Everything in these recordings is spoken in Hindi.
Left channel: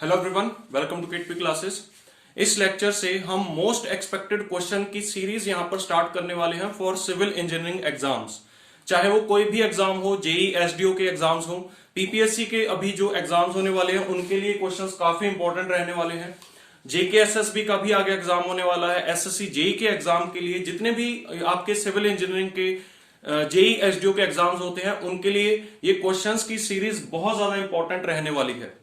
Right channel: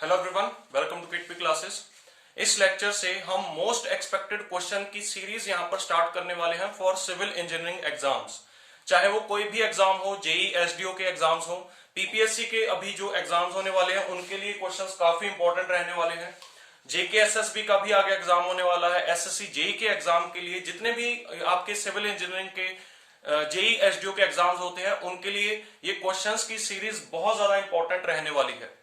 Hello everyone, welcome to quick classes. इस लेक्चर से हम मोस्ट एक्सपेक्टेड क्वेश्चन की सीरीज यहां पर स्टार्ट करने वाले हैं फॉर सिविल इंजीनियरिंग एग्जाम्स। चाहे वो कोई भी एग्जाम हो, जेई एसडीओ के एग्जाम्स हो, पीपीएससी के अभी जो एग्जाम्स होने वाले हैं उनके लिए क्वेश्चंस काफी इंपॉर्टेंट रहने वाले हैं। जेकेएसएसबी का भी आगे एग्जाम होने वाला है। एसएससी जेई के एग्जाम के लिए जितने भी आपके सिविल इंजीनियरिंग के जेई एसडीओ के एग्जाम्स होते हैं उनके लिए ये क्वेश्चंस की सीरीज बहुत ज्यादा इंपॉर्टेंट रहने वाली है।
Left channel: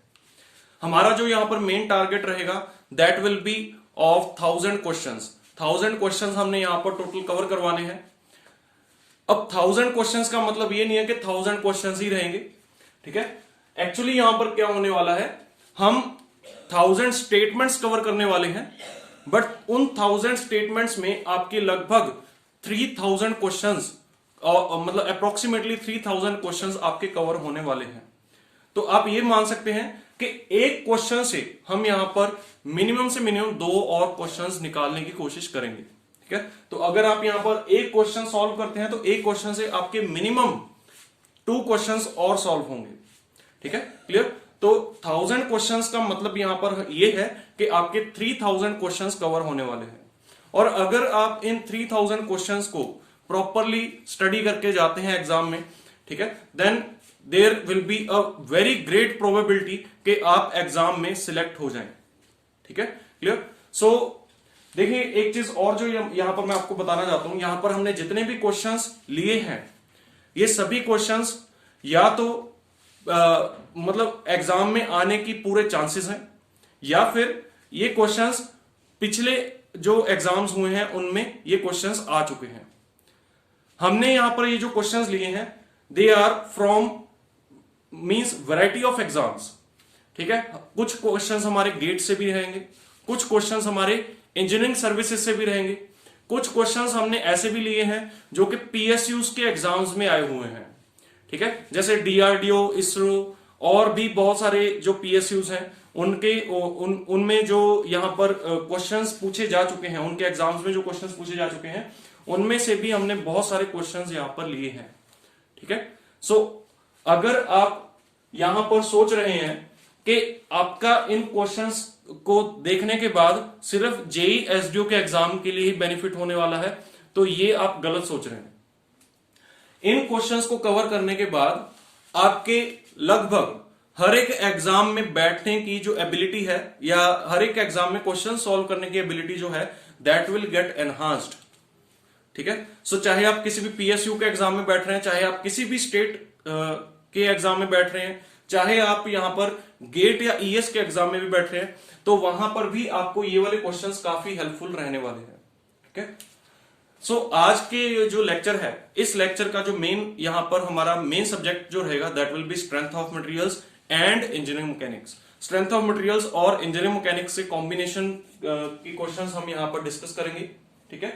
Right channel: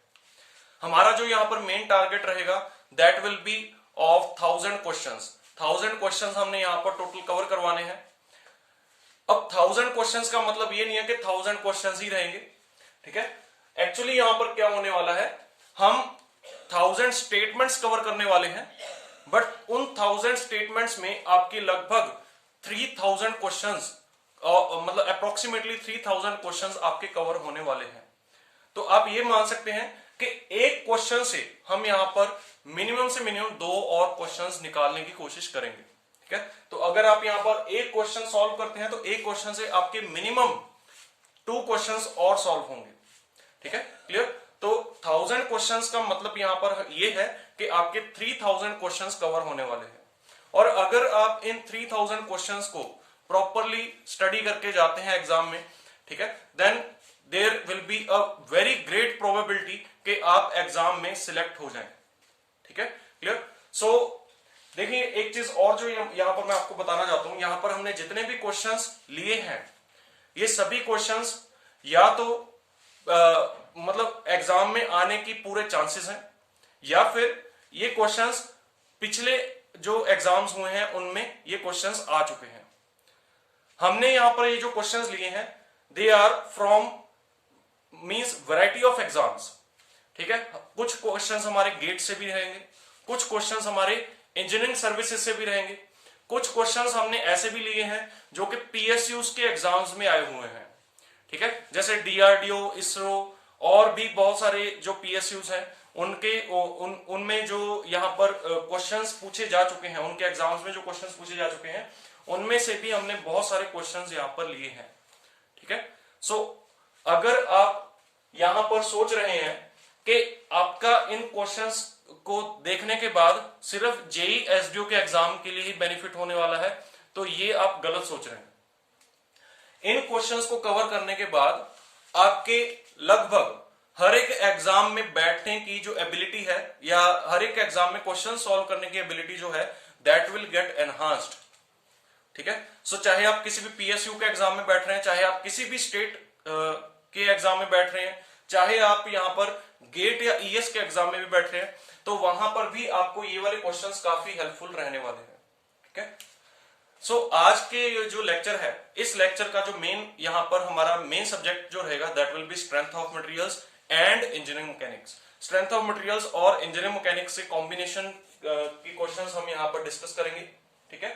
हमारा जो यहां पर मेन टारगेट रहेगा that will B of 1000 questions. 1000 questions हमने यहां पर टोटल कवर करवाने हैं। अब 1000 क्वेश्चंस का मतलब ये नहीं है कि 1000 क्वेश्चंस ही रहेंगे, ठीक है। एक्चुअली यहां पर क्या होने वाला है, हम 1000 स्टेटमेंट्स कवर करने वाले हैं, बट उन 1000 स्टेटमेंट्स में आपके लगभग 3000 क्वेश्चंस मतलब अप्रोक्सीमेटली 3000 क्वेश्चंस आपके कवर होने वाले हैं। तो आप ये मान सकते हैं कि एक क्वेश्चन से हम यहां पर मिनिमम से मिनिमम 2 और क्वेश्चंस निकालने की कोशिश करेंगे, ठीक है। तो अगर आप यहां पर एक क्वेश्चन सॉल्व करते हैं तो एक क्वेश्चन से आपके मिनिमम 2 क्वेश्चंस और सॉल्व होंगे, ठीक है, क्लियर। तो 1000 क्वेश्चंस का मतलब यहां पर यह है कि आपके 3000 क्वेश्चंस कवर होने वाले हैं। और अगर आप इन 3000 क्वेश्चंस को प्रॉपरली स्टडी करके जाते हैं एग्जाम में, ठीक है, then there will be a very great probability कि आप एग्जाम में सिलेक्ट हो जाएं, ठीक है, क्लियर। सो देखिए एक चीज और जो यहां पर मैं आपको बताना चाहता हूं, यहां पर हमने जितने भी क्वेश्चंस लिए हैं ये सभी क्वेश्चंस या तो मतलब एग्जाम में आने की पूरे चांसेस हैं, या फिर ये क्वेश्चंस पिछले जो एग्जाम्स हुए हैं उनमें ये क्वेश्चंस आ चुके हैं। हमने यहां पर ये जो क्वेश्चंस लिए हैं they are from means variety of exams, ठीक है। कुछ क्वेश्चंस हमारे गेट से भी रहेंगे, कुछ क्वेश्चंस हमारे इंजीनियरिंग सर्विसेज से भी रहेंगे, कुछ क्वेश्चंस हमने ऐसे भी लिए हैं जो कि पीएसयूज के एग्जाम्स में आए हुए हैं, ठीक है, जैसे डीआरडीओ, इसरो और भी बहुत सारे जो पीएसयूज हैं उनके उनमें जो यहां पर क्वेश्चंस पूछे जा चुके हैं, उनके एग्जाम्स में जो क्वेश्चंस पूछे जा चुके हैं उनमें से भी हमने बहुत सारे क्वेश्चंस यहां पर लिए हैं, ठीक है। सो अगर आप यहां पर सोच रहे हैं कि आपका इन क्वेश्चंस को देखने के बाद सिर्फ जेई एसडीओ के एग्जाम के लिए ही बेनिफिट होने वाला है, तो ये आप गलत सोच रहे हैं। इन क्वेश्चंस को कवर करने के बाद आपके लगभग हर एक एग्जाम में बैठने की जो एबिलिटी है या हर एक एग्जाम में क्वेश्चन सॉल्व करने की एबिलिटी जो है दैट विल गेट एनहांस्ड, ठीक है। सो चाहे आप किसी भी पीएसयू के एग्जाम में बैठ रहे हैं, चाहे आप किसी भी स्टेट के एग्जाम में बैठ रहे हैं, चाहे आप यहां पर गेट या ईएस के एग्जाम में भी बैठ रहे हैं, तो वहां पर भी आपको ये वाले क्वेश्चंस काफी हेल्पफुल रहने वाले हैं, ठीक है। सो आज के जो लेक्चर है, इस लेक्चर का जो मेन यहां पर हमारा मेन सब्जेक्ट जो रहेगा that will B strength of materials and engineering mechanics. Strength of materials और इंजीनियरिंग मैकेनिक्स के कॉम्बिनेशन की क्वेश्चंस हम यहां पर डिस्कस करेंगे, ठीक है।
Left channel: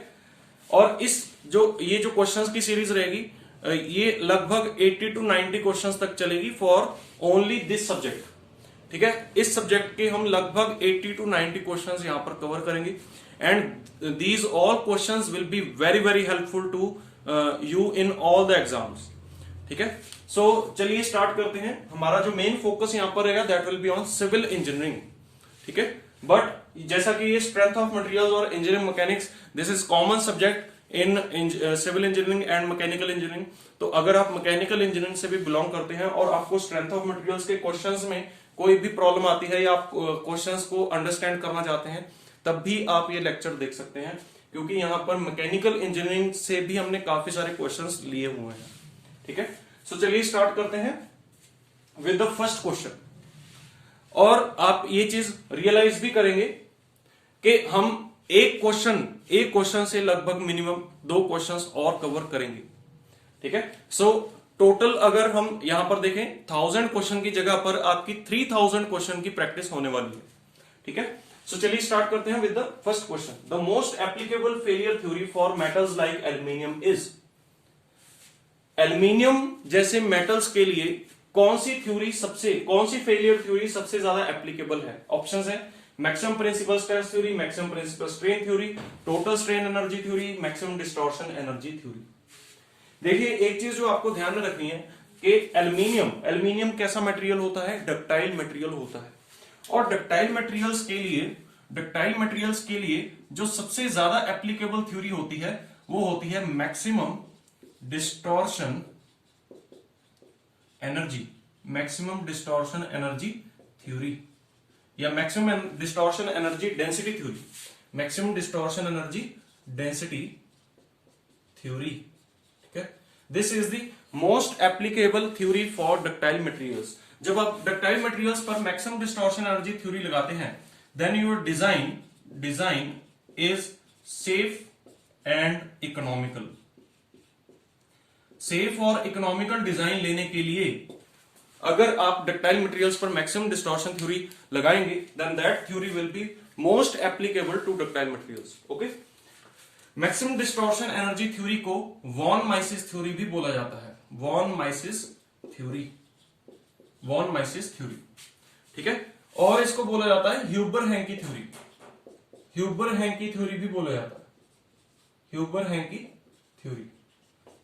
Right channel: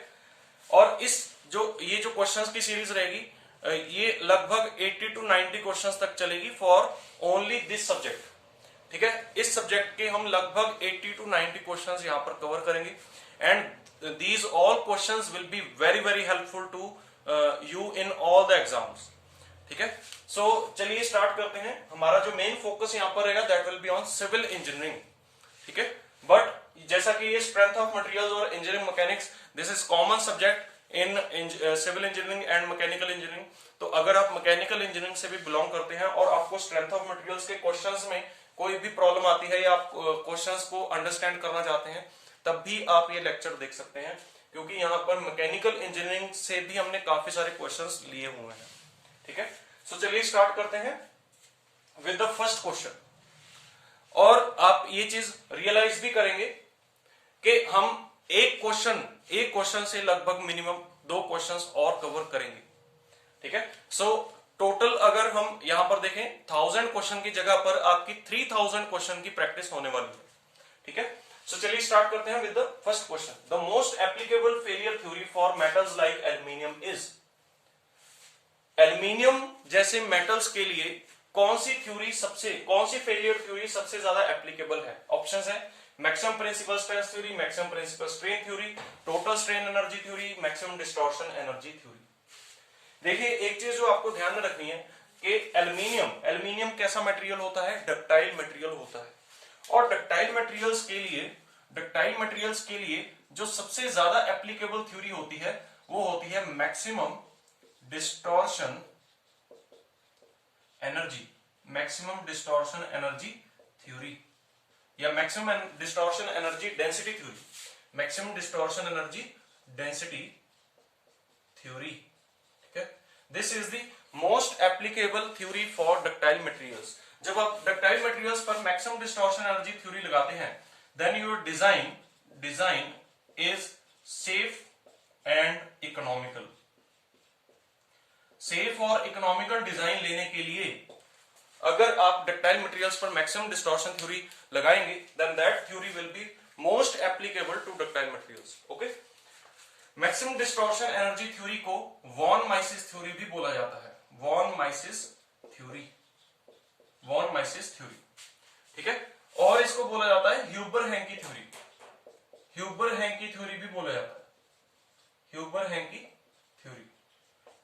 और ये जो क्वेश्चंस की सीरीज रहेगी ये लगभग 80 to 90 क्वेश्चंस तक चलेगी फॉर ओनली दिस सब्जेक्ट, ठीक है। इस सब्जेक्ट के हम लगभग 80 to 90 क्वेश्चंस यहां पर कवर करेंगे and these all questions will be very very helpful to you in all the exams, ठीक है। सो चलिए स्टार्ट करते हैं। हमारा जो मेन फोकस यहां पर रहेगा that will be on civil engineering, ठीक है। बट जैसा कि ये स्ट्रेंथ ऑफ मटेरियल्स और engineering mechanics this is common subject in civil engineering and mechanical engineering. तो अगर आप मैकेनिकल इंजीनियरिंग से भी बिलोंग करते हैं और आपको स्ट्रेंथ ऑफ मटेरियल्स के क्वेश्चंस में कोई भी प्रॉब्लम आती है या आप क्वेश्चंस को अंडरस्टैंड करना चाहते हैं, तब भी आप ये लेक्चर देख सकते हैं, क्योंकि यहां पर मैकेनिकल इंजीनियरिंग से भी हमने काफी सारे क्वेश्चंस लिए हुए हैं, ठीक है। सो चलिए स्टार्ट करते हैं विद द फर्स्ट क्वेश्चन। और आप ये चीज रियलाइज भी करेंगे कि हम एक क्वेश्चन से लगभग मिनिमम 2 क्वेश्चंस और कवर करेंगे, ठीक है। सो टोटल अगर हम यहां पर देखें 1000 क्वेश्चन की जगह पर आपकी 3000 क्वेश्चन की प्रैक्टिस होने वाली है, ठीक है। सो चलिए स्टार्ट करते हैं with the first question. The most applicable failure theory for metals like aluminium is. Aluminium जैसे मेटल्स के लिए कौन सी फेलियर थ्योरी सबसे ज्यादा एप्लीकेबल है? ऑप्शंस है maximum principal stress theory, maximum principal strain theory, total strain energy theory, maximum distortion energy theory. देखिए एक चीज जो आपको ध्यान में रखनी है कि एल्यूमिनियम कैसा मटेरियल होता है? डक्टाइल मटेरियल होता है। और डक्टाइल मटेरियल्स के लिए जो सबसे ज्यादा एप्लीकेबल थ्योरी होती है वो होती है मैक्सिमम डिस्टॉर्शन एनर्जी थ्योरी या maximum distortion energy density theory, maximum distortion energy density theory. ठीक है, this is the most applicable theory for ductile materials. जब आप डक्टाइल मटेरियल्स पर मैक्सिमम डिस्टॉर्शन एनर्जी थ्योरी लगाते हैं, then your design is safe and economical. Safe और इकोनॉमिकल डिजाइन लेने के लिए अगर आप डक्टाइल मटेरियल्स पर मैक्सिमम डिस्टॉर्शन थ्योरी लगाएंगे, then that theory will be most applicable to ductile materials. Okay, maximum distortion energy theory को वॉन माइसिस थ्योरी भी बोला जाता है। वॉन माइसिस थ्योरी, ठीक है, और इसको बोला जाता है Huber hanky theory. Huber hanky theory भी बोला जाता है, ह्यूबर हैंकी थ्योरी।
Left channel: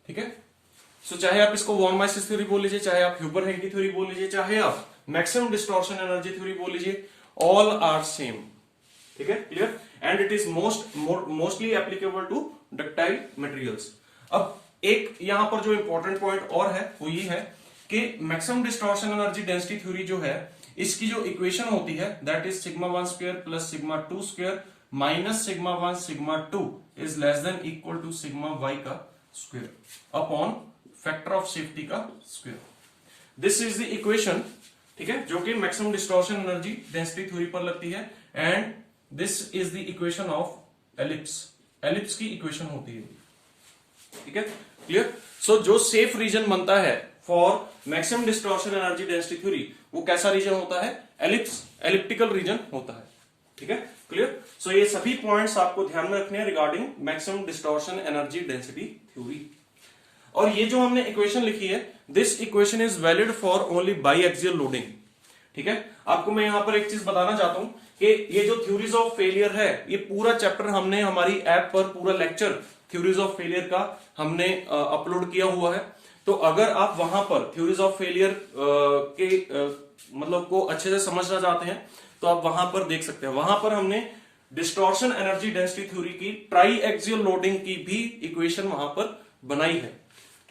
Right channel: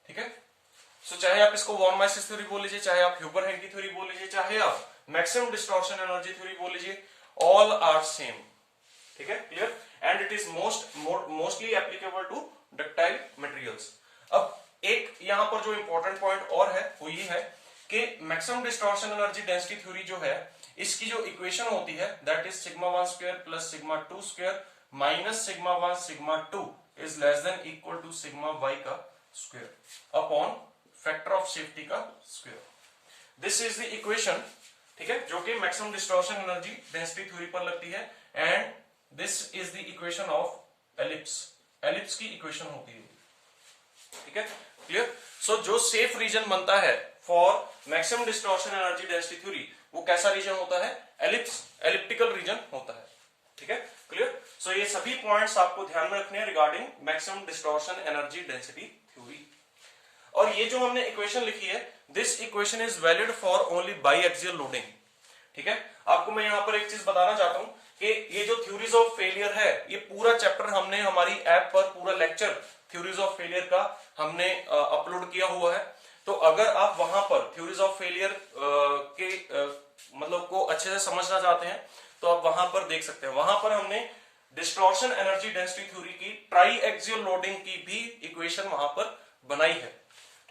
ठीक है, सो चाहे आप इसको वॉन माइसिस थ्योरी बोल लीजिए, चाहे आप ह्यूबर हैंकी थ्योरी बोल लीजिए, चाहे आप मैक्सिमम डिस्टॉर्शन एनर्जी थ्योरी बोल लीजिए, ऑल आर सेम। ठीक है, clear, and it is mostly applicable to ductile materials. अब एक यहां पर जो इंपॉर्टेंट पॉइंट और है वो ये है कि maximum distortion energy density theory जो है, इसकी जो इक्वेशन होती है that is sigma 1 square plus sigma 2 square minus sigma 1 sigma 2 is less than equal to sigma y का square upon factor of safety का square. This is the equation, ठीक है, जो कि maximum distortion energy density theory पर लगती है, and this is the equation of ellipse की इक्वेशन होती है। ठीक है, क्लियर। सो जो सेफ रीजन बनता है for maximum distortion energy density theory, वो कैसा रीजन होता है? एलिप्टिकल रीजन होता है। ठीक है, क्लियर। सो ये सभी पॉइंट्स आपको ध्यान में रखने हैं regarding maximum distortion energy density theory. और ये जो हमने इक्वेशन लिखी है, this equation is valid for only by axial loading. ठीक है, आपको मैं यहां पर एक चीज बताना चाहता हूं कि ये जो थ्योरीज ऑफ फेलियर है, ये पूरा चैप्टर हमने हमारी ऐप पर पूरा लेक्चर थ्योरीज ऑफ फेलियर का हमने अपलोड किया हुआ है। तो अगर आप वहां पर थ्योरीज ऑफ फेलियर मतलब को अच्छे से समझना चाहते हैं तो आप वहां पर देख सकते हैं। वहां पर हमने डिस्टॉर्शन एनर्जी डेंसिटी थ्योरी की ट्राई एक्सियल लोडिंग की भी इक्वेशन वहां पर बनाई है।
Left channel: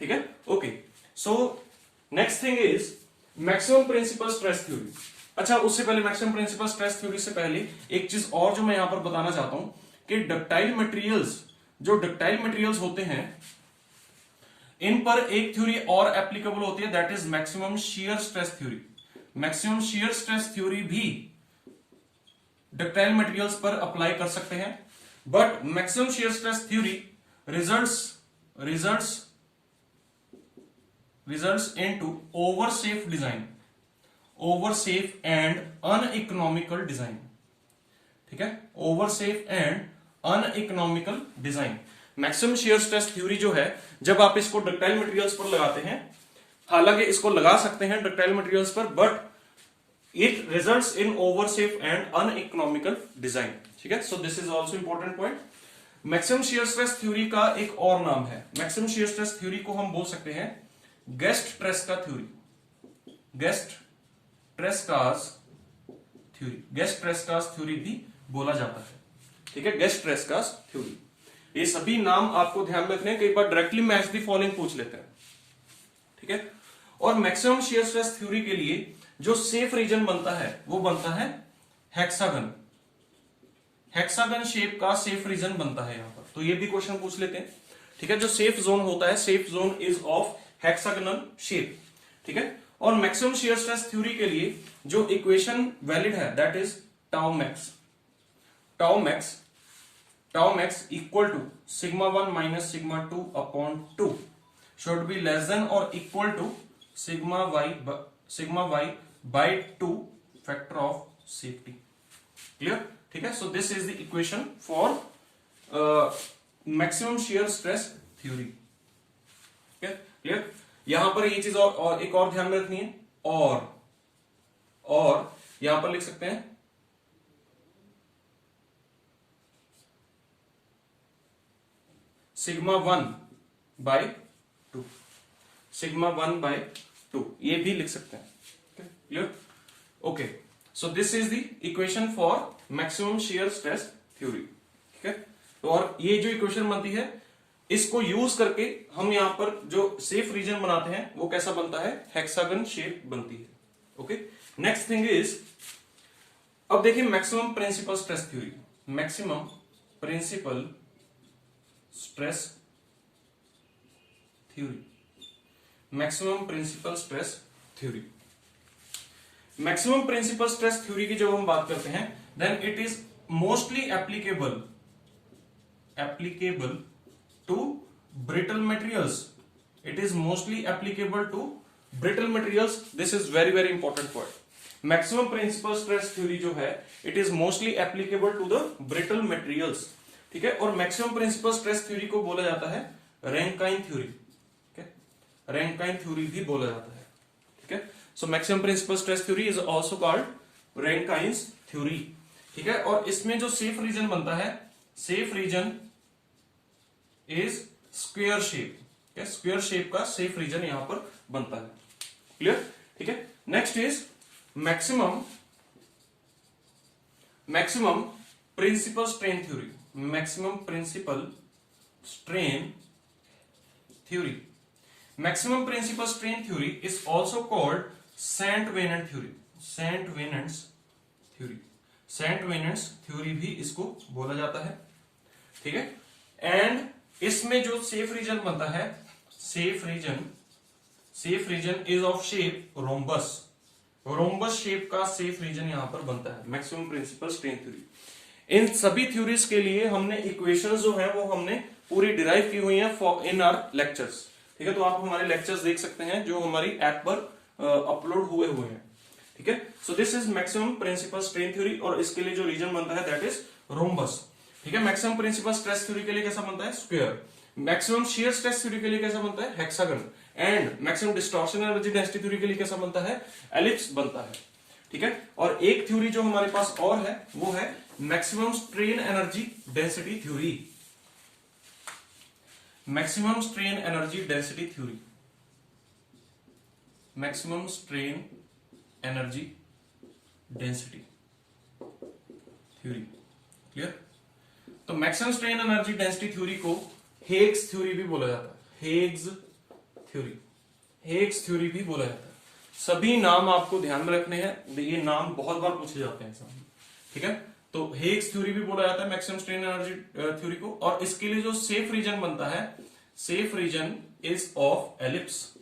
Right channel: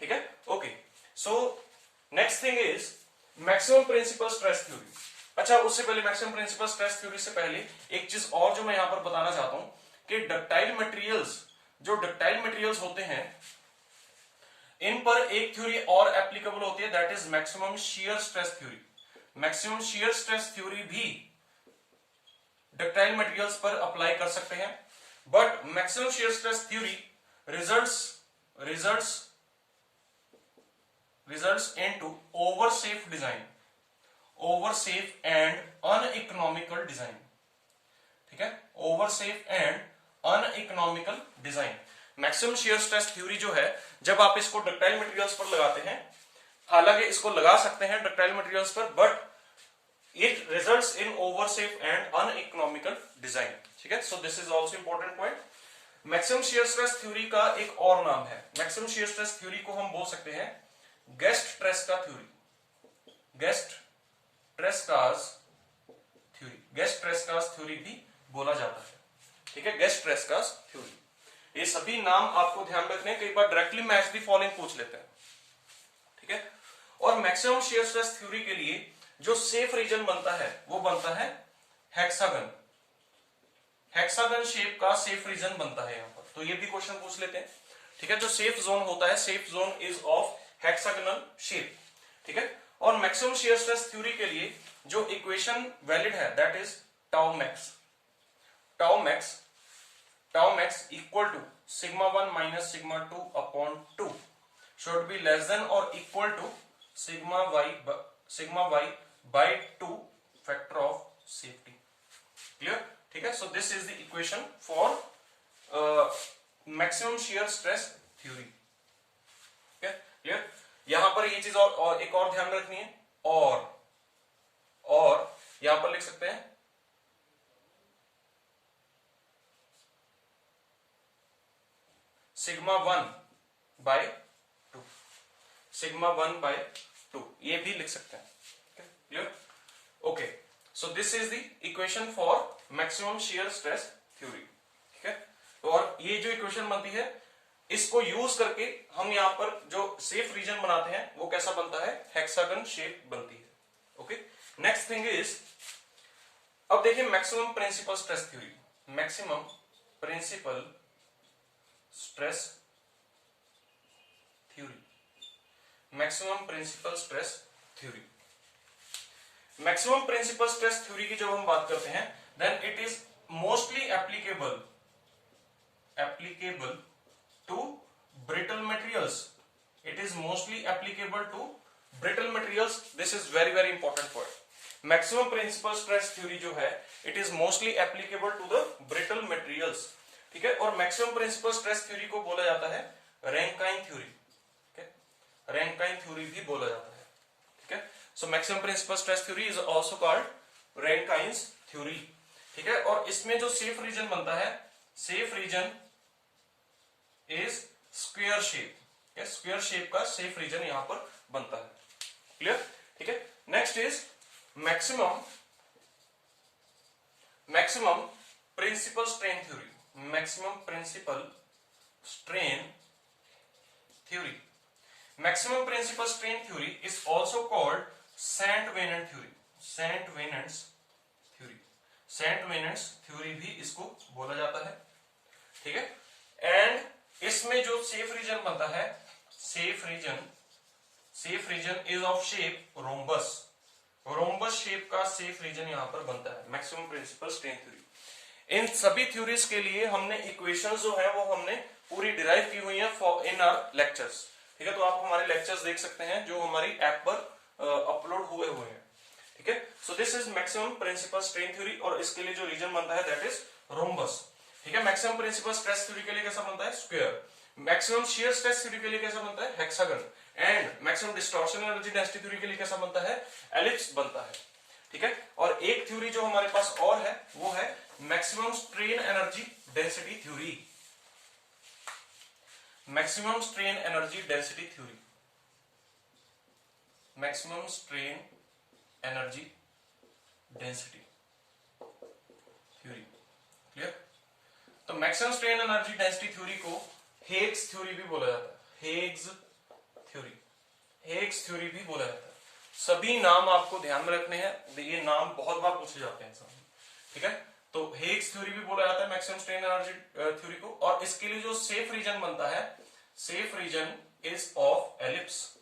ठीक है, okay. So next thing is maximum principal stress theory. अच्छा, उससे पहले मैक्सिमम प्रिंसिपल स्ट्रेस थ्योरी से पहले एक चीज और जो मैं यहां पर बताना चाहता हूं कि डक्टाइल मटेरियल्स होते हैं, इन पर एक थ्योरी और एप्लीकेबल होती है, that is maximum shear stress theory. Maximum shear stress theory भी डक्टाइल मटेरियल्स पर अप्लाई कर सकते हैं, but maximum shear stress theory results into oversafe and uneconomical design। ठीक है, oversafe and uneconomical design। Maximum shear stress theory जो है, जब आप इसको डक्टाइल मटेरियल्स पर लगाते हैं, हालांकि इसको लगा सकते हैं डक्टाइल मटेरियल्स पर, but it results in oversafe and uneconomical design. ठीक है, so this is also important point. Maximum shear stress theory का एक और नाम है, मैक्सिमम शियर स्ट्रेस थ्योरी को हम बोल सकते हैं गेस्ट ट्रेस्का थ्योरी। गेस्ट ट्रेस्कास थ्योरी भी बोला जाता है। ठीक है, गेस्ट ट्रेस्कास थ्योरी। ये सभी नाम आपको ध्यान में रखने हैं, कई बार डायरेक्टली मैच द फॉलोइंग पूछ लेते हैं। ठीक है, और मैक्सिमम शियर स्ट्रेस थ्योरी के लिए जो सेफ रीजन बनता है वो बनता है हेक्सागन शेप का सेफ रीजन बनता है यहां पर। तो ये भी क्वेश्चन पूछ लेते हैं। ठीक है, जो सेफ जोन होता है, safe zone is of hexagonal shape. ठीक है, और मैक्सिमम शियर स्ट्रेस थ्योरी के लिए जो इक्वेशन वैलिड है that is tau max equal to sigma 1 minus sigma 2 upon 2 should be less than और equal to sigma y by 2 factor of safety. Clear? ठीक है, so this is the equation for maximum shear stress theory. Clear? यहां पर ये चीज और एक और ध्यान में रखनी है, और यहां पर लिख सकते हैं सिग्मा 1 बाय 2, ये भी लिख सकते हैं। Clear? Okay, so this is the equation for maximum shear stress theory. ठीक है, तो और ये जो इक्वेशन बनती है इसको यूज करके हम यहां पर जो सेफ रीजन बनाते हैं वो कैसा बनता है, हेक्सागन शेप बनती है। ओके, नेक्स्ट थिंग इज, अब देखिए maximum principal stress theory, maximum principal stress theory, maximum principal stress theory. Maximum principal stress theory की जब हम बात करते हैं then it is mostly applicable to brittle materials, it is mostly applicable to brittle materials. This is very very important word. Maximum principal stress theory जो है it is mostly applicable to the brittle materials. ठीक है, और मैक्सिमम प्रिंसिपल स्ट्रेस थ्योरी को बोला जाता है रैंकाइन थ्योरी, रैंकाइन थ्योरी भी बोला जाता है। ठीक है, so maximum principal stress theory is also called Rankine's theory. ठीक है, और इसमें जो सेफ रीजन बनता है, safe region is square shape, square shape का सेफ रीजन यहां पर बनता है। क्लियर? ठीक है, next is maximum principal strain theory, maximum principal strain theory. Maximum principal strain theory is also called Saint-Venant theory, Saint-Venant's theory, Saint-Venant's theory भी इसको बोला जाता है। ठीक है, एंड इसमें जो सेफ रीजन बनता है, safe region is of shape rhombus, rhombus shape का सेफ रीजन यहां पर बनता है मैक्सिमम प्रिंसिपल स्ट्रेन थ्योरी। इन सभी थ्योरीज के लिए हमने इक्वेशंस जो है वो हमने पूरी डिराइव की हुई है इन आवर लेक्चर्स। ठीक है, तो आप हमारे लेक्चर्स देख सकते हैं जो हमारी ऐप पर अपलोड हुए हैं। ठीक है, so this is maximum principal strain theory, और इसके लिए जो रीजन बनता है दैट इज रोम्बस। ठीक है, मैक्सिमम प्रिंसिपल स्ट्रेस थ्योरी के लिए कैसा बनता है, square. Maximum shear stress theory के लिए कैसा बनता है, hexagon. And maximum distortion energy density theory के लिए कैसा बनता है, एलिप्स बनता है। ठीक है, और एक थ्योरी जो हमारे पास और है वो है maximum strain energy density theory, maximum strain energy density theory, maximum strain energy density theory. Clear? तो maximum strain energy density theory को हेग्स थ्योरी भी बोला जाता है, हेग्स थ्योरी, हेग्स थ्योरी भी बोला जाता है। सभी नाम आपको ध्यान में रखने हैं, ये नाम बहुत बार पूछे जाते हैं एग्जाम में। ठीक है, तो हेग्स थ्योरी भी बोला जाता है मैक्सिमम स्ट्रेन एनर्जी थ्योरी को, और इसके लिए जो सेफ रीजन बनता है, safe region is of ellipse,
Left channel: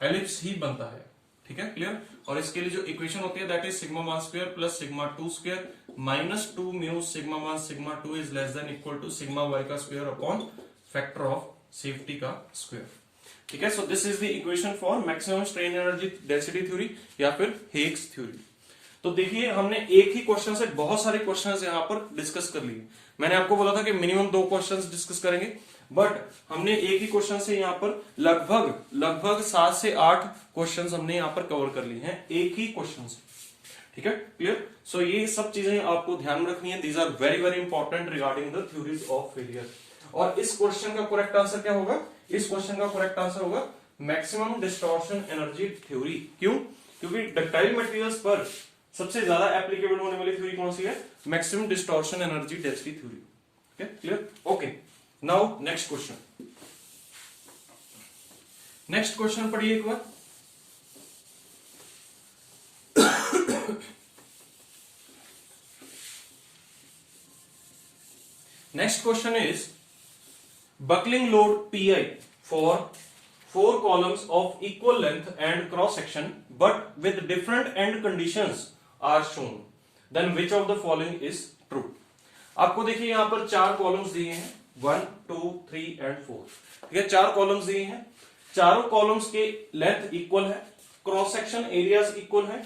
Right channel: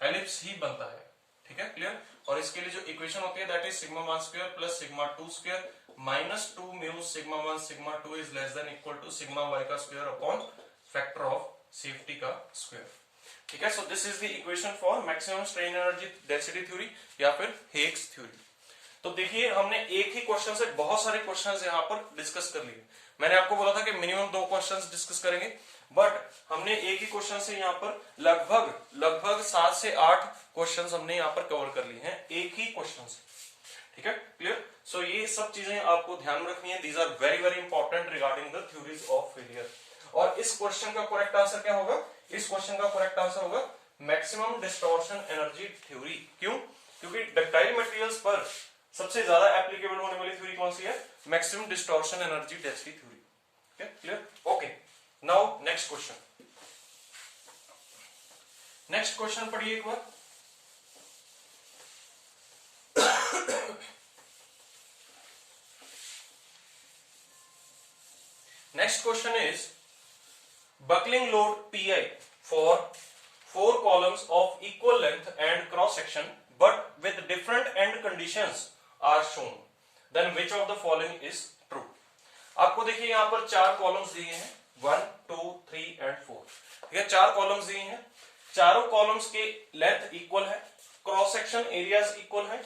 ellipse ही बनता है। ठीक है, क्लियर? और इसके लिए जो इक्वेशन होती है that is sigma 1 square plus sigma 2 square minus 2 mu sigma 1 sigma 2 is less than equal to sigma y का square upon factor of safety का स्क्वायर। ठीक है, so this is the equation for maximum strain energy density theory या फिर हेग्स थ्योरी। तो देखिए हमने एक ही क्वेश्चन से बहुत सारे क्वेश्चंस यहां पर डिस्कस कर लिए। मैंने आपको बोला था कि मिनिमम 2 क्वेश्चंस डिस्कस करेंगे, बट हमने एक ही क्वेश्चन से यहां पर लगभग 7 से 8 क्वेश्चंस हमने यहां पर कवर कर लिए हैं एक ही क्वेश्चन से। ठीक है, क्लियर? सो ये सब चीजें आपको ध्यान में रखनी है, these are very very important regarding the theories of failure. और इस क्वेश्चन का करेक्ट आंसर क्या होगा, इस क्वेश्चन का करेक्ट आंसर होगा मैक्सिमम डिस्टॉर्शन एनर्जी थ्योरी। क्यों? क्योंकि डक्टाइल मटेरियल्स पर सबसे ज्यादा एप्लीकेबल होने वाली थ्योरी कौन सी है, maximum distortion energy density theory. Clear? Okay, now next question, next question पढ़िए एक बार। Next question is buckling load PI for 4 columns of equal length and cross section but with different end conditions are shown, then which of the following is true? आपको देखिए यहां पर 4 कॉलम्स दिए हैं, 1 2 3 एंड 4। ठीक है, 4 कॉलम्स दिए हैं, चारों कॉलम्स के लेंथ इक्वल है, क्रॉस सेक्शन एरियाज इक्वल है,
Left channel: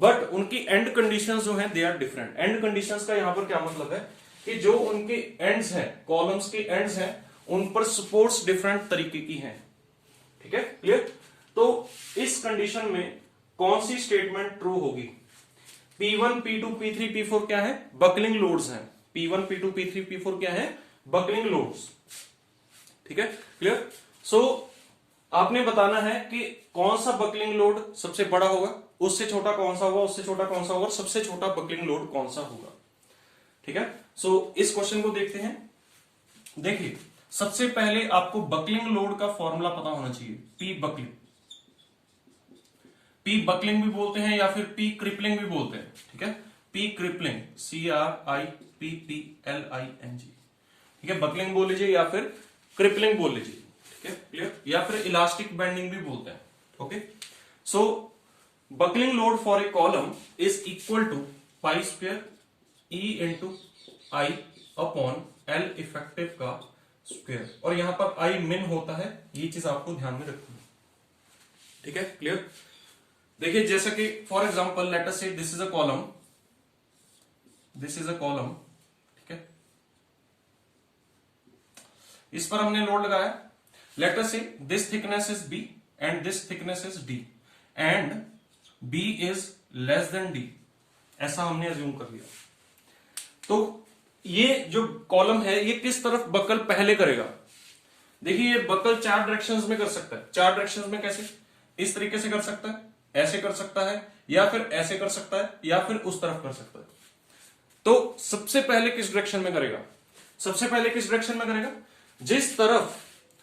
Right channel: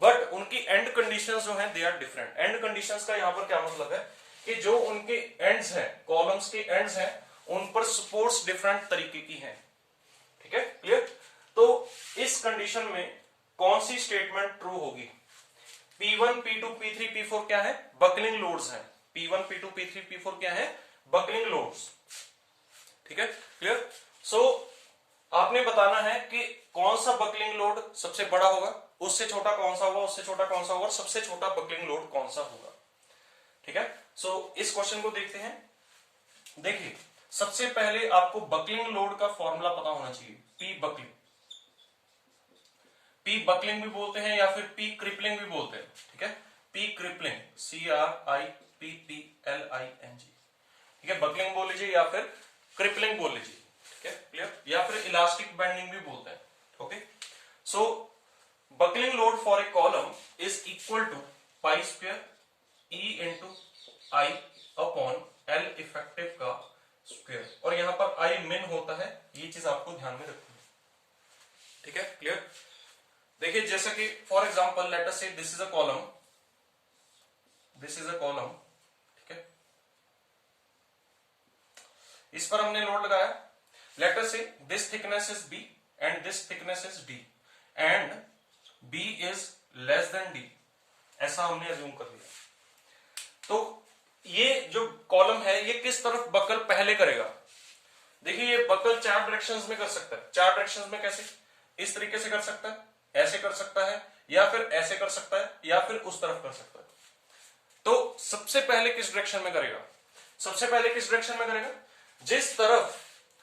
बट उनकी एंड कंडीशंस जो हैं they are different. End conditions का यहां पर क्या मतलब है कि जो उनके एंड्स हैं, कॉलम्स के एंड्स हैं, उन पर सपोर्ट्स डिफरेंट तरीके की हैं। ठीक है, क्लियर? तो इस कंडीशन में कौन सी स्टेटमेंट ट्रू होगी? P1 P2 P3 P4 क्या है, बकलिंग लोड्स हैं। P1 P2 P3 P4 क्या है, बकलिंग लोड्स। ठीक है, क्लियर? सो आपने बताना है कि कौन सा बकलिंग लोड सबसे बड़ा होगा, उससे छोटा कौन सा होगा, उससे छोटा कौन सा होगा, सबसे छोटा बकलिंग लोड कौन सा होगा। ठीक है, सो इस क्वेश्चन को देखते हैं। देखिए सबसे पहले आपको बकलिंग लोड का फॉर्मूला पता होना चाहिए, पी बकलिंग। पी बकलिंग भी बोलते हैं या फिर पी क्रिपलिंग भी बोलते हैं। ठीक है, पी क्रिपलिंग, CRIPPLING। ठीक है, बकलिंग बोल लीजिए या फिर क्रिपलिंग बोल लीजिए। ठीक है, क्लियर, या फिर इलास्टिक बेंडिंग भी बोलते हैं। Okay, so buckling load for a column is equal to pi square E into I upon L effective का स्क्वायर, और यहां पर आई मिन होता है, ये चीज आपको ध्यान में रखनी है। ठीक है, क्लियर। देखिए जैसा कि for example let us say this is a column, this is a column. ठीक है, इस पर हमने लोड लगाया। Late us say this thickness is B and this thickness is D and B is less then D, ऐसा हमने अज्यूम कर लिया। तो ये जो कॉलम है ये किस तरफ बकल पहले करेगा। देखिए ये बकल 4 डायरेक्शंस में कर सकता है। 4 डायरेक्शंस में कैसे, इस तरीके से कर सकता है, ऐसे कर सकता है, या फिर ऐसे कर सकता है, या फिर उस तरफ कर सकता है। तो सबसे पहले किस डायरेक्शन में करेगा, सबसे पहले किस डायरेक्शन में करेगा, जिस तरफ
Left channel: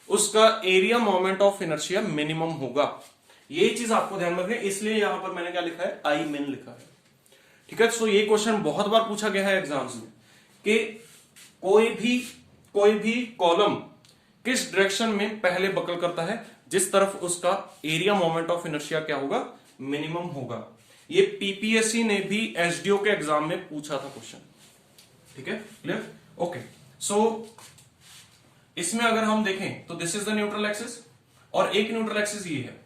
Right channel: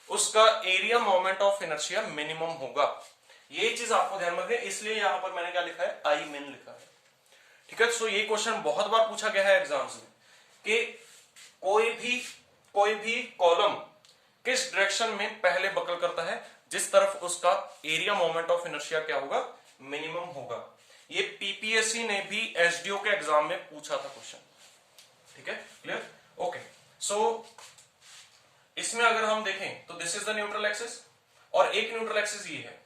उसका area moment of inertia minimum होगा। ये चीज आपको ध्यान में रखनी है, इसलिए यहां पर मैंने क्या लिखा है, आई मिन लिखा है। ठीक है, सो ये क्वेश्चन बहुत बार पूछा गया है एग्जाम्स में कि कोई भी कॉलम किस डायरेक्शन में पहले बकल करता है, जिस तरफ उसका एरिया मोमेंट ऑफ इनर्शिया क्या होगा, मिनिमम होगा। ये पीपीएससी ने भी एसडीओ के एग्जाम में पूछा था क्वेश्चन। ठीक है, क्लियर, ओके। सो इसमें अगर हम देखें तो this is the neutral axis और एक न्यूट्रल एक्सिस ये है।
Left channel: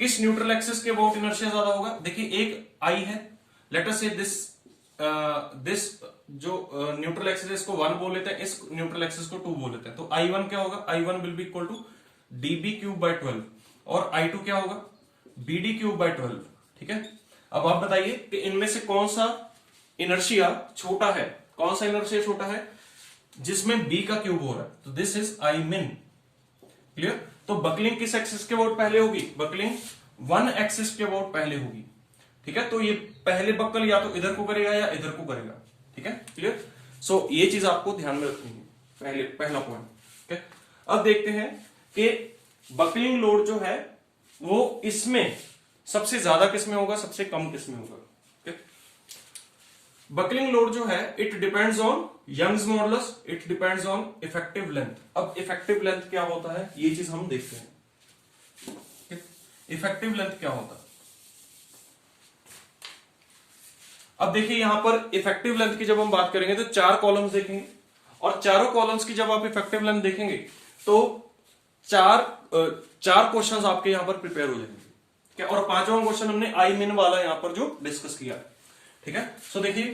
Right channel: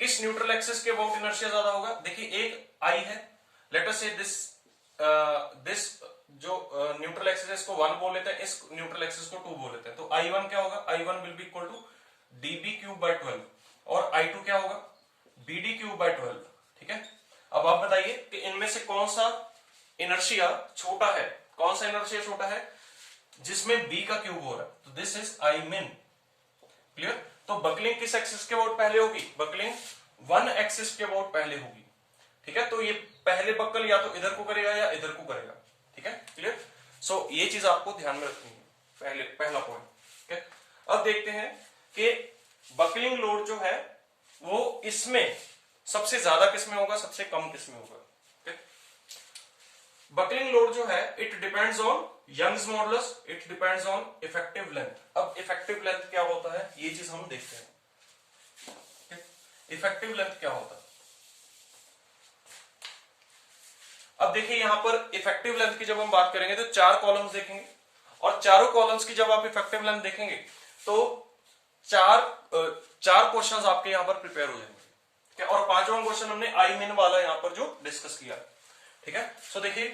किस न्यूट्रल एक्सिस के अबाउट इनर्शिया ज्यादा होगा, देखिए एक आई है, लेट अस से दिस जो न्यूट्रल एक्सिस है इसको 1 बोल लेते हैं, इस न्यूट्रल एक्सिस को 2 बोल लेते हैं। तो I1 क्या होगा, I1 will be equal to DB cube by 12 और I2 क्या होगा, BD क्यूब बाय 12। ठीक है, अब आप बताइए कि इनमें से कौन सा इनर्शिया छोटा है, कौन सा इनर्शिया छोटा है जिसमें B का क्यूब हो रहा है, तो this is I min। Clear, तो बकलिंग किस एक्सिस के अबाउट पहले होगी, बकलिंग 1 एक्सिस के अबाउट पहले होगी। ठीक है, तो ये पहले बकल या तो इधर को करेगा या इधर को करेगा। ठीक है, क्लियर, सो ये चीज आपको ध्यान में रखनी है, पहला पॉइंट। ठीक है, अब देखते हैं कि बकलिंग लोड जो है वो इसमें सबसे ज्यादा किसमें होगा, सबसे कम किसमें होगा। बकलिंग लोड जो है it depends on Young's modulus, it depends on effective length. अब इफेक्टिव लेंथ क्या होता है ये चीज हम देखते हैं। इफेक्टिव लेंथ क्या होता है, अब देखिए यहां पर इफेक्टिव लेंथ की जब हम बात करेंगे तो 4 कॉलम्स देखेंगे, और चारों कॉलम्स की जब आप इफेक्टिव लेंथ देखेंगे तो चार क्वेश्चंस आपके यहां पर प्रिपेयर हो जाएंगे। ठीक है, और 5वां क्वेश्चन हमने आई मिन वाला यहां पर जो डिस्कस किया। ठीक है, सो देखिए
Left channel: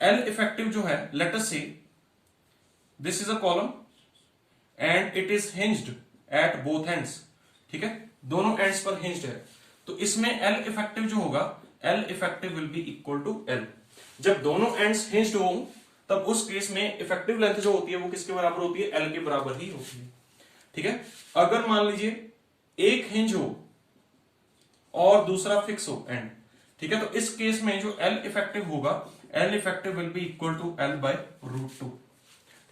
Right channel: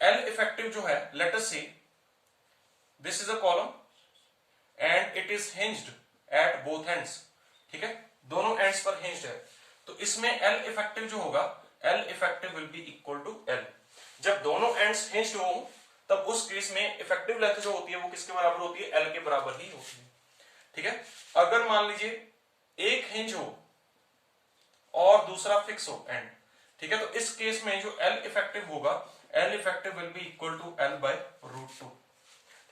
एल इफेक्टिव जो है, late us say this is a column and it is hinged at both ends. ठीक है, दोनों एंड्स पर हिंज्ड है, तो इसमें एल इफेक्टिव जो होगा, L effective will be equal to L. जब दोनों एंड्स हिंज्ड हो तब उस केस में इफेक्टिव लेंथ जो होती है वो किसके बराबर होती है, एल के बराबर ही होती है। ठीक है, अगर मान लीजिए एक हिंज हो और दूसरा फिक्स हो एंड, ठीक है, तो इस केस में जो एल इफेक्टिव होगा, L effective will be equal to L by root 2।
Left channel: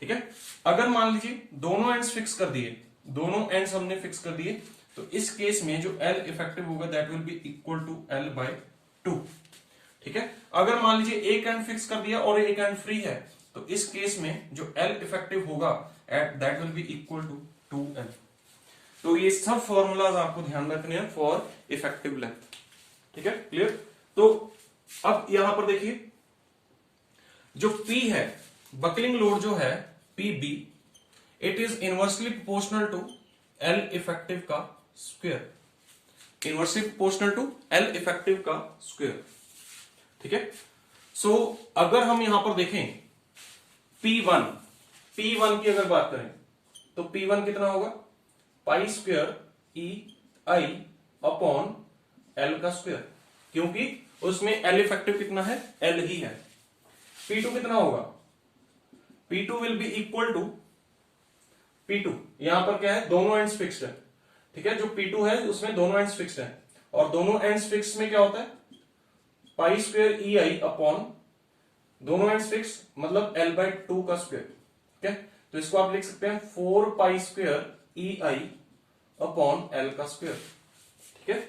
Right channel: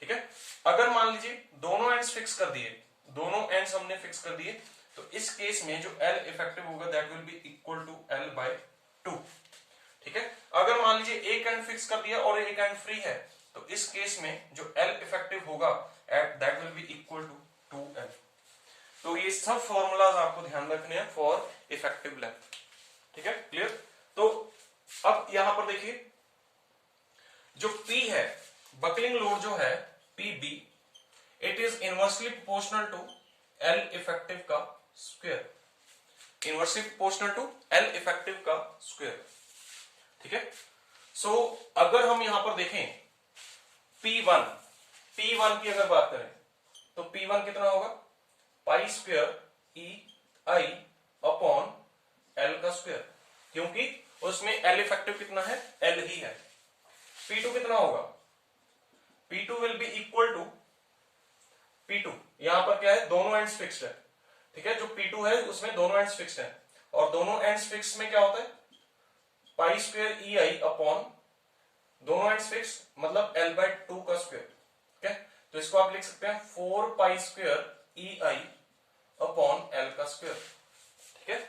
ठीक है, अगर मान लीजिए दोनों एंड्स फिक्स कर दिए, दोनों एंड्स हमने फिक्स कर दिए, तो इस केस में जो एल इफेक्टिव होगा that will be equal to L by 2। ठीक है, अगर मान लीजिए एक एंड फिक्स कर दिया और एक एंड फ्री है, तो इस केस में जो एल इफेक्टिव होगा that will be equal to 2l। तो ये सब फॉर्मूलाज आपको ध्यान में रखने हैं फॉर इफेक्टिव लेंथ। ठीक है, क्लियर। तो अब यहां पर देखिए जो P है, बकलिंग लोड जो है PB, it is inversely proportional to L effective का square, inversely proportional to L effective का स्क्वायर। ठीक है, सो अगर हम यहां पर देखें P1 की अगर बात करें तो P1 कितना होगा, पाई square E I upon L का स्क्वायर, क्योंकि उसमें L इफेक्टिव कितना है, L ही है। P2 कितना होगा, P2 will be equal to P2, यहां पर क्या है, दोनों एंड्स फिक्स्ड है। ठीक है, जो P2 है उसमें दोनों एंड्स फिक्स्ड हैं, और दोनों एंड्स फिक्स में क्या होता है, पाई स्क्वायर ई आई अपॉन, दोनों एंड्स फिक्स मतलब L/2 का स्क्वायर। ठीक है, तो इसको आप लिख सकते हैं 4 पाई square E i upon L का स्क्वायर। ठीक है,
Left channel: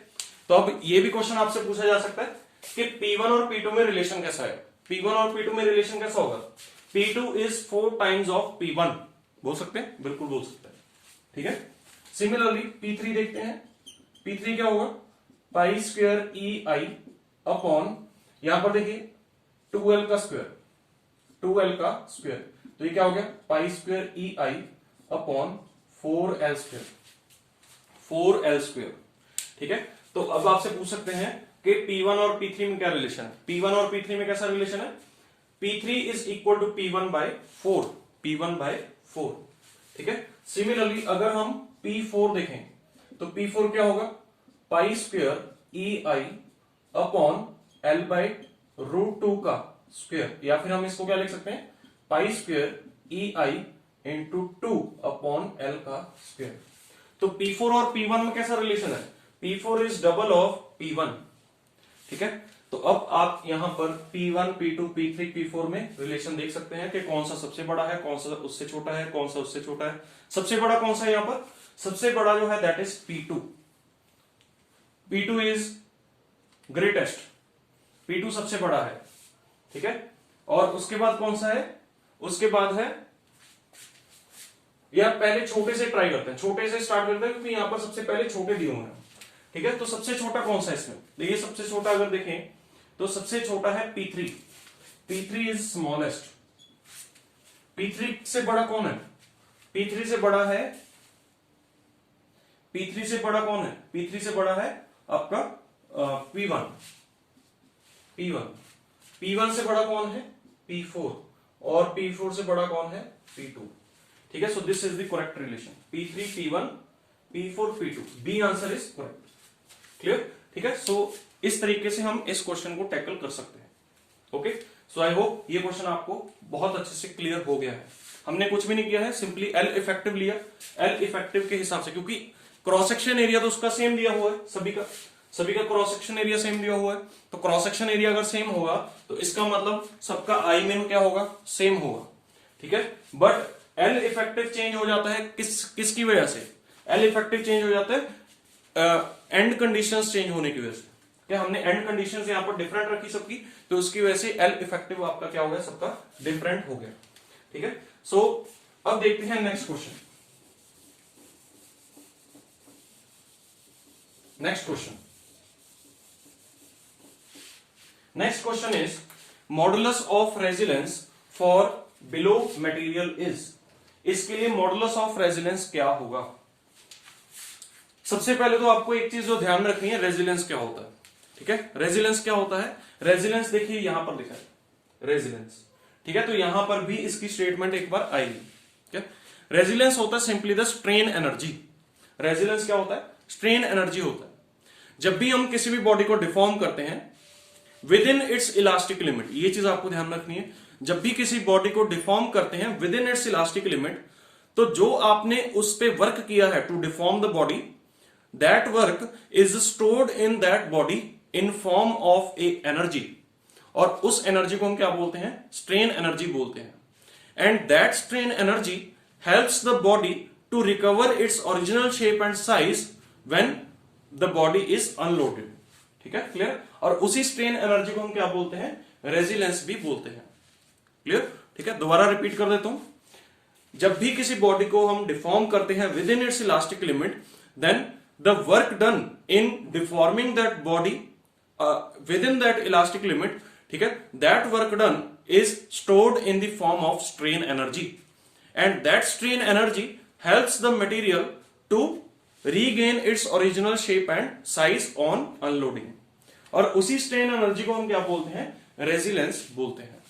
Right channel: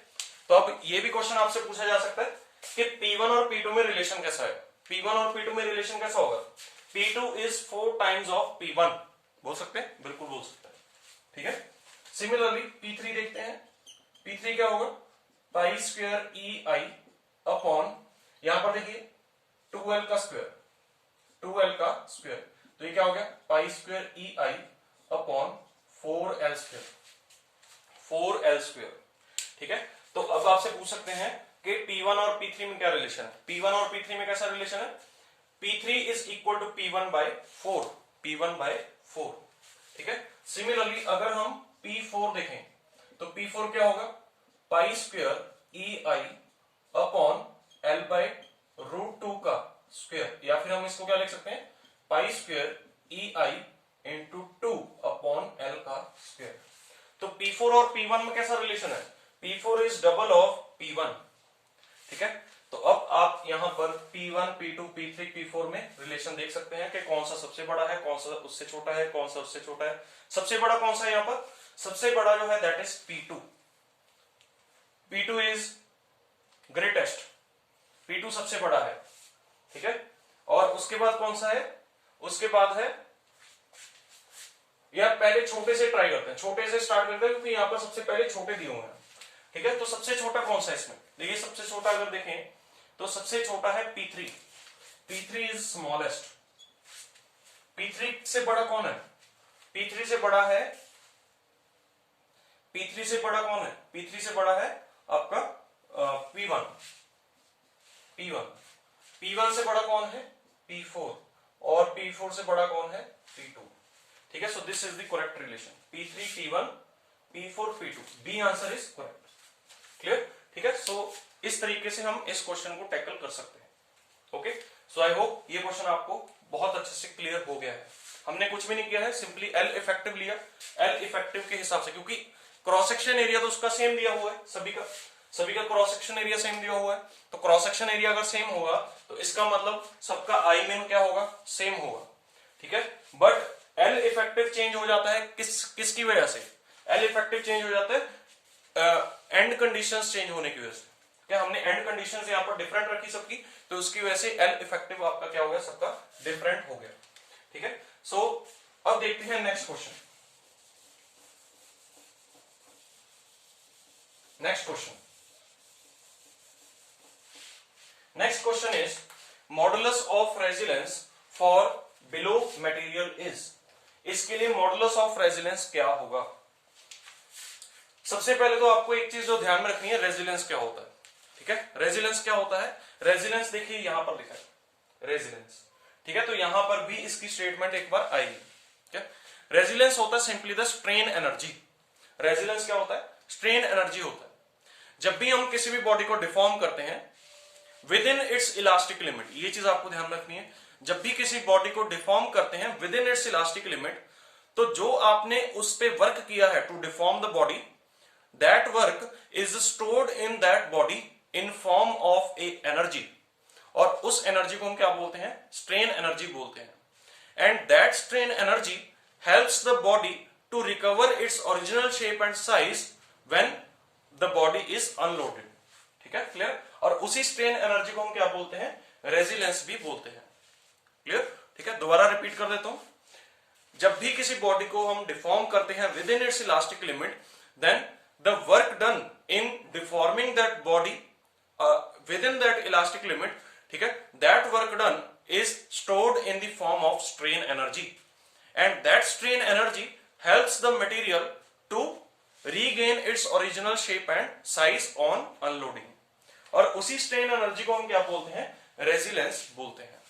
तो अब ये भी क्वेश्चन आपसे पूछा जा सकता है कि P1 और P2 में रिलेशन कैसा है। P1 और P2 में रिलेशन कैसा होगा, P2 is 4 times of P1, बोल सकते हैं, बिल्कुल बोल सकते हैं। ठीक है, सिमिलरली P3 देखते हैं, P3 क्या होगा, पाई स्क्वायर ई आई अपॉन, यहां पर देखिए 2l का स्क्वायर, 2l का स्क्वायर, तो ये क्या हो गया, pi square E i upon 4l square, 4l square. ठीक है, तो अब आपसे पूछ सकते हैं कि P1 और P3 में क्या रिलेशन है। P1 और P3 में कैसा रिलेशन है, P3 is equal to P1 by 4, P1 by 4। ठीक है, सिमिलरली अगर हम P4 देखें तो P4 क्या होगा, पाई square E i upon L by √2 का स्क्वायर, या फिर हम इसको क्या लिख सकते हैं, पाई स्क्वायर ई आई इंटू 2 अपॉन एल का स्क्वायर। तो P4 और P1 में कैसा रिलेशन है, P4 is double of P1। ठीक है, तो अब आप यहां पर P1, P2, P3, P4 में रिलेशन देख सकते हैं कि कौन सा सबसे बड़ा है, कौन सा उससे छोटा है, कौन सा उससे छोटा है। सबसे बड़ा कौन सा है, यहां पर सबसे बड़ा जो है that is P2, P2 is greatest, P2 सबसे बड़ा है। ठीक है, और उसके बाद कौन सा है, उसके बाद है, या पहले छोटे से ट्राई करते हैं, छोटे से स्टार्ट करते हैं क्योंकि यहां पर सबसे पहले छोटे दिए हुए हैं। ठीक है, तो सबसे छोटा कौन सा है इसमें, देखिए सबसे छोटा अगर देखें तो सबसे छोटा है P3, P3 is smallest. P3 से बड़ा कौन है, P3 से बड़ा है, P3 से बड़ा कौन है, P3 से बड़ा है आपका P1, P1, P1 से बड़ा कौन है, P4, और P4 से बड़ा कौन है, P2। ठीक है, so this is the correct relation, P3 P1 P4 P2, B answer is correct. Clear, ठीक है, सो इस तरीके से हम इस क्वेश्चन को टैकल कर सकते हैं। ओके, सो आई होप ये क्वेश्चन आपको बहुत अच्छे से क्लियर हो गया है। हमने कुछ भी नहीं किया है, सिंपली एल इफेक्टिव लिया, एल इफेक्टिव के हिसाब से, क्योंकि क्रॉस सेक्शन एरिया तो उसका सेम दिया हुआ है, सभी का क्रॉस सेक्शन एरिया सेम दिया हुआ है, तो क्रॉस सेक्शन एरिया अगर सेम होगा तो इसका मतलब सबका आई मीन क्या होगा, सेम होगा। ठीक है, बट एल इफेक्टिव चेंज हो जाता है किसकी वजह से, एल इफेक्टिव चेंज हो जाता है एंड कंडीशंस चेंज होने की वजह से। क्या हमने एंड कंडीशंस यहां पर डिफरेंट रखी सबकी, तो उसकी वजह से एल इफेक्टिव आपका क्या हो गया, सबका डिफरेंट हो गया। ठीक है, सो अब देखते हैं next question. Next question is modulus of resilience for below material is. इसके लिए मॉडुलस ऑफ रेजिलेंस क्या होगा। सबसे पहले तो आपको एक चीज जो ध्यान में रखनी है, रेजिलेंस क्या होता है। ठीक है, रेजिलेंस क्या होता है, रेजिलेंस देखिए यहां पर लिखा है रेजिलेंस। ठीक है, तो यहां पर भी इसकी स्टेटमेंट एक बार आएगी। ठीक है, रेजिलेंस होता है simply the strain energy. Resilience क्या होता है, स्ट्रेन एनर्जी होता है। जब भी हम किसी भी बॉडी को डिफॉर्म करते हैं within its elastic limit, ये चीज आपको ध्यान रखनी है, जब भी किसी बॉडी को डिफॉर्म करते हैं within its elastic limit, तो जो आपने उस पर वर्क किया है to deform the body, that work is stored in that body in form of a energy, और उस एनर्जी को हम क्या बोलते हैं, स्ट्रेन एनर्जी बोलते हैं। And that strain energy helps the body to recover its original shape and size when the body is unloaded. ठीक है, क्लियर, और उसी स्ट्रेन एनर्जी को हम क्या बोलते हैं, रेजिलेंस भी बोलते हैं। क्लियर, ठीक है, दोबारा रिपीट कर देता हूं, जब भी किसी बॉडी को हम डिफॉर्म करते हैं within its elastic limit, then the work done in deforming that body within that elastic limit, ठीक है, that work done is stored in the form of strain energy, and that strain energy helps the material to regain its original shape and size on unloading, और उसी स्ट्रेन एनर्जी को हम क्या बोलते हैं, रेजिलेंस बोलते हैं।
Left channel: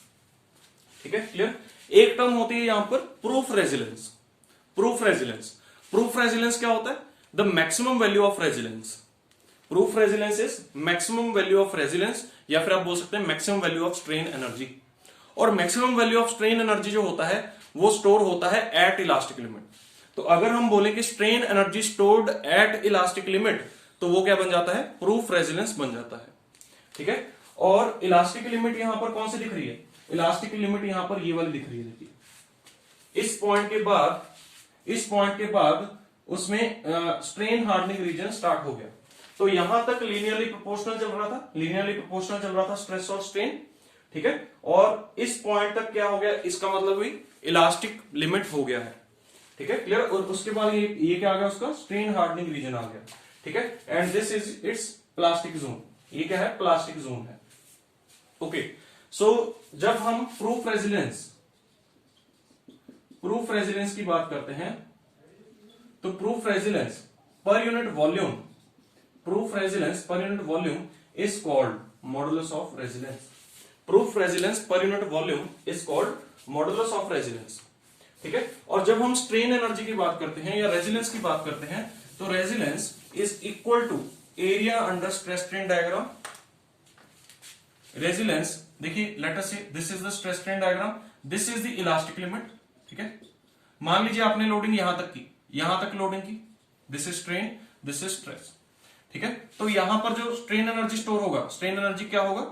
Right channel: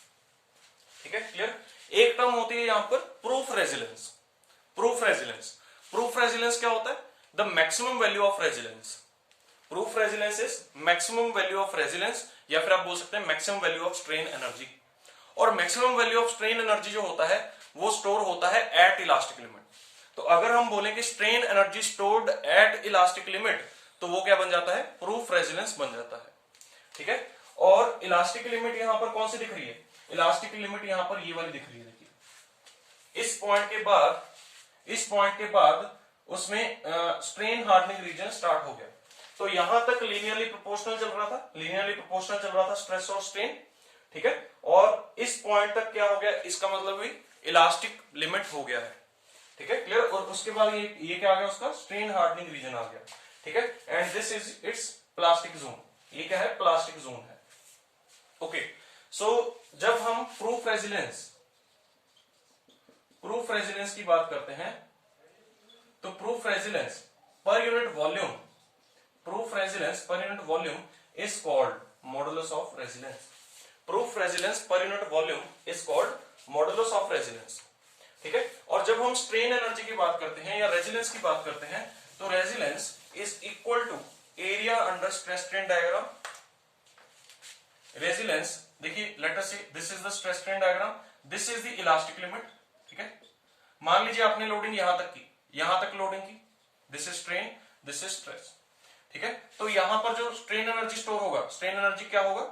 ठीक है, क्लियर। एक टर्म होती है यहां पर प्रूफ रेजिलेंस। प्रूफ रेजिलेंस क्या होता है, the maximum value of resilience. Proof resilience is maximum value of resilience, या फिर आप बोल सकते हैं maximum value of strain energy. और maximum value of strain energy जो होता है वो स्टोर होता है एट इलास्टिक लिमिट। तो अगर हम बोले कि strain energy stored at elastic limit, तो वो क्या बन जाता है, प्रूफ रेजिलेंस बन जाता है। ठीक है, और इलास्टिक लिमिट यहां पर कौन सी दिख रही है, इलास्टिक लिमिट यहां पर ये वाली दिख रही है। देखिए इस पॉइंट के बाद उसमें स्ट्रेन हार्डनिंग रीजन स्टार्ट हो गया। तो यहां तक लीनियरली प्रोपोर्शनल चल रहा था स्ट्रेस और स्ट्रेन। ठीक है, और इस पॉइंट तक क्या हो गया, इसका मतलब भी इलास्टिक लिमिट हो गया है। ठीक है, क्लियर। और उसके बाद ये क्या आ गया, उसका स्ट्रेन हार्डनिंग रीजन आ गया। ठीक है, and this is it's plastic zone. ये क्या है, प्लास्टिक जोन है। ओके, सो जब हम प्रूफ रेजिलेंस की बात करते हैं, तो प्रूफ रेजिलेंस पर unit volume is called modulus of resilience. Proof resilience पर unit volume is called modulus of resilience. ठीक है, और जब हम स्ट्रेन एनर्जी की बात करते हैं या रेजिलेंस की बात करते हैं, तो resilience is equal to area under stress strain diagram. Resilience, देखिए let us say this is the stress strain diagram, this is the elastic limit. ठीक है, मान लीजिए आपने लोडिंग यहां तक लोडिंग की, this is strain, this is stress. ठीक है, तो यहां पर जो स्ट्रेन एनर्जी स्टोर होगा, स्ट्रेन एनर्जी क्या होगा,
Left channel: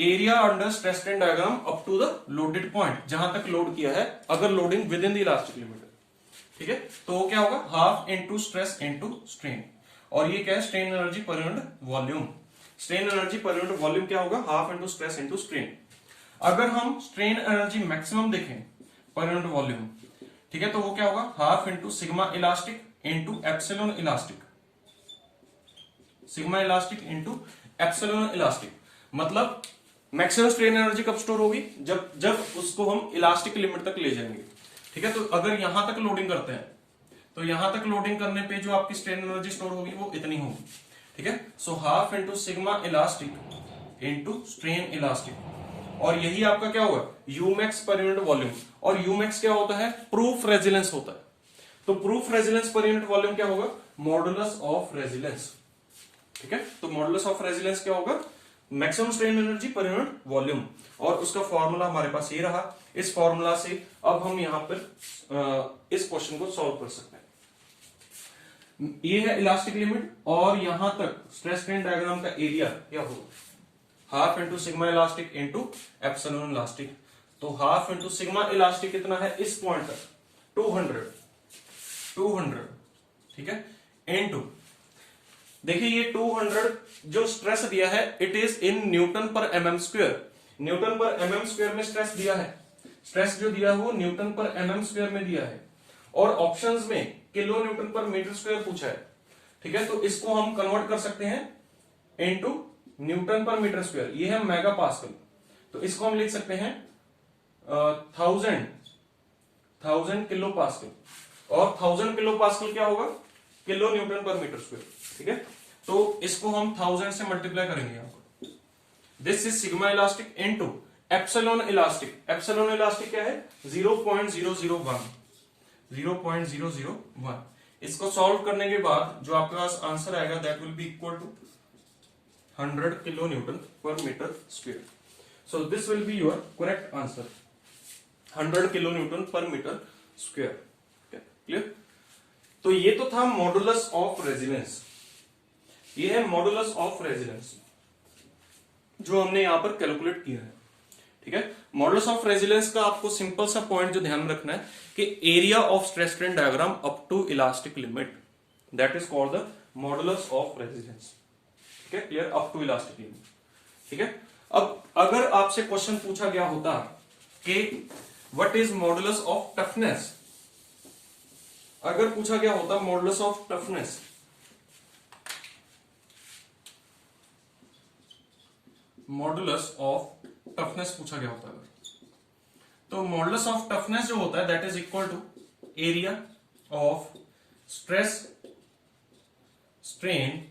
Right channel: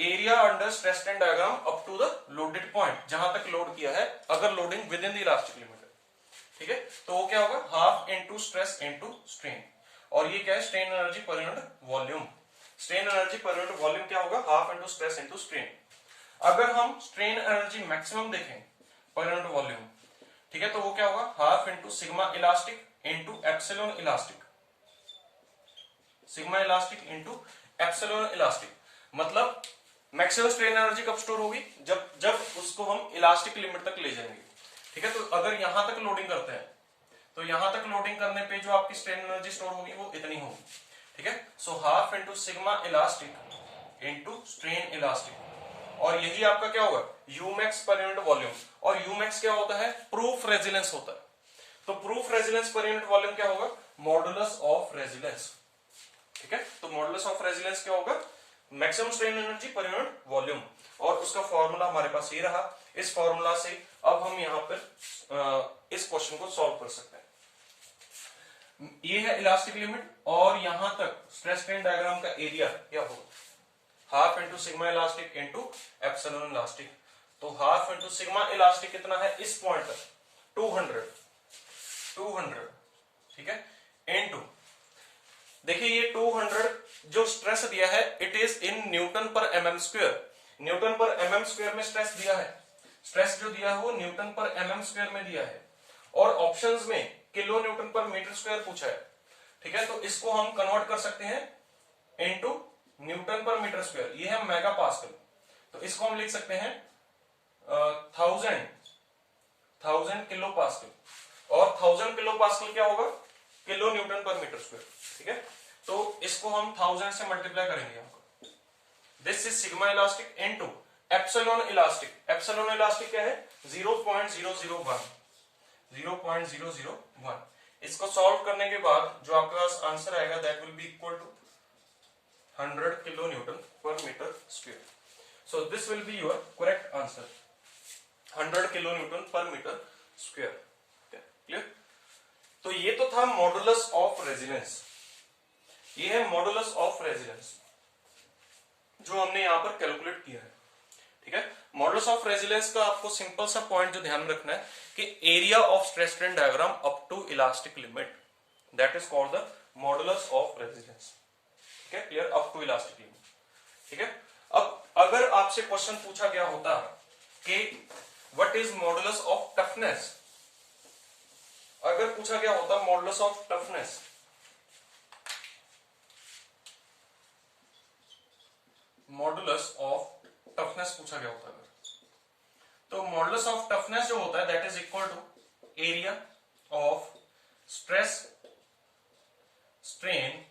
area under stress strain diagram up to the loaded point, जहां तक लोड किया है, अगर loading within the elastic limit. ठीक है, तो वो क्या होगा, half into stress into strain. और ये क्या है, strain energy per unit volume. Strain energy per unit volume क्या होगा, half into stress into strain. अगर हम स्ट्रेन एनर्जी मैक्सिमम देखें पर यूनिट वॉल्यूम, ठीक है, तो वो क्या होगा, half into sigma elastic into epsilon elastic. Sigma elastic into epsilon elastic, मतलब मैक्सिमम स्ट्रेन एनर्जी कब स्टोर होगी, जब उसको हम इलास्टिक लिमिट तक ले जाएंगे। ठीक है, तो अगर यहां तक लोडिंग करते हैं, तो यहां तक लोडिंग करने पे जो आपकी स्ट्रेन एनर्जी स्टोर होगी वो इतनी होगी। ठीक है, so half into sigma elastic into strain elastic, और यही आपका क्या होगा, यूमैक्स पर यूनिट वॉल्यूम। और यूमैक्स क्या होता है, प्रूफ रेजिलेंस होता है। तो प्रूफ रेजिलेंस पर यूनिट वॉल्यूम क्या होगा, मॉडुलस ऑफ रेजिलेंस। ठीक है, तो मॉडुलस ऑफ रेजिलेंस क्या होगा, maximum strain energy per unit volume. और उसका फॉर्मूला हमारे पास ये रहा। इस फॉर्मूला से अब हम यहां पर इस क्वेश्चन को सॉल्व कर सकते हैं। ये है इलास्टिक लिमिट, और यहां तक स्ट्रेस स्ट्रेन डायग्राम का एरिया क्या होगा, half into sigma elastic into epsilon elastic. तो हाफ इंटू सिग्मा इलास्टिक कितना है, इस पॉइंट तक 200। ठीक है, इंटू, देखिए ये 200 जो स्ट्रेस दिया है, इट इज इन न्यूटन पर एमएम स्क्वायर। न्यूटन पर एमएम स्क्वायर में स्ट्रेस दिया है, स्ट्रेस जो दिया है वो न्यूटन पर एमएम स्क्वायर में दिया है, और ऑप्शंस में kilo newton per metre square पूछा है। ठीक है, तो इसको हम कन्वर्ट कर सकते हैं into Newton per metre square, ये है मेगा पास्कल। तो इसको हम लिख सकते हैं 1000 किलो पास्कल, और 1000 किलो पास्कल क्या होगा, kilo newton per metre square. ठीक है, तो इसको हम 1000 से मल्टीप्लाई करेंगे आपको। This is sigma elastic into epsilon elastic. Epsilon elastic क्या है, 0.001। इसको सॉल्व करने के बाद जो आपके पास आंसर आएगा, that will be equal to 100 kilo newton per metre square. So this will be your correct answer, 100 kilo newton per metre square. Clear. तो ये तो था मॉडुलस ऑफ रेजिलेंस, ये है मॉडुलस ऑफ रेजिलेंस जो हमने यहां पर कैलकुलेट किया है। ठीक है, मॉडुलस ऑफ रेजिलेंस का आपको सिंपल सा पॉइंट जो ध्यान में रखना है कि area of stress strain diagram up to elastic limit, that is called the modulus of resilience. ठीक है, clear, up to elastic limit. ठीक है, अब अगर आपसे क्वेश्चन पूछा गया होता कि what is modulus of toughness, अगर पूछा गया होता modulus of toughness, modulus of toughness पूछा गया होता है, तो मॉडुलस ऑफ टफनेस जो होता है that is equal to area of stress strain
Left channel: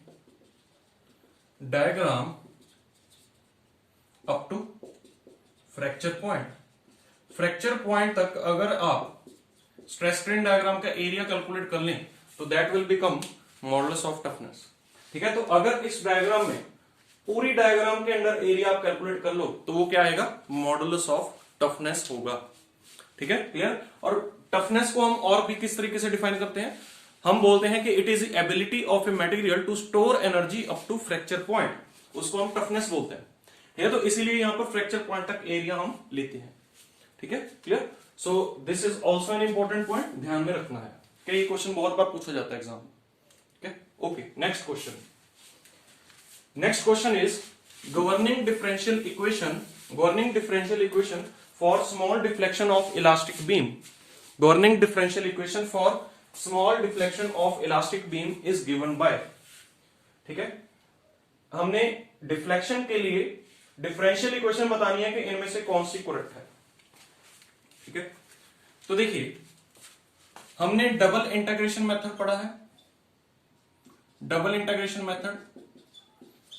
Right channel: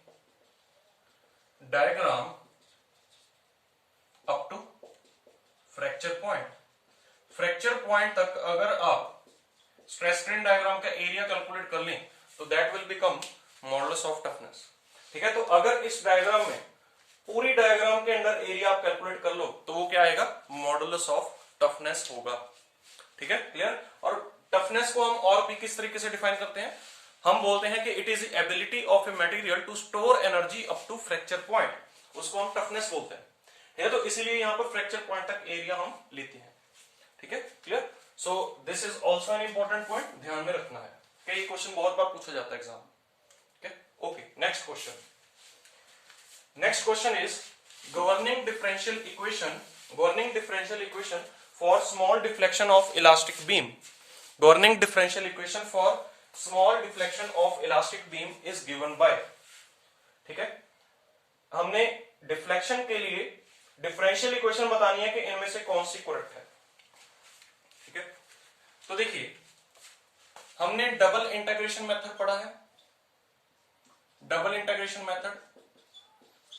diagram up to fracture point. Fracture point तक अगर आप स्ट्रेस स्ट्रेन डायग्राम का एरिया कैलकुलेट कर लें, तो that will become modulus of toughness. ठीक है, तो अगर इस डायग्राम में, पूरी डायग्राम के अंदर एरिया आप कैलकुलेट कर लो, तो वो क्या आएगा, मॉडुलस ऑफ टफनेस होगा। ठीक है, क्लियर। और टफनेस को हम और भी किस तरीके से डिफाइन करते हैं, हम बोलते हैं कि it is ability of a material to store energy up to fracture point, उसको हम टफनेस बोलते हैं। ठीक है, तो इसीलिए यहां पर फ्रैक्चर पॉइंट तक एरिया हम लेते हैं। ठीक है, clear. So this is also an important point, ध्यान में रखना है कि ये क्वेश्चन बहुत बार पूछा जाता है एग्जाम में। ठीक है, okay, next question. Next question is governing differential equation for small deflection of elastic beam. Governing differential equation for small deflection of elastic beam is given by, ठीक है, हमने डिफ्लेक्शन के लिए डिफरेंशियल इक्वेशन बतानी है कि इनमें से कौन सी करेक्ट है। ठीक है, तो देखिए हमने डबल इंटीग्रेशन मेथड पढ़ा है, डबल इंटीग्रेशन मेथड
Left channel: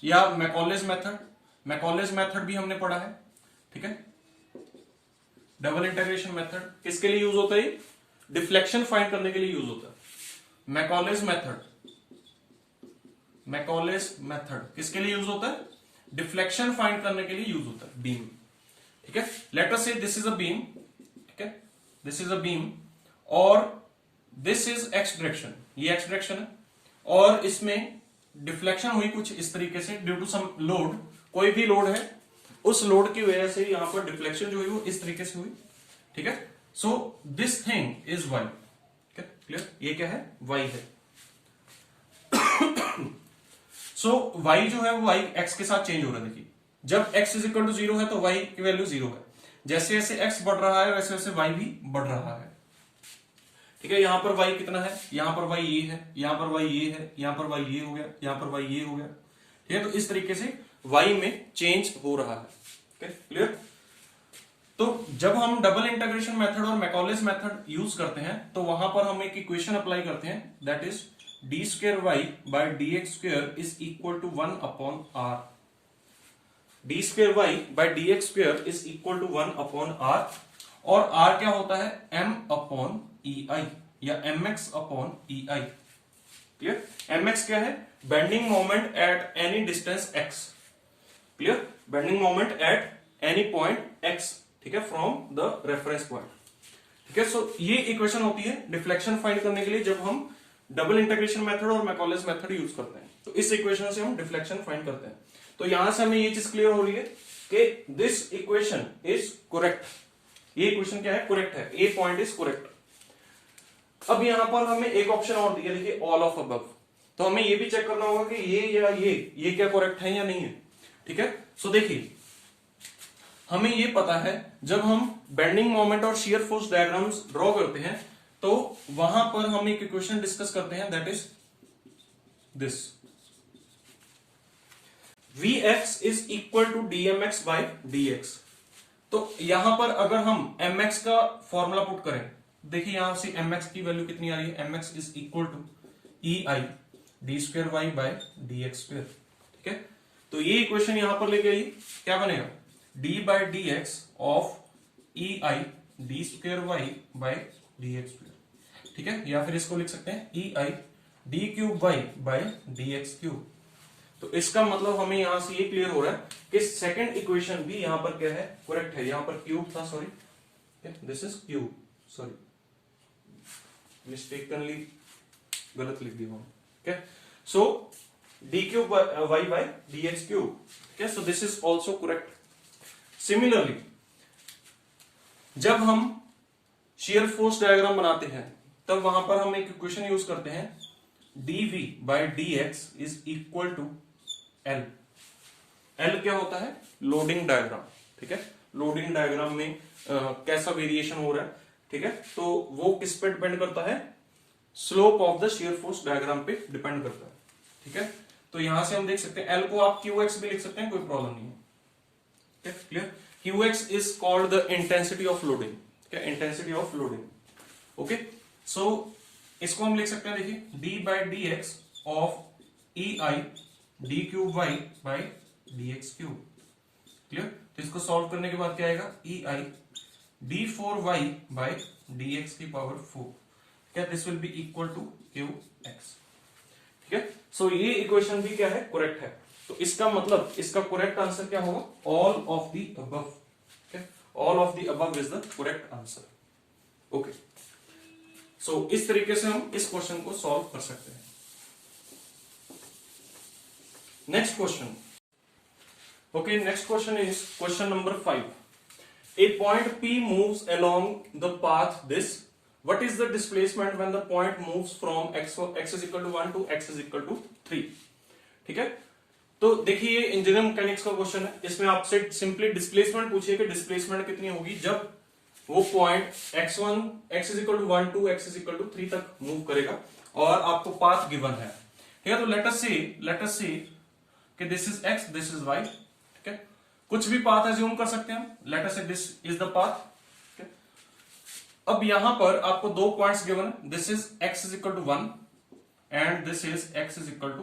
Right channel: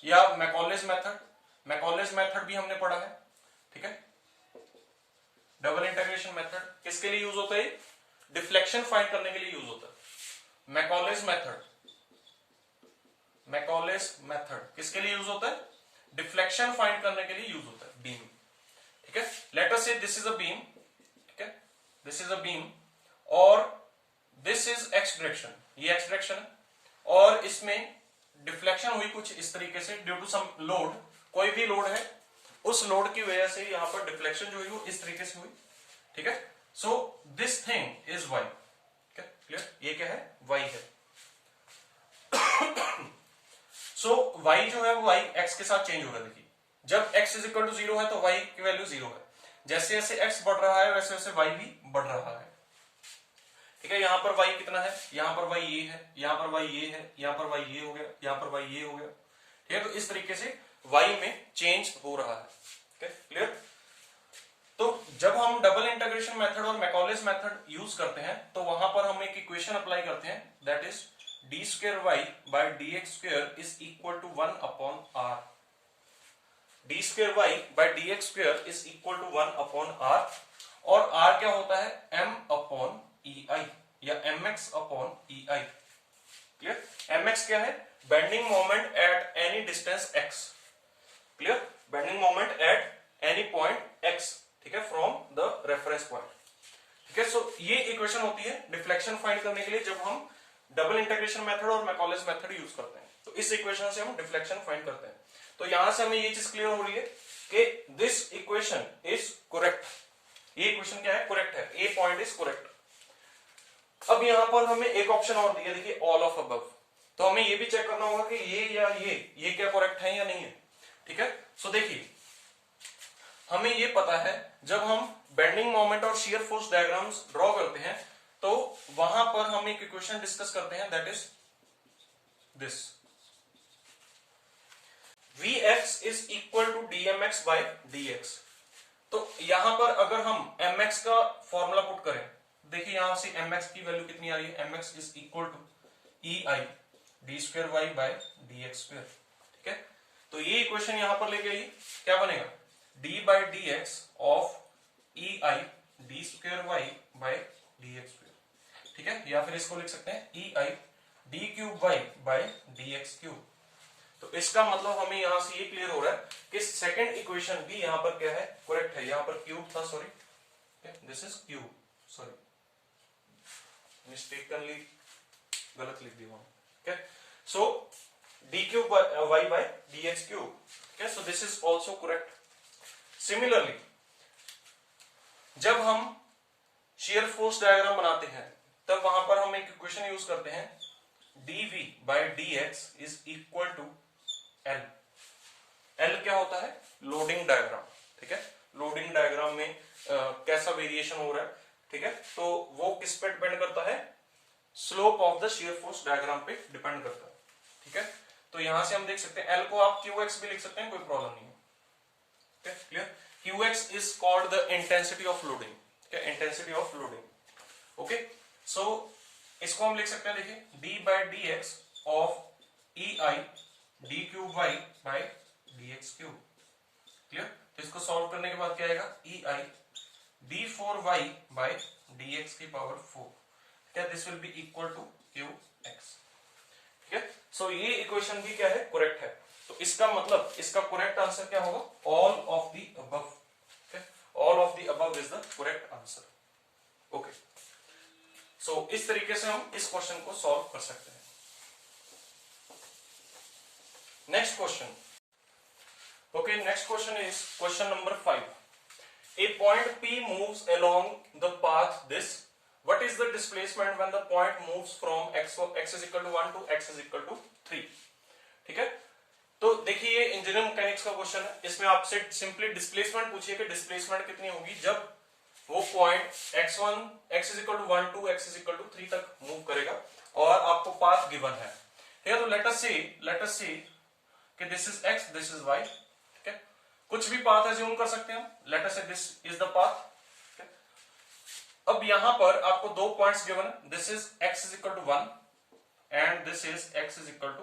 या मैकॉलेज मेथड भी हमने पढ़ा है। ठीक है, डबल इंटीग्रेशन मेथड किसके लिए यूज होता है, डिफ्लेक्शन फाइंड करने के लिए यूज होता है। मैकॉलेज मेथड किसके लिए यूज होता है, डिफ्लेक्शन फाइंड करने के लिए यूज होता है, बीम। ठीक है, late us say this is a beam, ठीक है, दिस इज अ बीम और दिस इज एक्स डायरेक्शन, ये एक्स डायरेक्शन है और इसमें डिफ्लेक्शन हुई कुछ इस तरीके से ड्यू टू सम लोड, कोई भी लोड है, उस लोड की वजह से यहां पर डिफ्लेक्शन जो हुई वो इस तरीके से हुई। ठीक है, so this thing is Y. Clear, ये क्या है, वाई है। सो वाई जो है वो वाई एक्स के साथ चेंज हो रहा है। देखिए जब x इज इक्वल टू 0 है तो y की वैल्यू 0 है, जैसे जैसे x बढ़ रहा है वैसे वैसे y भी बढ़ रहा है। ठीक है, यहां पर y कितना है, यहां पर y ये है, यहां पर y ये है, यहां पर y ये हो गया, यहां पर y ये हो गया। ठीक है, तो इस तरीके से y में चेंज हो रहा है। ठीक है, क्लियर। तो जब हम डबल इंटीग्रेशन मेथड और मैकॉलेज मेथड यूज करते हैं तो वहां पर हम एक इक्वेशन अप्लाई करते हैं, that is D square Y by D x square is equal to 1 upon R. D square Y by D x square is equal to 1 upon R, और आर क्या होता है, m अपॉन ई आई या mx upon E I. Clear, mx क्या है, bending moment at any distance x। Clear, bending moment at any point x, ठीक है, फ्रॉम द रेफरेंस पॉइंट। ठीक है, सो ये इक्वेशन होती है डिफ्लेक्शन फाइंड करने के लिए जब हम डबल इंटीग्रेशन मेथड और मैकॉलेज मेथड यूज करते हैं, तो इस इक्वेशन से हम डिफ्लेक्शन फाइंड करते हैं। तो यहां से हमें ये चीज क्लियर हो रही है कि दिस इक्वेशन इज करेक्ट, ये इक्वेशन क्या है, करेक्ट है, ए पॉइंट इज करेक्ट। अब यहां पर हमें एक ऑप्शन और दिया, देखिए ऑल ऑफ अबव, तो हमें ये भी चेक करना होगा कि ये या ये क्या करेक्ट है या नहीं है। ठीक है, सो देखिए हमें ये पता है जब हम बेंडिंग मोमेंट और शियर फोर्स डायग्राम्स ड्रॉ करते हैं तो वहां पर हम एक इक्वेशन डिस्कस करते हैं, that is this Vx is equal to dmx by dx। तो यहां पर अगर हम mx का फॉर्मूला पुट करें, देखिए यहां से mx की वैल्यू कितनी आ रही है, mx is equal to E I D square Y by D x square. ठीक है, तो ये इक्वेशन यहां पर लेके आइए, क्या बनेगा, d by D x of e I D square Y by D x square. ठीक है, या फिर इसको लिख सकते हैं e I d cube Y by D x cube. तो इसका मतलब हमें यहां से ये क्लियर हो रहा है कि सेकंड इक्वेशन भी यहां पर क्या है, करेक्ट है। यहां पर क्यूब था, sorry, this is cube, sorry mistakenly गलत लिख दिया। Okay, so D cube Y by D x cube. Okay, so this is also correct. Similarly जब हम शियर फोर्स डायग्राम बनाते हैं तब वहां पर हम एक इक्वेशन यूज करते हैं, dv by D X is equal to L. L क्या होता है, लोडिंग डायग्राम। ठीक है, लोडिंग डायग्राम में कैसा वेरिएशन हो रहा है, ठीक है, तो वो किस पे डिपेंड करता है, slope of the shear force diagram पे डिपेंड करता है। ठीक है, तो यहां से हम देख सकते हैं एल को आप क्यू एक्स भी लिख सकते हैं, कोई प्रॉब्लम नहीं है। Clear, q x is called the intensity of loading. ठीक है, intensity of loading. Okay, so इसको हम लिख सकते हैं, देखिए d by D x of e I d cube Y by D x cube. Clear, तो इसको सॉल्व करने के बाद क्या आएगा, e I d four y by D x की पावर 4। क्या this will be equal to q x. ठीक है, सो ये इक्वेशन भी क्या है, करेक्ट है। तो इसका मतलब इसका करेक्ट आंसर क्या होगा, all of the above. All of the above is the correct answer. Okay, so इस तरीके से हम इस क्वेश्चन को सॉल्व कर सकते हैं। Next question, okay, next question is question number 5। A point P moves along the path this. What is the displacement when the point moves from x is equal to 1 to x is equal to 3? ठीक है, तो देखिए ये इंजीनियरिंग मैकेनिक्स का क्वेश्चन है। इसमें आपसे सिंपली डिस्प्लेसमेंट पूछिए कि डिस्प्लेसमेंट कितनी होगी जब वो point x is equal to 1 to x is equal to 3 तक मूव करेगा और आपको पाथ गिवन है। ठीक है, तो लेट अस सी कि this is x, this is y। ठीक है, कुछ भी पाथ एज्यूम कर सकते हैं हम। Late us say this is the path. अब यहां पर आपको दो पॉइंट्स गिवन है, this is x is equal to 1 and this is x is equal to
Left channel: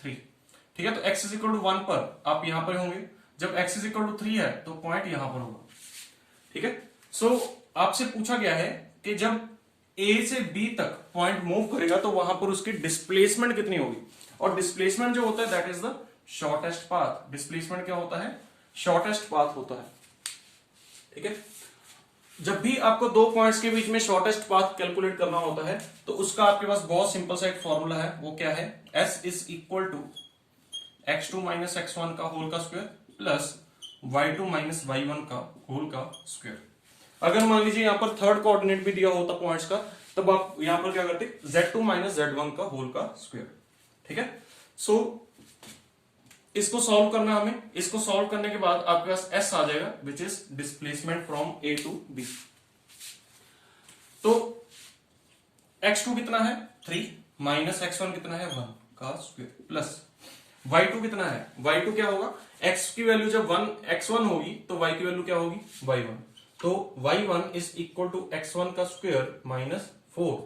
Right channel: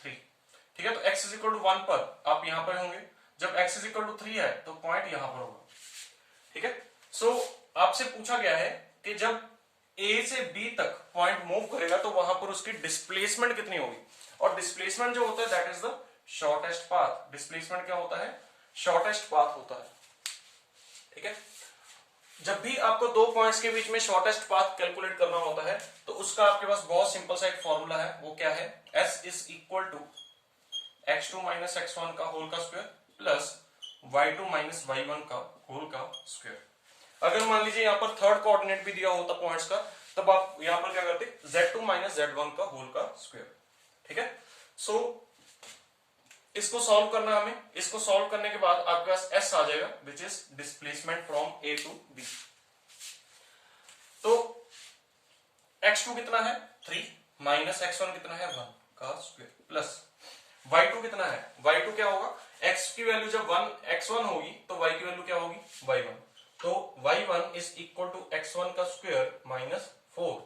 3। ठीक है, तो x इज इक्वल टू 1 पर आप यहां पर होंगे, जब x इज इक्वल टू 3 है तो पॉइंट यहां पर होगा। ठीक है, सो आपसे पूछा गया है कि जब a से b तक पॉइंट मूव करेगा तो वहां पर उसकी डिस्प्लेसमेंट कितनी होगी, और डिस्प्लेसमेंट जो होता है that is the shortest path. Displacement क्या होता है, शॉर्टेस्ट पाथ होता है। ठीक है, जब भी आपको दो पॉइंट्स के बीच में शॉर्टेस्ट पाथ कैलकुलेट करना होता है तो उसका आपके पास बहुत सिंपल सा एक फॉर्मूला है, वो क्या है, s is equal to x2 minus x1 का होल का square plus y2 minus y1 का होल का स्क्वायर। अगर मान लीजिए यहां पर थर्ड कोऑर्डिनेट भी दिया होता पॉइंट्स का, तब आप यहां पर क्या करते, z2 माइनस z1 का होल का स्क्वायर। ठीक है, सो इसको सॉल्व करना हमें, इसको सॉल्व करने के बाद आपके पास s आ जाएगा which is displacement from a to b। तो x2 कितना है 3 माइनस x1 कितना है 1 का स्क्वायर प्लस y2 कितना है, y2 क्या होगा, x की वैल्यू जब x1 होगी तो y की वैल्यू क्या होगी y1, तो y1 is equal to x1 का स्क्वायर माइनस 4।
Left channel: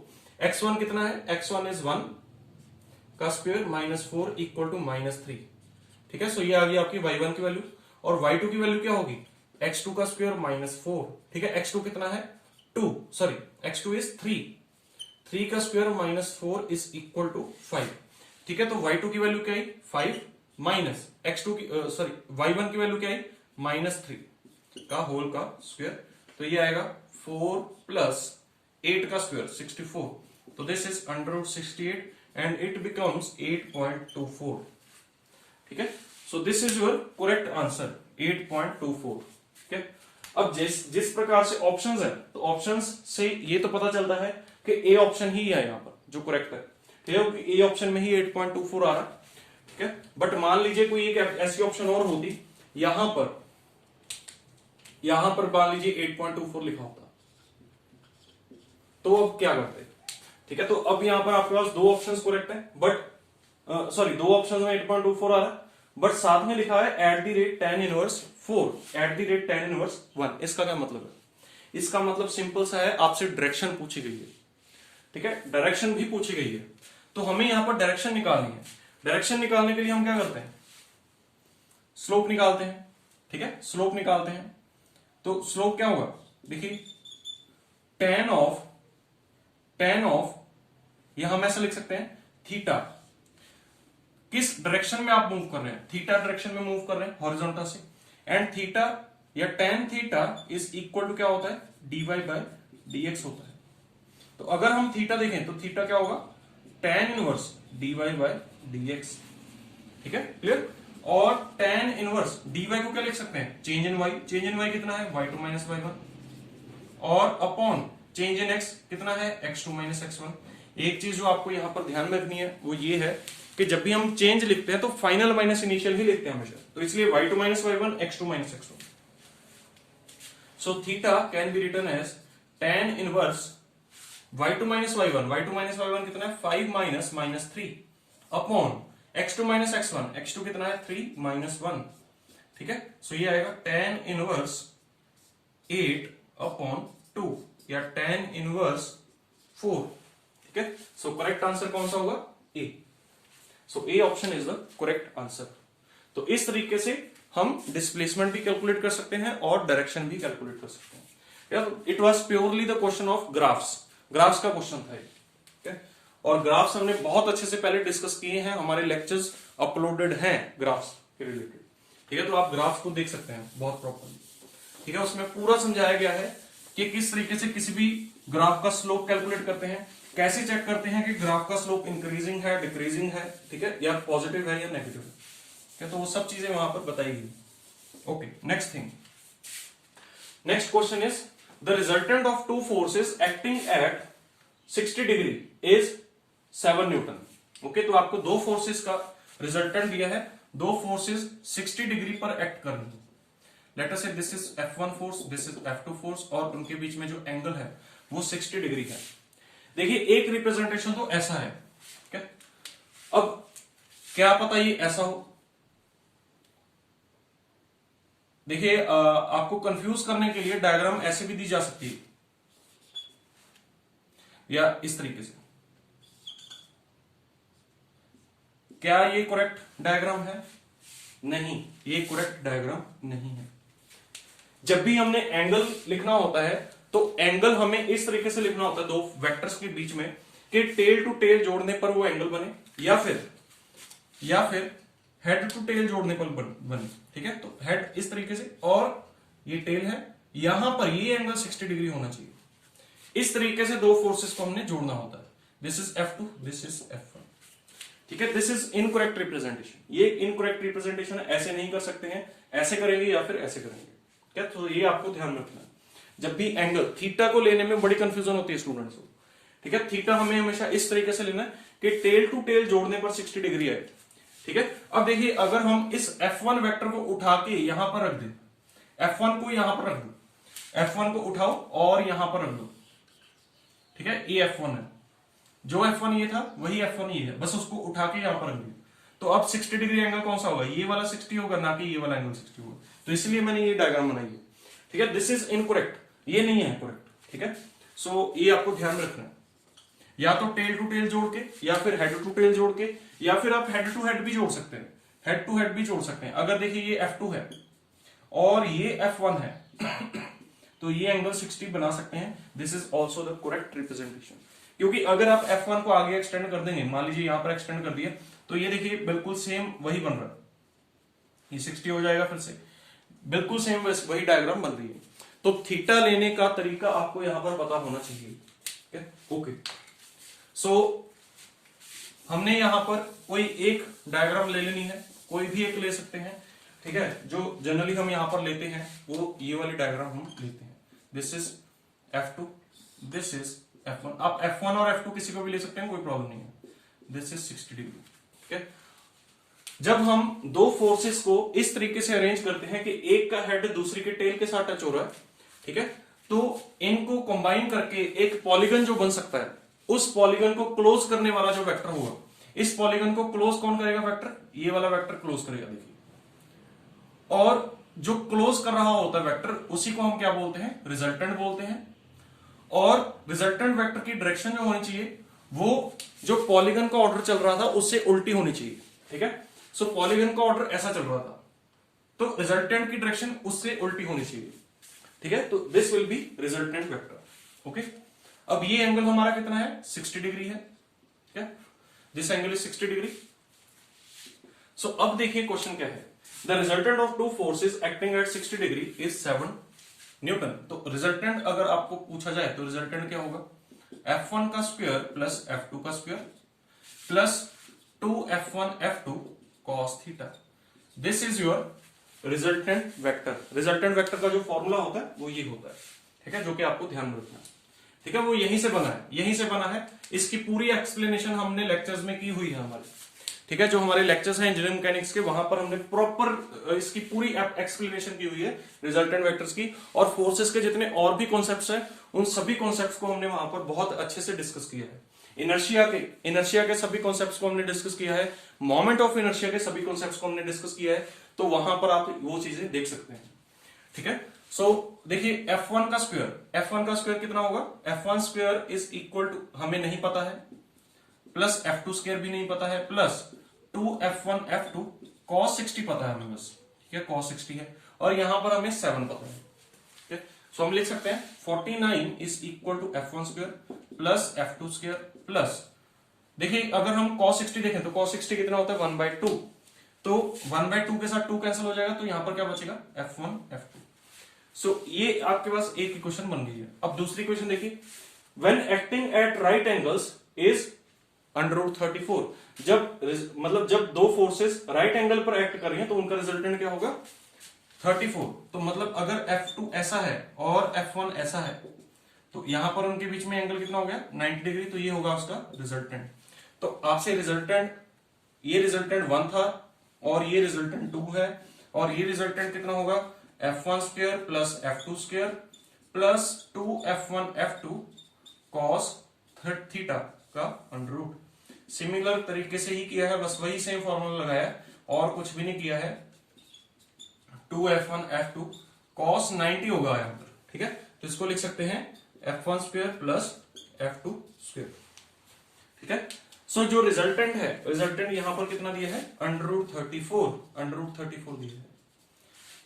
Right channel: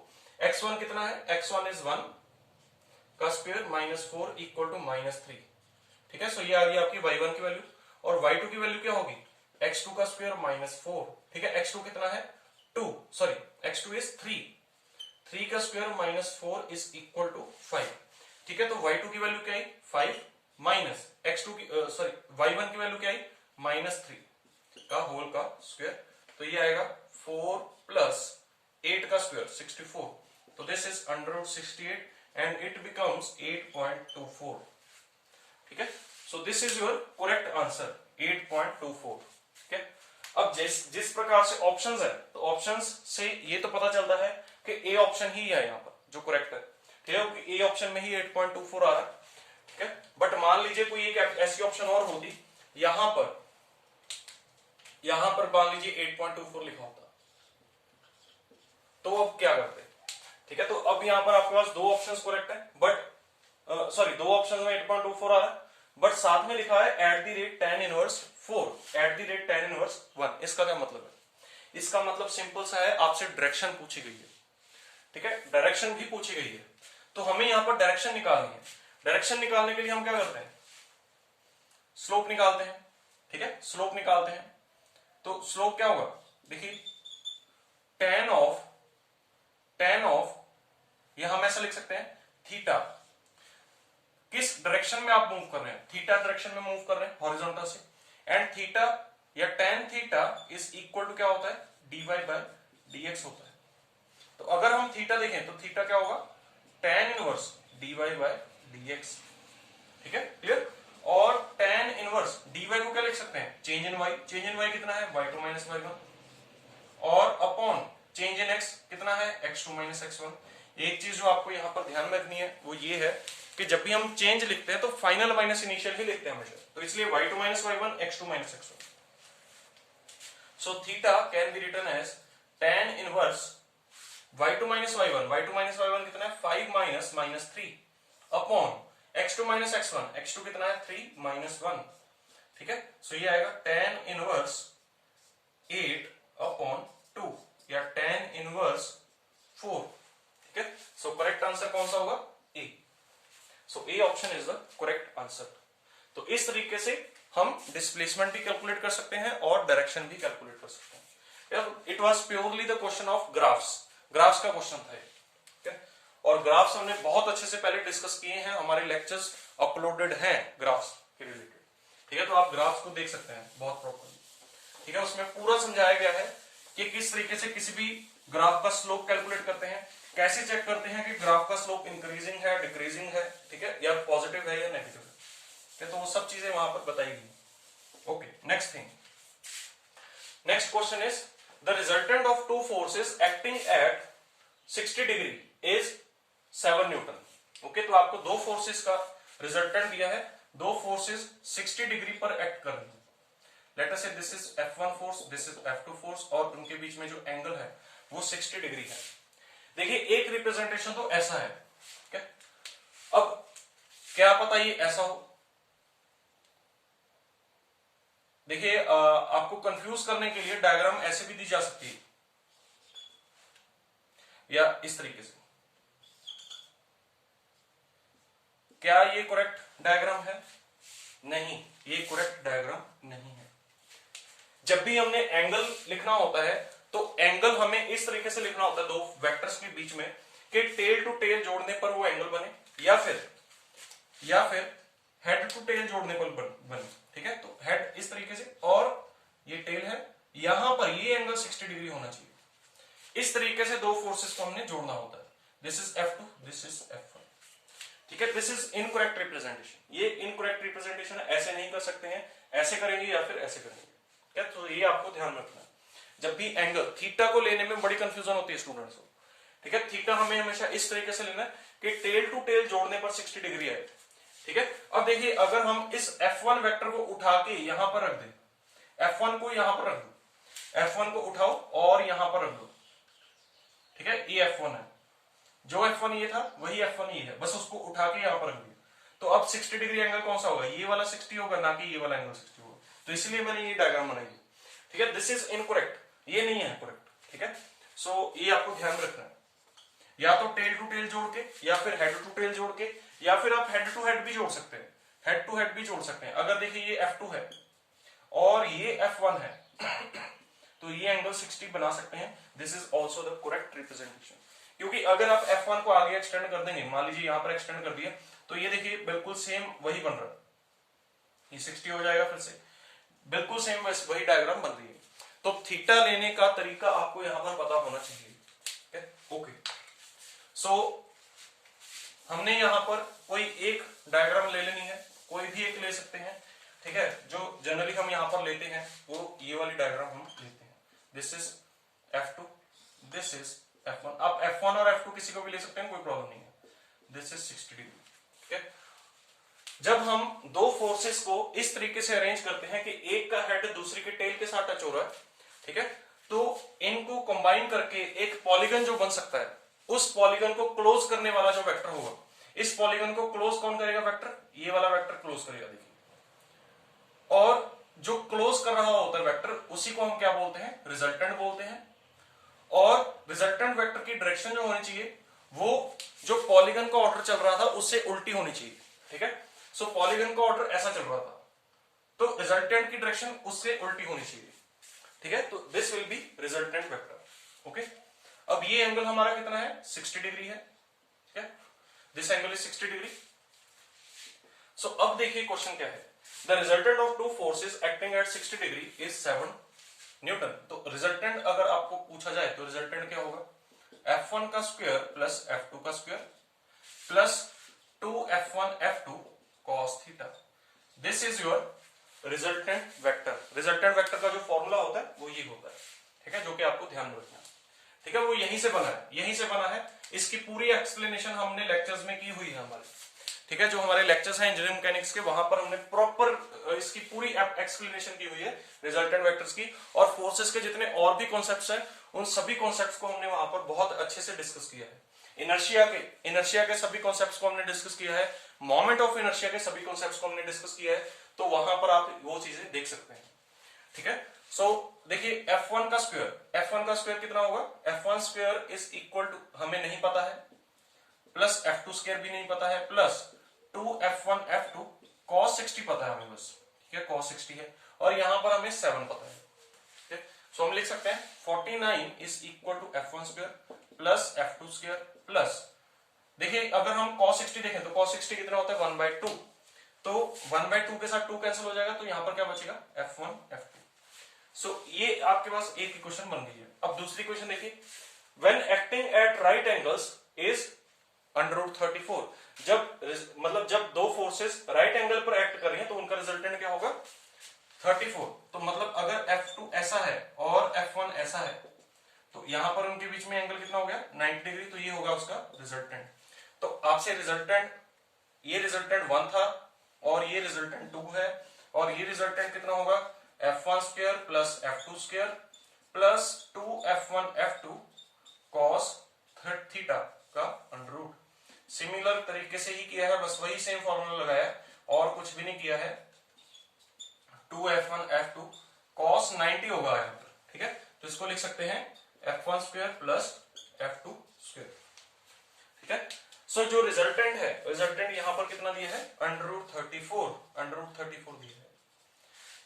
x1 कितना है, x1 इज 1 का square minus 4 equal to minus 3। ठीक है, सो ये आ गई आपकी y1 की वैल्यू, और y2 की वैल्यू क्या होगी, x2 का स्क्वायर माइनस 4। ठीक है, x2 कितना है 2, सॉरी x2 इज 3 का square minus 4 is equal to 5। ठीक है, तो y2 की वैल्यू क्या है 5 माइनस x2 की सॉरी y1 की वैल्यू क्या है माइनस 3 का होल का स्क्वायर, तो ये आएगा 4 प्लस 8 का स्क्वायर 64, तो this is under root 68 and it becomes 8.24। ठीक है, so this is your correct answer 8.24। ठीक है, अब जिस प्रकार से ऑप्शंस है तो ऑप्शंस से ये तो पता चलता है कि ए ऑप्शन ही है यहाँ पर जो करेक्ट है। ठीक है, ए ऑप्शन में ही 8.24 आ रहा है। ठीक है, बट मान लीजिए कोई एक ऐसी ऑप्शन और होती यहां पर मान लीजिए 8.24 लिखा होता, तो अब क्या करते। ठीक है, तो अब यहां पर आपके पास दो ऑप्शंस करेक्ट है, बट सॉरी दो ऑप्शंस में 8.24 आ रहा है, बट साथ में लिखा है at the rate tan inverse 4, at the rate tan inverse 1। इसका क्या मतलब है, इसका मतलब सिंपल सा है, आपसे डायरेक्शन पूछी गई है। ठीक है, डायरेक्शन भी पूछी गई है, तो हमें यहां पर डायरेक्शन निकालनी है। डायरेक्शन निकालने के लिए हम क्या करते हैं, स्लोप निकालते हैं। ठीक है, स्लोप निकालते हैं, तो स्लोप क्या होगा, देखिए tan ऑफ यहां हम ऐसा लिख सकते हैं थीटा, किस डायरेक्शन में आप मूव कर रहे हैं, थीटा डायरेक्शन में मूव कर रहे हैं हॉरिजॉन्टल से, एंड थीटा या tan theta is equal to क्या होता है, dy बाय dx होता है। तो अगर हम थीटा देखें तो थीटा क्या होगा, tan inverse dy by dx। ठीक है, क्लियर, और tan इनवर्स dy को क्या लिख सकते हैं, change in y, change in y कितना है y2 माइनस y1, और अपॉन चेंज इन x कितना है x2 माइनस x1। एक चीज जो आपको यहां पर ध्यान में रखनी है वो ये है कि जब भी हम चेंज लिखते हैं तो फाइनल माइनस इनिशियल ही लिखते हैं हमेशा, तो इसलिए y2 minus y1 x2 minus x1। So theta can be written as tan inverse y2 minus y1 कितना है 5 minus minus 3 upon x2 minus x1 कितना है 3 माइनस 1। ठीक है, सो ये आएगा tan इनवर्स 8 अपॉन 2 या tan इनवर्स 4। ठीक है, सो करेक्ट आंसर कौन सा होगा, a. So A option is the correct answer. तो इस तरीके से हम डिस्प्लेसमेंट भी कैलकुलेट कर सकते हैं और डायरेक्शन भी कैलकुलेट कर सकते हैं। It was purely the question of graphs का क्वेश्चन था। ठीक है, और ग्राफ्स हमने बहुत अच्छे से पहले डिस्कस किए हैं, हमारे लेक्चर्स अपलोडेड हैं ग्राफ्स के रिलेटेड। ठीक है, तो आप ग्राफ्स को देख सकते हैं बहुत प्रॉपरली। ठीक है, उसमें पूरा समझाया गया है कि किस तरीके से किसी भी ग्राफ का स्लोप कैलकुलेट करते हैं, कैसे चेक करते हैं कि ग्राफ का स्लोप इंक्रीजिंग है, डिक्रीजिंग है, ठीक है, या पॉजिटिव है या नेगेटिव है, ठीक है, तो वो सब चीजें वहां पर बताई गई। Okay, next thing, next question is the resultant of two forces acting at 60 degree is 7 Newton. Okay, तो आपको दो फोर्सेस का रिजल्टेंट दिया है, दो फोर्सेस 60 डिग्री पर एक्ट कर रही है। Late us say this is F1 force, this is F2 force, और उनके बीच में जो एंगल है वो 60 डिग्री है। देखिए एक रिप्रेजेंटेशन तो ऐसा है, ठीक है, अब क्या पता ये ऐसा हो। देखिए आपको कंफ्यूज करने के लिए डायग्राम ऐसे भी दी जा सकती है, या इस तरीके से। क्या ये करेक्ट डायग्राम है? नहीं, ये करेक्ट डायग्राम नहीं है। जब भी हमने एंगल लिखना होता है तो एंगल हमें इस तरीके से लिखना होता है दो वेक्टर्स के बीच में कि टेल टू टेल जोड़ने पर वो एंगल बने, या फिर हेड टू टेल जोड़ने पर बने, ठीक है। तो हेड इस तरीके से और ये टेल है, यहां पर ये एंगल 60 डिग्री होना चाहिए। इस तरीके से दो फोर्सेस को हमने जोड़ना होता है। This is F2, this is F1, ठीक है। दिस इज इनकरेक्ट रिप्रेजेंटेशन, ये इनकरेक्ट रिप्रेजेंटेशन है, ऐसे नहीं कर सकते हैं, ऐसे करेंगे या फिर ऐसे करेंगे, क्या, तो ये आपको ध्यान रखना है। जब भी एंगल थीटा को लेने में बड़ी कंफ्यूजन होती है स्टूडेंट्स को, ठीक है। थीटा हमें हमेशा इस तरीके से लेना है कि टेल टू टेल जोड़ने पर 60 डिग्री है, ठीक है। अब देखिए अगर हम इस F1 वेक्टर को उठा के यहां पर रख दें, F1 को यहां पर रख दो, F1 को उठाओ और यहां पर रख दो, ठीक है, ये F1 है, जो F1 ये था वही F1 ये है, बस उसको उठा के यहां पर रख दिया। तो अब 60 डिग्री एंगल कौन सा होगा? ये वाला 60 होगा, ना कि ये वाला एंगल 60 होगा। तो इसलिए मैंने ये डायग्राम बनाई है, ठीक है। दिस इज इनकरेक्ट, ये नहीं है करेक्ट, ठीक है। सो ये आपको ध्यान रखना है, या तो टेल टू टेल जोड़ के, या फिर हेड टू टेल जोड़ के, या फिर आप हेड टू हेड भी जोड़ सकते हैं, हेड टू हेड भी जोड़ सकते हैं। अगर देखिए ये F2 है और ये F1 है तो ये एंगल 60 बना सकते हैं। This is also the correct representation, क्योंकि अगर आप F1 को आगे एक्सटेंड कर देंगे, मान लीजिए यहां पर एक्सटेंड कर दिया, तो ये देखिए बिल्कुल सेम वही बन रहा है, ये 60 हो जाएगा, फिर से बिल्कुल सेम वही डायग्राम बन रही है। तो थीटा लेने का तरीका आपको यहां पर पता होना चाहिए, ओके। सो हमने यहां पर कोई एक डायग्राम ले लेनी है, कोई भी एक ले सकते हैं, ठीक है। जो जनरली हम यहां पर लेते हैं वो ये वाली डायग्राम हम लेते हैं। This is F2, this is F1। आप F1 और F2 किसी को भी ले सकते हैं, कोई प्रॉब्लम नहीं है। दिस इज 60 डिग्री, ठीक है। जब हम दो फोर्सेस को इस तरीके से अरेंज करते हैं कि एक का हेड दूसरी के टेल के साथ टच हो रहा है, ठीक है, तो इनको कंबाइन करके एक पॉलीगन जो बन सकता है, उस पॉलीगन को क्लोज करने वाला जो वेक्टर होगा, इस पॉलीगन को क्लोज कौन करेगा? वेक्टर, ये वाला वेक्टर क्लोज करेगा, देखिए। और जो क्लोज कर रहा होता है वेक्टर, उसी को हम क्या बोलते हैं? रिजल्टेंट बोलते हैं। और रिजल्टेंट वेक्टर की डायरेक्शन जो होनी चाहिए वो जो पॉलीगन का ऑर्डर चल रहा था उससे उल्टी होनी चाहिए, ठीक है। सो पॉलीगन का ऑर्डर ऐसा चल रहा था, तो रिजल्टेंट की डायरेक्शन उससे उल्टी होनी चाहिए, ठीक है। तो this will B resultant vector, okay. अब ये एंगल हमारा कितना है? 60 डिग्री है, ठीक है। This angle is 60 degree. So अब देखिए क्वेश्चन क्या है। The resultant of two forces acting at 60 degree is 7 newton. तो रिजल्टेंट अगर आपको पूछा जाए तो रिजल्टेंट क्या होगा? F1 का स्क्वायर प्लस F2 का square plus 2F1 F2 cos theta. This is your resultant vector. Resultant vector का जो फॉर्मूला होता है वो ये होता है, ठीक है, जो कि आपको ध्यान में रखना है, ठीक है। वो यहीं से बना है, यहीं से बना है। इसकी पूरी एक्सप्लेनेशन हमने लेक्चर्स में की हुई है हमारे, ठीक है। जो हमारे लेक्चर्स हैं इंजीनियरिंग मैकेनिक्स के, वहां पर हमने प्रॉपर इसकी पूरी एक्सप्लेनेशन की हुई है रिजल्टेंट वेक्टर्स की। और फोर्सेस के जितने और भी कॉन्सेप्ट्स हैं उन सभी कॉन्सेप्ट्स को हमने वहां पर बहुत अच्छे से डिस्कस किया है। इनर्शिया के सभी कॉन्सेप्ट्स को हमने डिस्कस किया है, मोमेंट ऑफ इनर्शिया के सभी कॉन्सेप्ट्स को हमने डिस्कस किया है। तो वहां पर आप वो चीजें देख सकते हैं, ठीक है। सो देखिए F1 का स्क्वायर कितना होगा? F1 square is equal to, हमें नहीं पता है, प्लस F2 स्क्वायर भी नहीं पता है, प्लस 2F1 F2 cos 60 पता है हमें बस, ठीक है, cos 60 है। और यहां पर हमें 7 पता है, ठीक है। सो हम लिख सकते हैं 49 is equal to F1 square plus F2 square plus, देखिए अगर हम cos 60 देखें तो cos 60 कितना होता है? 1/2। तो 1/2 के साथ 2 कैंसिल हो जाएगा, तो यहां पर क्या बचेगा? F1 F2। सो ये आपके पास एक इक्वेशन बन गई है। अब दूसरी इक्वेशन देखिए, when acting at right angles is √34। जब मतलब जब दो फोर्सेस राइट एंगल पर एक्ट कर रही हैं तो उनका रिजल्टेंट क्या होगा 34। तो मतलब अगर F2 ऐसा है और F1 ऐसा है तो यहां पर उनके बीच में एंगल कितना हो गया 90 डिग्री, तो ये होगा उसका रिजल्टेंट। तो आपसे रिजल्टेंट, ये रिजल्टेंट 1 था और ये रिजल्टेंट 2 है, और ये रिजल्टेंट कितना होगा F1 square plus F2 square plus 2F1 F2 cos theta का अंडर रूट। सिमिलर तरीके से ही किया है, बस वही सेम फॉर्मूला लगाया और कुछ भी नहीं किया है। 2F1 F2 cos 90 होगा यहां पर, ठीक है। तो इसको लिख सकते हैं F1 square plus F2 square, ठीक है। सो जो रिजल्टेंट है, रिजल्टेंट यहां पर कितना दिया है √34, √34 दिया है,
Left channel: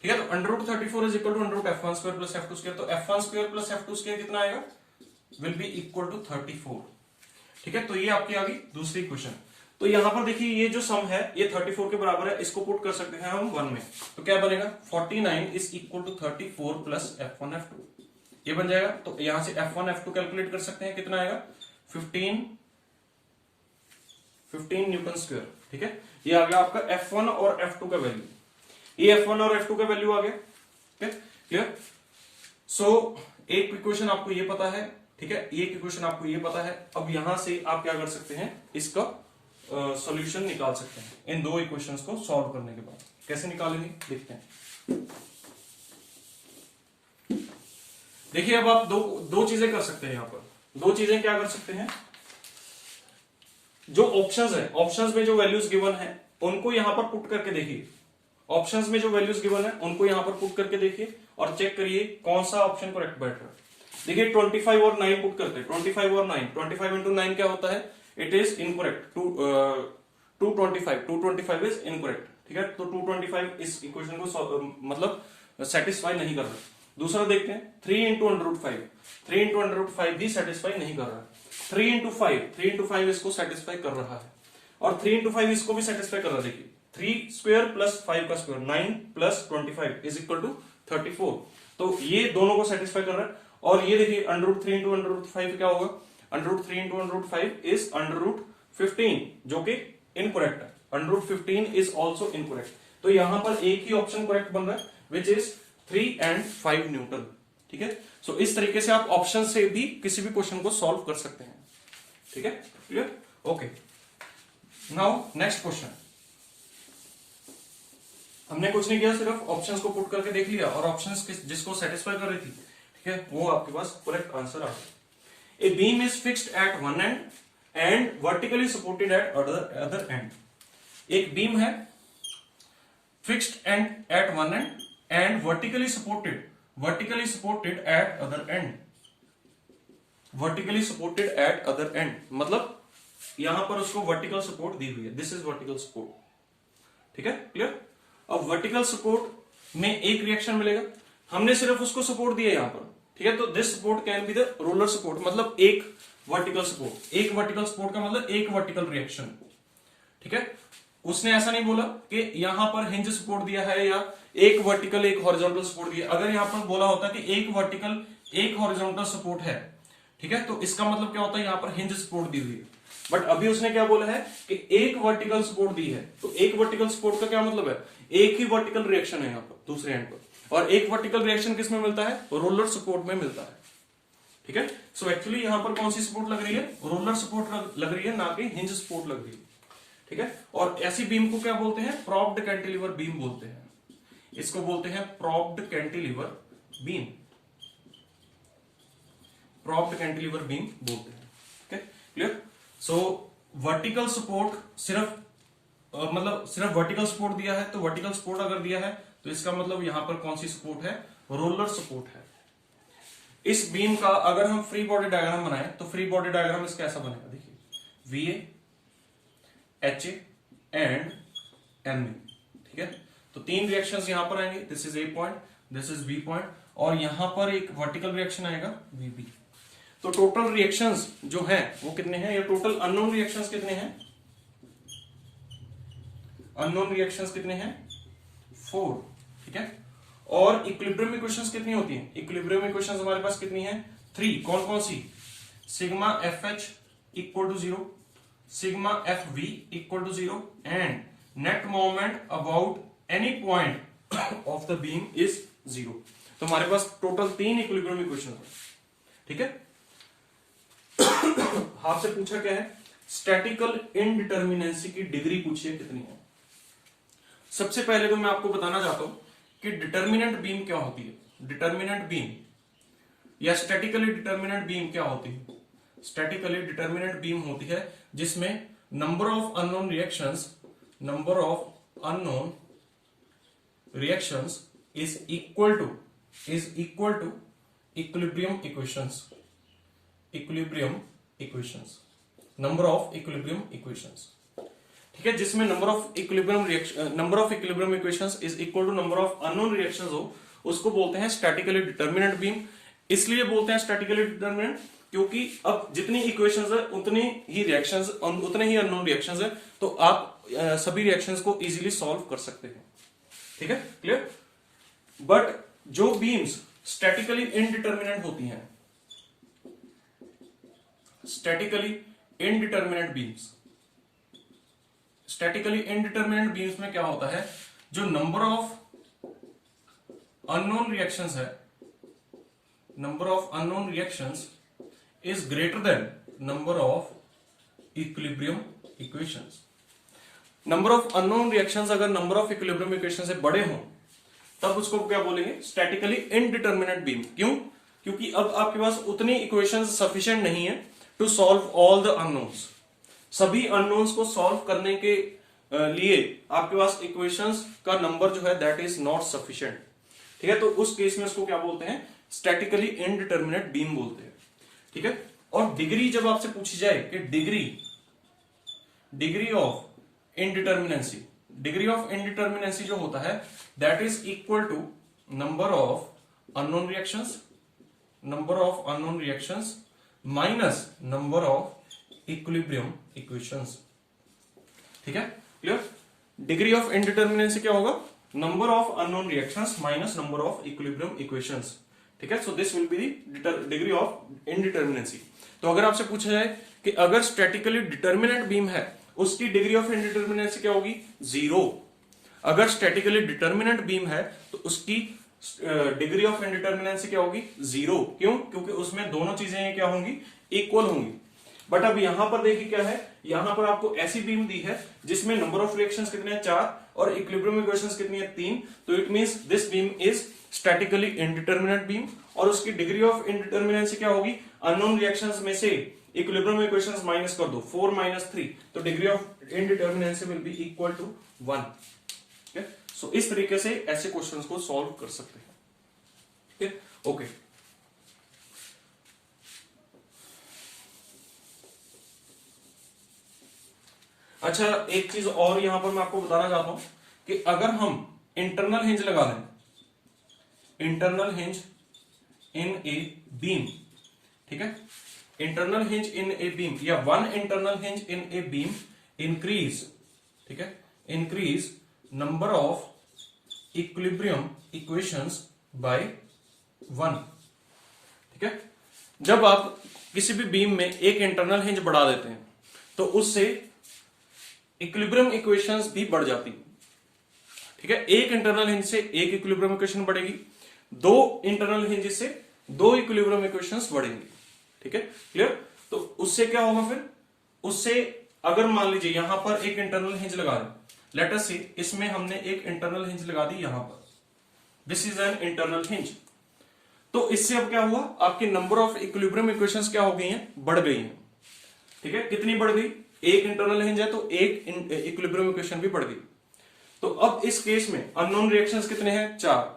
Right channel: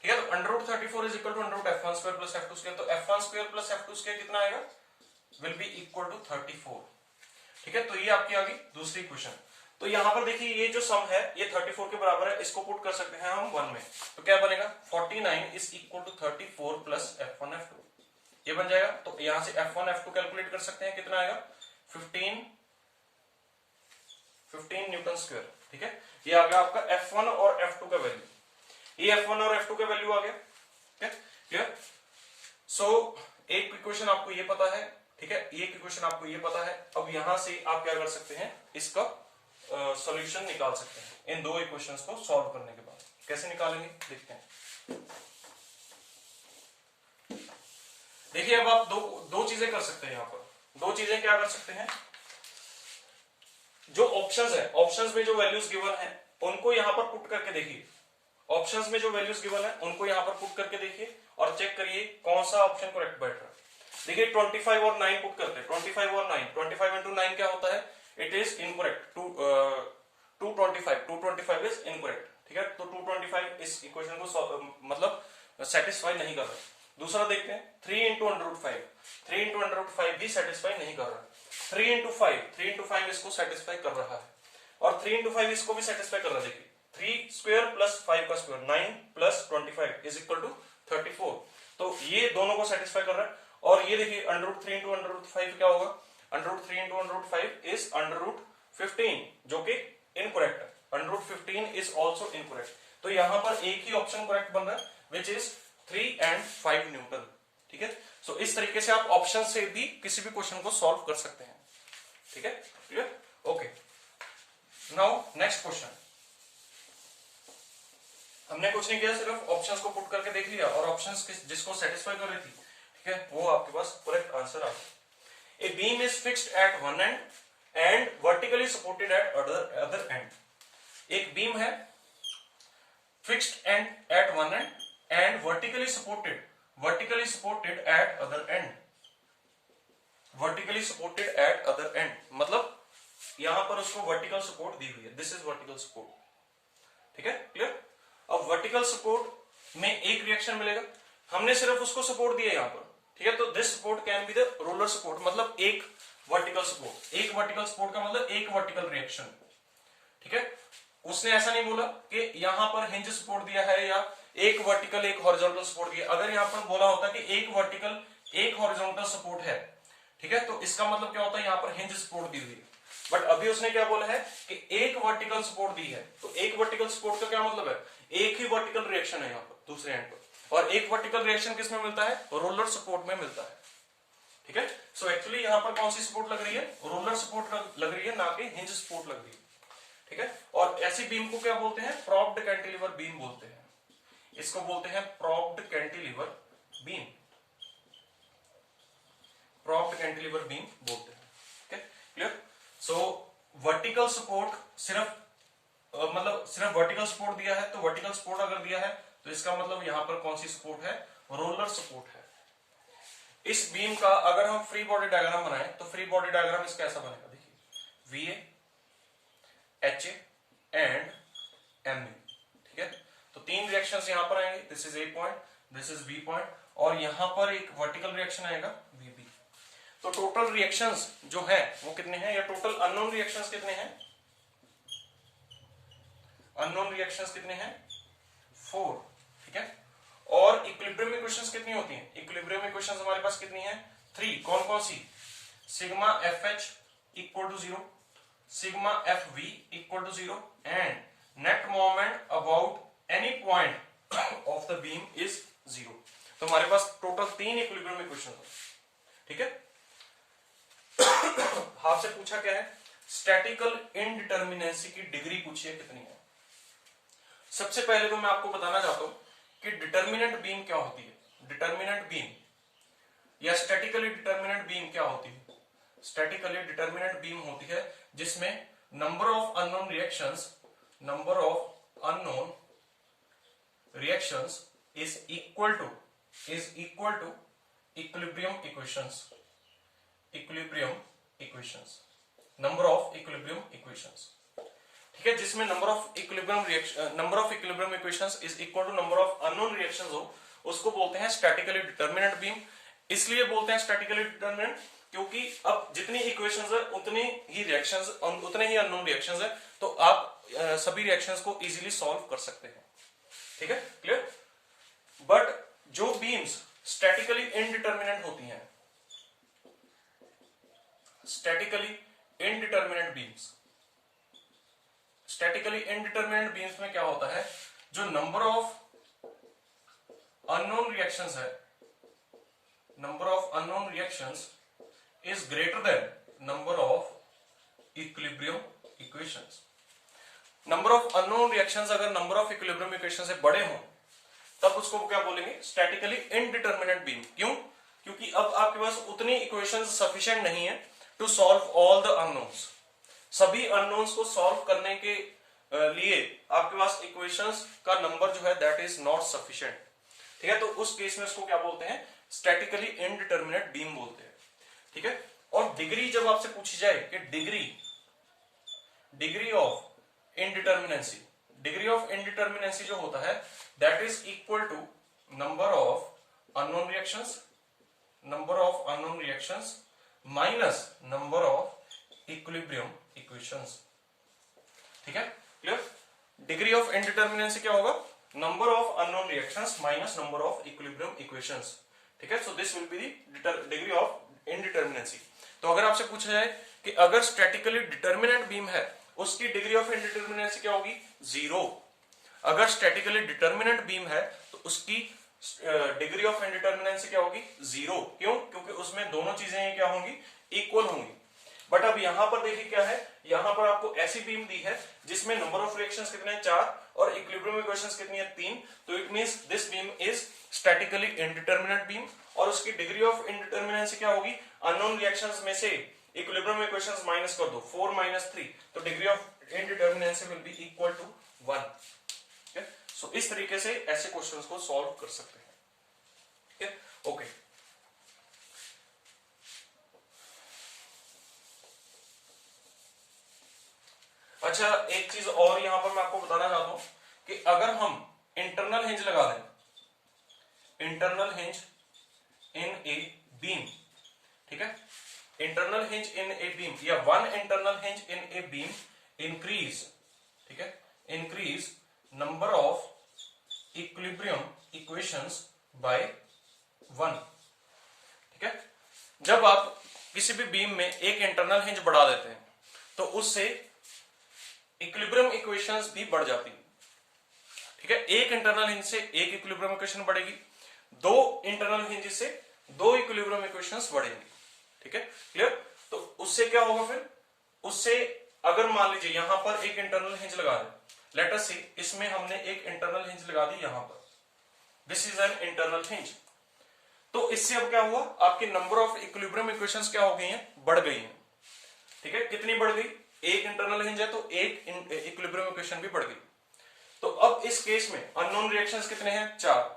ठीक है। तो √34 is equal to √F1 square plus F2 square. तो F1 square plus F2 square कितना आएगा, विल बी इक्वल टू 34, ठीक है। तो ये आपकी आ गई दूसरी क्वेश्चन। तो यहां पर देखिए ये जो सम है ये 34 के बराबर है, इसको पुट कर सकते हैं हम 1 में, तो क्या बनेगा 49 is equal to 34 plus F1 F2, ये बन जाएगा। तो यहां से F1 F2 कैलकुलेट कर सकते हैं, कितना आएगा 15 न्यूटन स्क्वायर, ठीक है। ये आ गया आपका F1 और F2 का वैल्यू, ये F1 और F2 का वैल्यू आ गया, ठीक है, क्लियर। सो एक इक्वेशन आपको ये पता है, ठीक है, एक इक्वेशन आपको ये पता है। अब यहां से आप क्या कर सकते हैं, इसका सॉल्यूशन निकाल सकते हैं इन दो इक्वेशंस को सॉल्व करने के बाद। कैसे निकालेंगे देखते हैं। देखिए अब आप दो चीजें कर सकते हैं, यहां पर दो चीजें क्या कर सकते हैं, जो ऑप्शंस है, ऑप्शंस में जो वैल्यूज गिवन है उनको यहां पर पुट करके देखिए, ऑप्शंस में जो वैल्यूज गिवन है उनको यहां पर पुट करके देखिए और चेक करिए कौन सा ऑप्शन करेक्ट बैठ रहा है। देखिए 25 और 9 पुट करते हैं, 25 और 9, 25 इंटू 9 क्या होता है, it is incorrect, 225 is incorrect, ठीक है। तो 225 इस इक्वेशन को मतलब सेटिस्फाई नहीं कर रहा। दूसरा देखते हैं 3 इंटू √5, 3 इंटू √5 भी सेटिस्फाई नहीं कर रहा। 3 इंटू 5 इसको सेटिस्फाई कर रहा है, और 3 इंटू 5 इसको भी सेटिस्फाई कर रहा है। देखिए 3 स्क्वायर प्लस 5 का square 9 plus 25 is equal to 34, तो ये दोनों को सेटिस्फाई कर रहा है। और ये देखिए √3 इंटू √5 क्या होगा, √3 इंटू √5 इज √15, जो कि इनकरेक्ट है, √15 इज ऑल्सो इनकरेक्ट। तो यहां पर एक ही ऑप्शन करेक्ट बन रहा है विच इज 3 and 5 न्यूटन, ठीक है। सो इस तरीके से आप ऑप्शन से भी किसी भी क्वेश्चन को सॉल्व कर सकते हैं, ठीक है, clear, okay. Now next question, हमने कुछ नहीं किया, सिर्फ ऑप्शंस को पुट करके देख लिया और ऑप्शंस जिसको सेटिस्फाई कर रही थी, ठीक है, वो आपके पास करेक्ट आंसर आ गया। A beam is fixed at one end and vertically supported at other end. एक बीम है fixed end at one end and vertically supported at other end, vertically supported at other end, मतलब यहां पर उसको वर्टिकल सपोर्ट दी हुई है, दिस इज वर्टिकल सपोर्ट, ठीक है, क्लियर। अब वर्टिकल सपोर्ट में एक रिएक्शन मिलेगा, हमने सिर्फ उसको सपोर्ट दिया यहां पर, ठीक है। तो this support can be the roller support, मतलब एक वर्टिकल सपोर्ट, एक वर्टिकल सपोर्ट का मतलब एक वर्टिकल रिएक्शन, ठीक है। उसने ऐसा नहीं बोला कि यहां पर हिंज सपोर्ट दिया है या एक वर्टिकल एक हॉरिजॉन्टल सपोर्ट दिया। अगर यहां पर बोला होता कि एक वर्टिकल एक हॉरिजॉन्टल सपोर्ट है, ठीक है, तो इसका मतलब क्या होता है, यहां पर हिंज सपोर्ट दी हुई है। बट अभी उसने क्या बोला है कि एक वर्टिकल सपोर्ट दी है, तो एक वर्टिकल सपोर्ट का क्या मतलब है, एक ही वर्टिकल रिएक्शन है यहां पर दूसरे एंड पर, और एक वर्टिकल रिएक्शन किस में मिलता है, रोलर सपोर्ट में मिलता है, ठीक है। सो एक्चुअली यहां पर कौन सी सपोर्ट लग रही है, रोलर सपोर्ट लग रही है, ना कि हिंज सपोर्ट लग रही है, ठीक है। और ऐसी बीम को क्या बोलते हैं, प्रॉप्ड कैंटिलीवर बीम बोलते हैं, इसको बोलते हैं propped cantilever beam, propped cantilever beam बोलते हैं, ठीक है, क्लियर। सो वर्टिकल सपोर्ट सिर्फ मतलब सिर्फ वर्टिकल सपोर्ट दिया है, तो वर्टिकल सपोर्ट अगर दिया है तो इसका मतलब यहां पर कौन सी सपोर्ट है, रोलर सपोर्ट है। इस बीम का अगर हम फ्री बॉडी डायग्राम बनाएं तो फ्री बॉडी डायग्राम इसका ऐसा बनेगा, देखिए VA HA एंड MA, ठीक है। तो तीन रिएक्शंस यहां पर आएंगे, this is A point, this is B point, और यहां पर एक वर्टिकल रिएक्शन आएगा VB। तो टोटल रिएक्शंस जो है वो कितने हैं, या टोटल अननोन रिएक्शंस कितने हैं, अननोन रिएक्शंस कितने हैं 4, ठीक है। और इक्विलिब्रियम इक्वेशंस कितनी होती हैं? इक्विलिब्रियम इक्वेशंस हमारे पास कितनी है? 3। कौन कौन सी? Sigma f h equal to 0, sigma f v equal to 0 and net moment about any point of the beam is 0। तो हमारे पास टोटल 3 इक्विलिब्रियम इक्वेशन है। ठीक है। आपसे पूछा क्या है? स्टैटिकल इनडिटर्मिनेंसी की डिग्री पूछिए कितनी है। सबसे पहले तो मैं आपको बताना चाहता हूं कि डिटर्मिनेंट बीम क्या होती है। डिटर्मिनेंट बीम या स्टैटिकली डिटर्मिनेंट बीम क्या होती है? स्टैटिकली डिटर्मिनेंट बीम होती है जिसमें number of unknown reactions is equal to equilibrium equations, number of equilibrium equations. ठीक है, जिसमें number of equilibrium equations is equal to number of unknown reactions हो, उसको बोलते हैं स्टैटिकली डिटर्मिनेंट बीम। इसलिए बोलते हैं स्टैटिकली डिटर्मिनेंट क्योंकि अब जितनी इक्वेशंस है उतनी ही रिएक्शंस, उतने ही अननोन रिएक्शंस है, तो आप सभी रिएक्शंस को इजीली सॉल्व कर सकते हैं। ठीक है, क्लियर। बट जो बीम्स स्टैटिकली इनडिटर्मिनेंट होती हैं, स्टैटिकली इनडिटर्मिनेंट बीम्स में क्या होता है? जो number of unknown reactions is greater than number of equilibrium equations. Number of unknown reactions अगर नंबर ऑफ इक्विलिब्रियम इक्वेशन से बड़े हों तब उसको क्या बोलेंगे? Statically indeterminate beam. क्यों? क्योंकि अब आपके पास उतनी इक्वेशंस सफिशिएंट नहीं है to solve all the unknowns. सभी अननोन्स को सॉल्व करने के लिए आपके पास इक्वेशंस का नंबर जो है दैट इज नॉट सफिशिएंट। ठीक है, तो उस केस में उसको क्या बोलते हैं? स्टैटिकली इनडिटर्मिनेट बीम बोलते हैं। ठीक है, और डिग्री जब आपसे पूछी जाए कि डिग्री ऑफ इनडिटर्मिनेंसी जो होता है that is equal to number of unknown reactions minus number of equilibrium equations. ठीक है, क्लियर। डिग्री ऑफ इनडिटर्मिनेंसी क्या होगा? Number of unknown reactions minus number of equilibrium equations. ठीक है, so this will be the degree of indeterminacy. तो अगर आपसे पूछा जाए कि अगर स्टैटिकली डिटर्मिनेंट बीम है उसकी डिग्री ऑफ इनडिटर्मिनेंसी क्या होगी? 0। अगर स्टैटिकली डिटर्मिनेंट बीम है तो उसकी डिग्री ऑफ इनडिटर्मिनेंसी क्या होगी? 0। क्यों? क्योंकि उसमें दोनों चीजें क्या होंगी? इक्वल होंगी। बट अब यहां पर देखिए क्या है, यहां पर आपको ऐसी बीम दी है जिसमें नंबर ऑफ रिएक्शंस कितने हैं? 4 और इक्विलिब्रियम इक्वेशंस कितनी है? 3। तो it means this beam is statically indeterminate beam और उसकी डिग्री ऑफ इनडिटर्मिनेंसी क्या होगी? अननोन रिएक्शंस में से इक्विलिब्रियम इक्वेशंस माइनस कर दो, 4 - 3, तो degree of indeterminacy will be equal to 1। ठीक है, सो इस तरीके से ऐसे क्वेश्चंस को सॉल्व कर सकते हैं। ठीक है, ओके। अच्छा, एक चीज और यहां पर मैं आपको बताना चाहता हूं कि अगर हम इंटरनल हिंज लगा दें, internal hinge in a beam, ठीक है, internal hinge in a beam या one internal hinge in a beam increase, ठीक है, increase number of equilibrium equations by 1। ठीक है, जब आप किसी भी बीम में एक इंटरनल हिंज बढ़ा देते हैं तो उससे इक्विलिब्रियम इक्वेशंस भी बढ़ जाती है। ठीक है, एक इंटरनल हिंज से एक इक्विलिब्रियम इक्वेशन बढ़ेगी, 2 इंटरनल हिंज से 2 इक्विलिब्रियम इक्वेशंस बढ़ेंगी। ठीक है, क्लियर। तो उससे क्या होगा फिर? उससे अगर मान लीजिए यहां पर एक इंटरनल हिंज लगा दें, लेट अस से इसमें हमने एक इंटरनल हिंज लगा दी यहां पर, this is an internal hinge. तो इससे अब क्या हुआ? आपकी नंबर ऑफ इक्विलिब्रियम इक्वेशंस क्या हो गई हैं? बढ़ गई हैं। ठीक है, कितनी बढ़ गई? एक इंटरनल हिंज है तो एक इक्विलिब्रियम इक्वेशन भी बढ़ गई। तो अब इस केस में अननोन रिएक्शंस कितने हैं? 4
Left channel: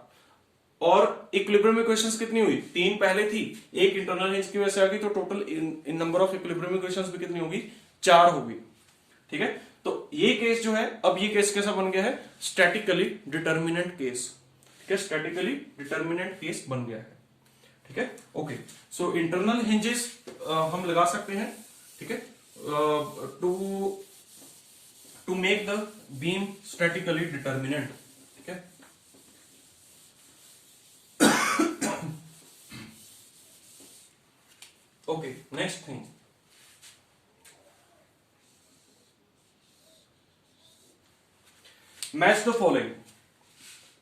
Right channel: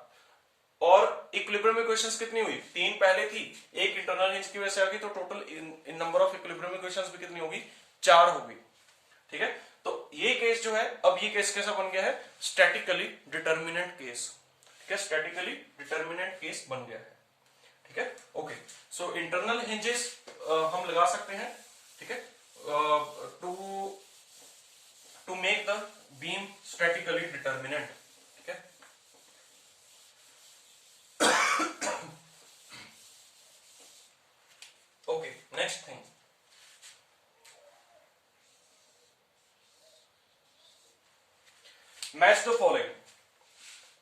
और इक्विलिब्रियम इक्वेशंस कितनी हुई? 3 पहले थी, एक इंटरनल हिंज की वजह से आ गई, तो total in number of equilibrium equations भी कितनी होगी? 4 होगी। ठीक है, तो ये केस जो है, अब ये केस कैसा बन गया है? Statically determinant case. ठीक है, स्टैटिकली डिटर्मिनेंट केस बन गया है। ठीक है, ओके। सो इंटरनल हिंजेस हम लगा सकते हैं, ठीक है, to make the beam statically determinate. ठीक है, next thing, match the following.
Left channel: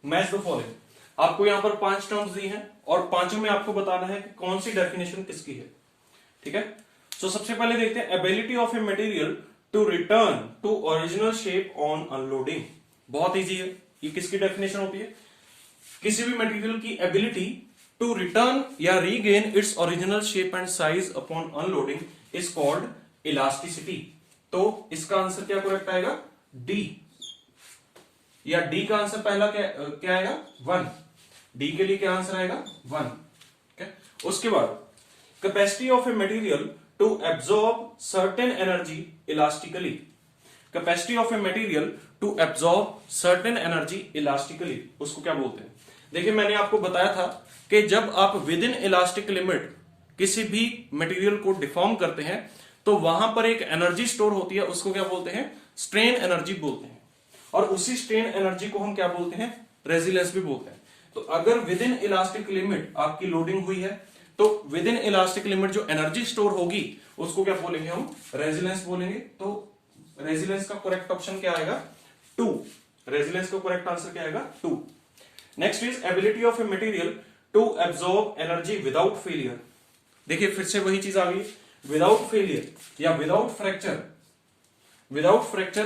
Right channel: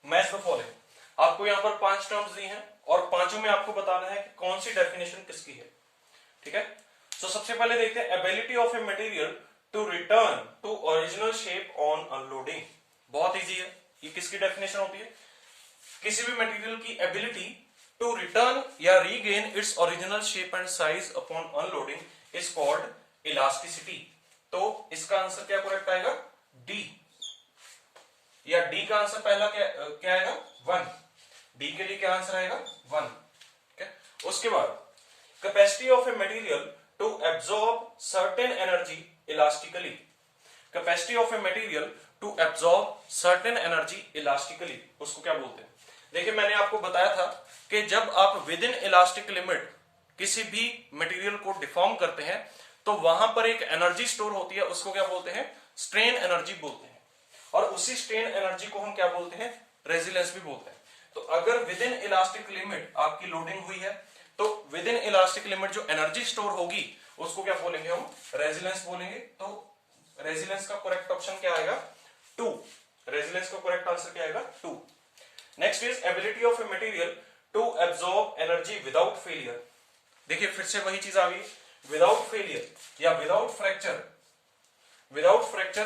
Match the following, आपको यहां पर 5 टर्म्स दी हैं और पांचों में आपको बताना है कि कौन सी डेफिनेशन किसकी है। ठीक है, तो सबसे पहले देखते हैं ability of a material to return to original shape on unloading. बहुत इजी है, ये किसकी डेफिनेशन होती है? किसी भी मटेरियल की एबिलिटी टू रिटर्न या regain its original shape and size upon unloading is called elasticity. तो इसका आंसर क्या करेक्ट आएगा? डी, या डी का आंसर पहला क्या आएगा? 1। डी के लिए क्या आंसर आएगा? 1। उसके बाद capacity of a material to absorb certain energy elastically. Capacity of a material to absorb certain energy elastically, उसको क्या बोलते हैं? देखिए, मैंने आपको बताया था कि जब आप विद इन इलास्टिक लिमिट किसी भी मटेरियल को डिफॉर्म करते हैं तो वहां पर एक एनर्जी स्टोर होती है, उसको क्या बोलते हैं? स्ट्रेन एनर्जी बोलते हैं। और उसी स्ट्रेन एनर्जी को हम क्या बोलते हैं? रेजिलेंस भी बोलते हैं। तो अगर विद इन इलास्टिक लिमिट आपकी लोडिंग हुई है तो विद इन इलास्टिक लिमिट जो एनर्जी स्टोर होगी उसको क्या बोलेंगे हम? रेजिलेंस बोलेंगे। तो रेजिलेंस का करेक्ट ऑप्शन क्या आएगा? 2। रेजिलेंस का करेक्ट आंसर क्या आएगा? 2। Next is ability of a material to absorb energy without failure. देखिए, फिर से वही चीज आ गई, विदाउट फेलियर या विदाउट फ्रैक्चर। विदाउट फ्रैक्चर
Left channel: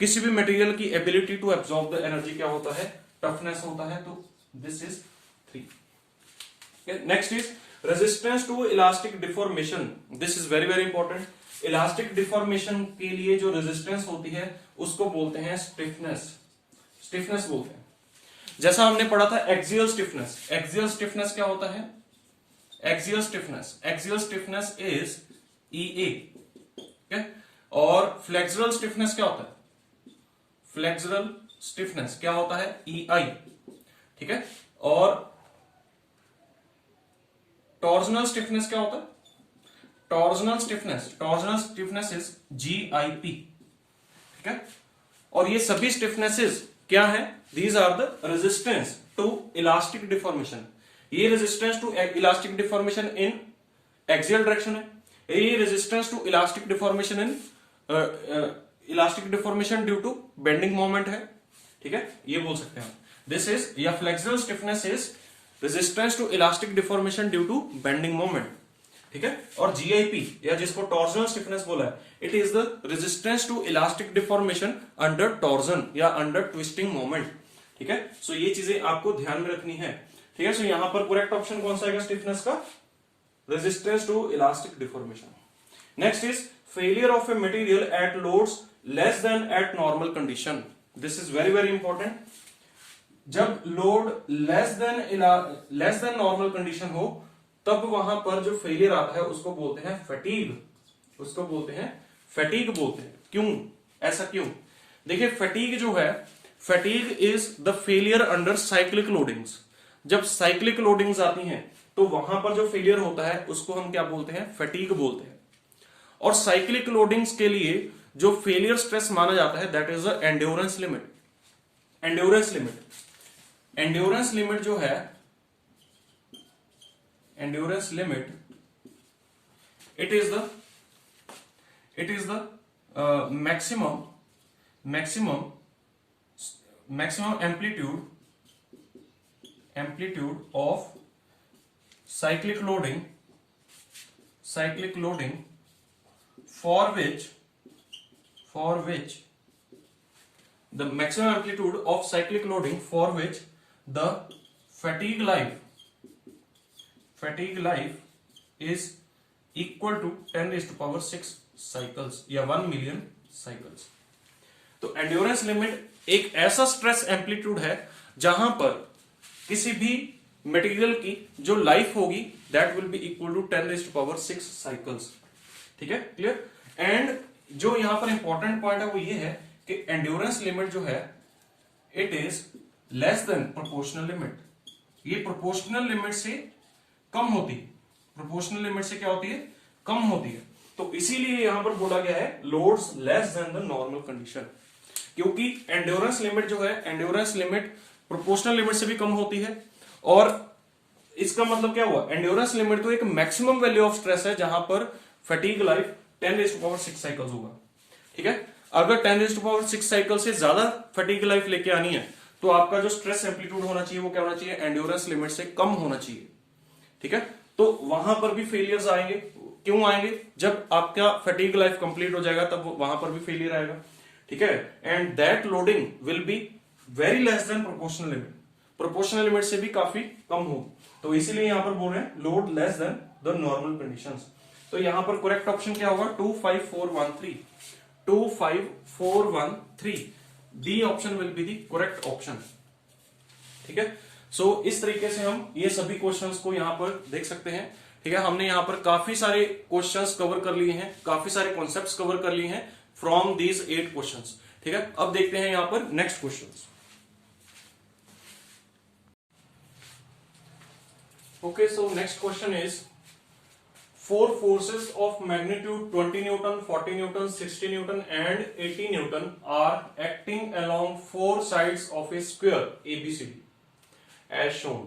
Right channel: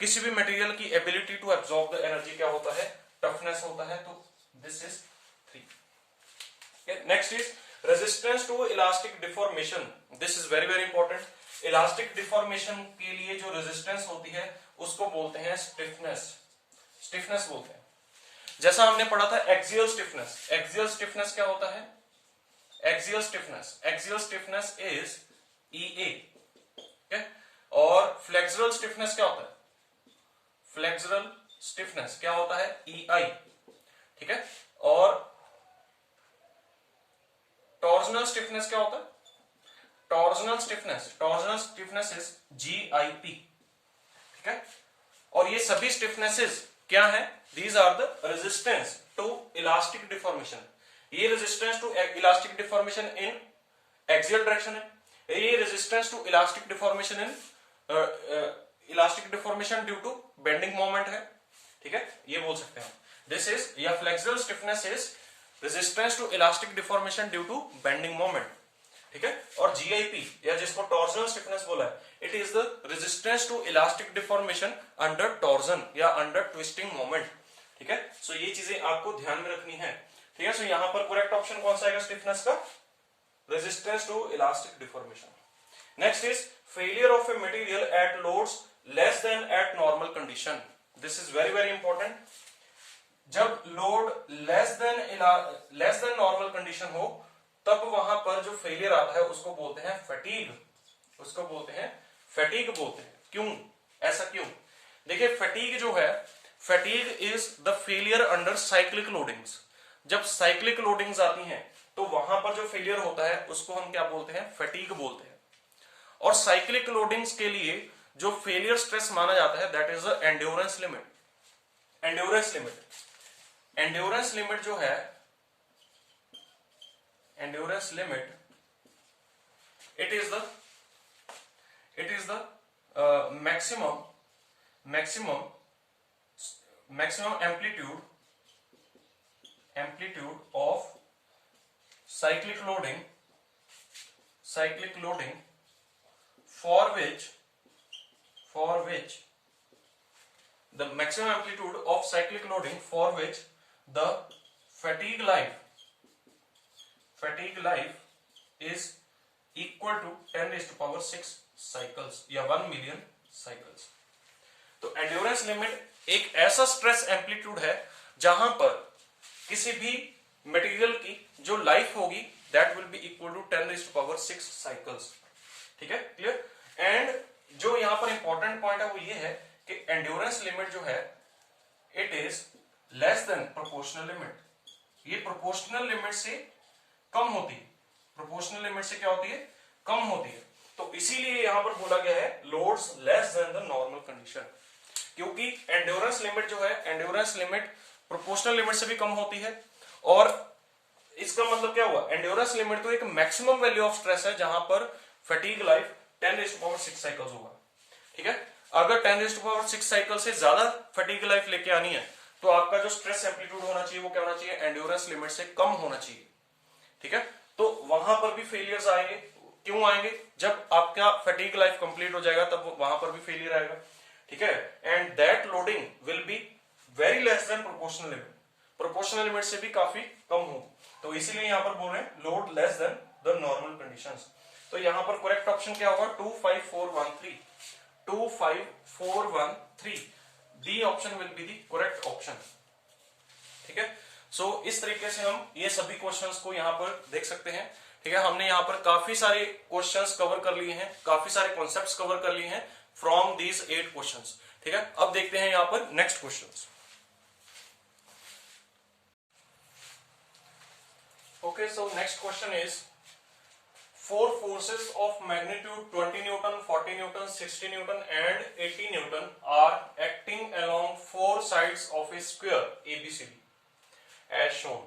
किसी भी मटेरियल की ability to absorb the energy क्या होता है? टफनेस होता है। तो this is 3। Next is resistance to elastic deformation. This is very very important. Elastic deformation के लिए जो रेजिस्टेंस होती है उसको बोलते हैं स्टिफनेस। स्टिफनेस बोलते हैं। जैसा हमने पढ़ा था एक्सियल स्टिफनेस। एक्सियल स्टिफनेस क्या होता है? Axial stiffness is EA। और फ्लेक्सुरल स्टिफनेस क्या होता है? फ्लेक्सुरल स्टिफनेस क्या होता है? EI। ठीक है, और टॉर्जनल स्टिफनेस क्या होता है? Torsional stiffness is GIP। ठीक है, और ये सभी स्टिफनेसेस क्या है? These are the resistance to elastic deformation. ये resistance to elastic deformation in axial direction है, ये resistance to elastic deformation in elastic deformation due to bending moment है। ठीक है, ये बोल सकते हैं दिस इज, या flexural stiffness is resistance to elastic deformation due to bending moment. ठीक है, और GIP या जिसको टॉर्जनल स्टिफनेस बोला है, it is the resistance to elastic deformation under torsion या अंडर ट्विस्टिंग मोमेंट। ठीक है, सो ये चीजें आपको ध्यान में रखनी है। ठीक है, सो यहां पर करेक्ट ऑप्शन कौन सा आएगा स्टिफनेस का? Resistance to elastic deformation. Next is failure of a material at loads less than at normal condition. This is very very important. जब load less than normal condition हो तब वहां पर जो फेलियर आता है उसको बोलते हैं फटीग। उसको बोलते हैं फटीग बोलते हैं। क्यों? ऐसा क्यों? देखिए, फटीग जो है, fatigue is the failure under cyclic loadings. जब साइक्लिक लोडिंग्स आती हैं तो वहां पर जो फेलियर होता है उसको हम क्या बोलते हैं? फटीग बोलते हैं। और साइक्लिक लोडिंग्स के लिए जो फेलियर स्ट्रेस माना जाता है that is the endurance limit. Endurance limit जो है, endurance limit, it is the maximum amplitude of cyclic loading for which the maximum amplitude of cyclic loading for which the fatigue life is equal to 10 raised to power 6 cycles या 1 million cycles। तो एंड्योरेंस लिमिट एक ऐसा स्ट्रेस एम्पलीट्यूड है जहां पर किसी भी मटेरियल की जो लाइफ होगी that will be equal to 10 raised to power 6 cycles. ठीक है, क्लियर? एंड जो यहां पर इंपॉर्टेंट पॉइंट है वो ये है कि एंड्योरेंस लिमिट जो है it is less then proportional limit. ये प्रोपोर्शनल लिमिट से कम होती है। प्रोपोर्शनल लिमिट से क्या होती है? कम होती है। तो इसीलिए यहां पर बोला गया है loads less then the normal condition, क्योंकि एंड्योरेंस लिमिट जो है, एंड्योरेंस लिमिट प्रोपोर्शनल लिमिट से भी कम होती है। और इसका मतलब क्या हुआ? एंड्योरेंस लिमिट तो एक मैक्सिमम वैल्यू ऑफ स्ट्रेस है जहां पर फटीग लाइफ 10⁶ साइकिल्स होगा। ठीक है, अगर 10⁶ साइकिल से ज्यादा फटीग लाइफ लेके आनी है तो आपका जो स्ट्रेस एम्पलीट्यूड होना चाहिए वो क्या होना चाहिए, एंड्योरेंस लिमिट से कम होना चाहिए। ठीक है, तो वहां पर भी फेलियर्स आएंगे। क्यों आएंगे, जब आपका फटीग लाइफ कंप्लीट हो जाएगा तब वहां पर भी फेलियर आएगा। ठीक है, and that loading will be very less than proportional limit, proportional limit से भी काफी कम हो। तो इसीलिए यहां पर बोल रहे हैं load less then the normal conditions. तो यहां पर करेक्ट ऑप्शन क्या होगा, 25413, 25413 D option will be the correct option. ठीक है, सो इस तरीके से हम ये सभी क्वेश्चंस को यहां पर देख सकते हैं। ठीक है, हमने यहां पर काफी सारे क्वेश्चंस कवर कर लिए हैं, काफी सारे कॉन्सेप्ट्स कवर कर लिए हैं फ्रॉम दीज 8 क्वेश्चंस। ठीक है, अब देखते हैं यहां पर next questions. Okay, so next question is 4 forces of magnitude 20 Newton, 40 Newton, 60 Newton and 80 Newton are acting along 4 sides of a square ABCD as shown.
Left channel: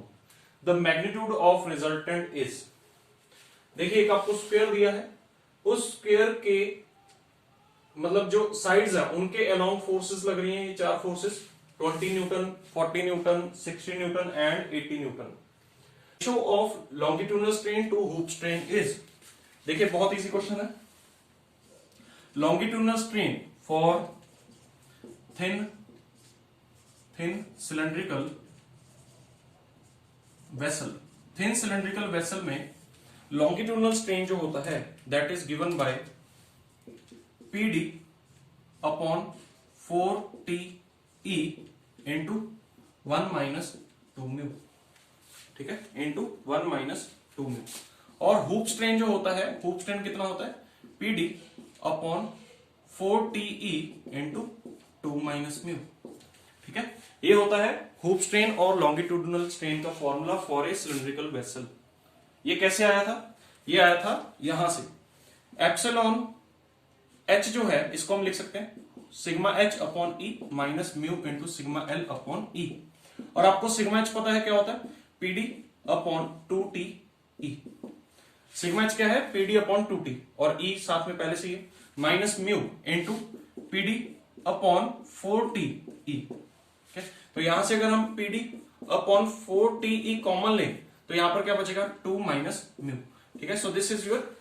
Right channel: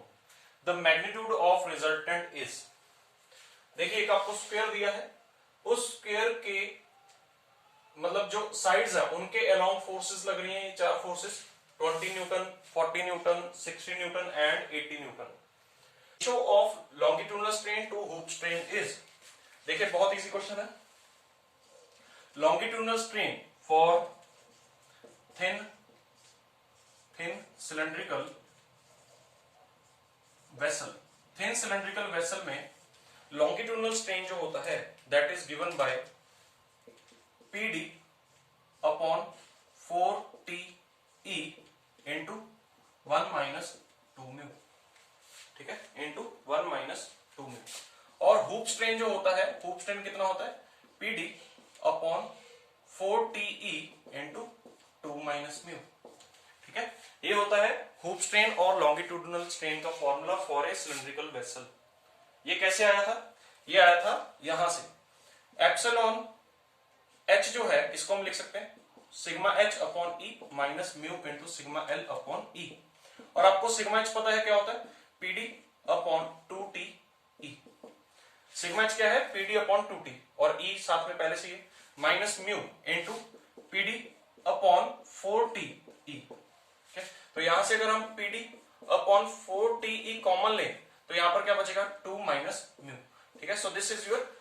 The magnitude of resultant is, देखिए एक आपको स्क्वायर दिया है, उस स्क्वायर के मतलब जो साइड्स हैं उनके अलोंग फोर्सेस लग रही हैं ये 4 forces, 20 newton, 40 newton, 60 newton and 80 newton. Ratio of longitudinal strain to hoop strain is, देखिए बहुत इजी क्वेश्चन है। Longitudinal strain for thin cylindrical vessel, thin cylindrical vessel में लॉन्गिट्यूडनल स्ट्रेन जो होता है that is given by PD upon 4TE into 1 - 2 mu. ठीक है, इंटू 1 - 2 म्यू। और हुप स्ट्रेन जो होता है, हुप स्ट्रेन कितना होता है, PD upon 4TE into 2 - mu. ठीक है, ये होता है हुप स्ट्रेन और लॉन्गिट्यूडनल स्ट्रेन का formula for a cylindrical vessel. ये कैसे आया था, ये आया था यहां से, एप्सिलॉन H जो है इसको हम लिख सकते हैं sigma H upon E minus mu into sigma L upon E। और आपको सिग्मा H पता है क्या होता है, PD upon 2TE। Sigma H क्या है, PD अपॉन 2T और E साथ में पहले से ही minus mu into PD upon 4TE। तो यहां से अगर हम PD अपॉन 4TE कॉमन लें तो यहां पर क्या बचेगा, 2 माइनस म्यू। ठीक है, so this is your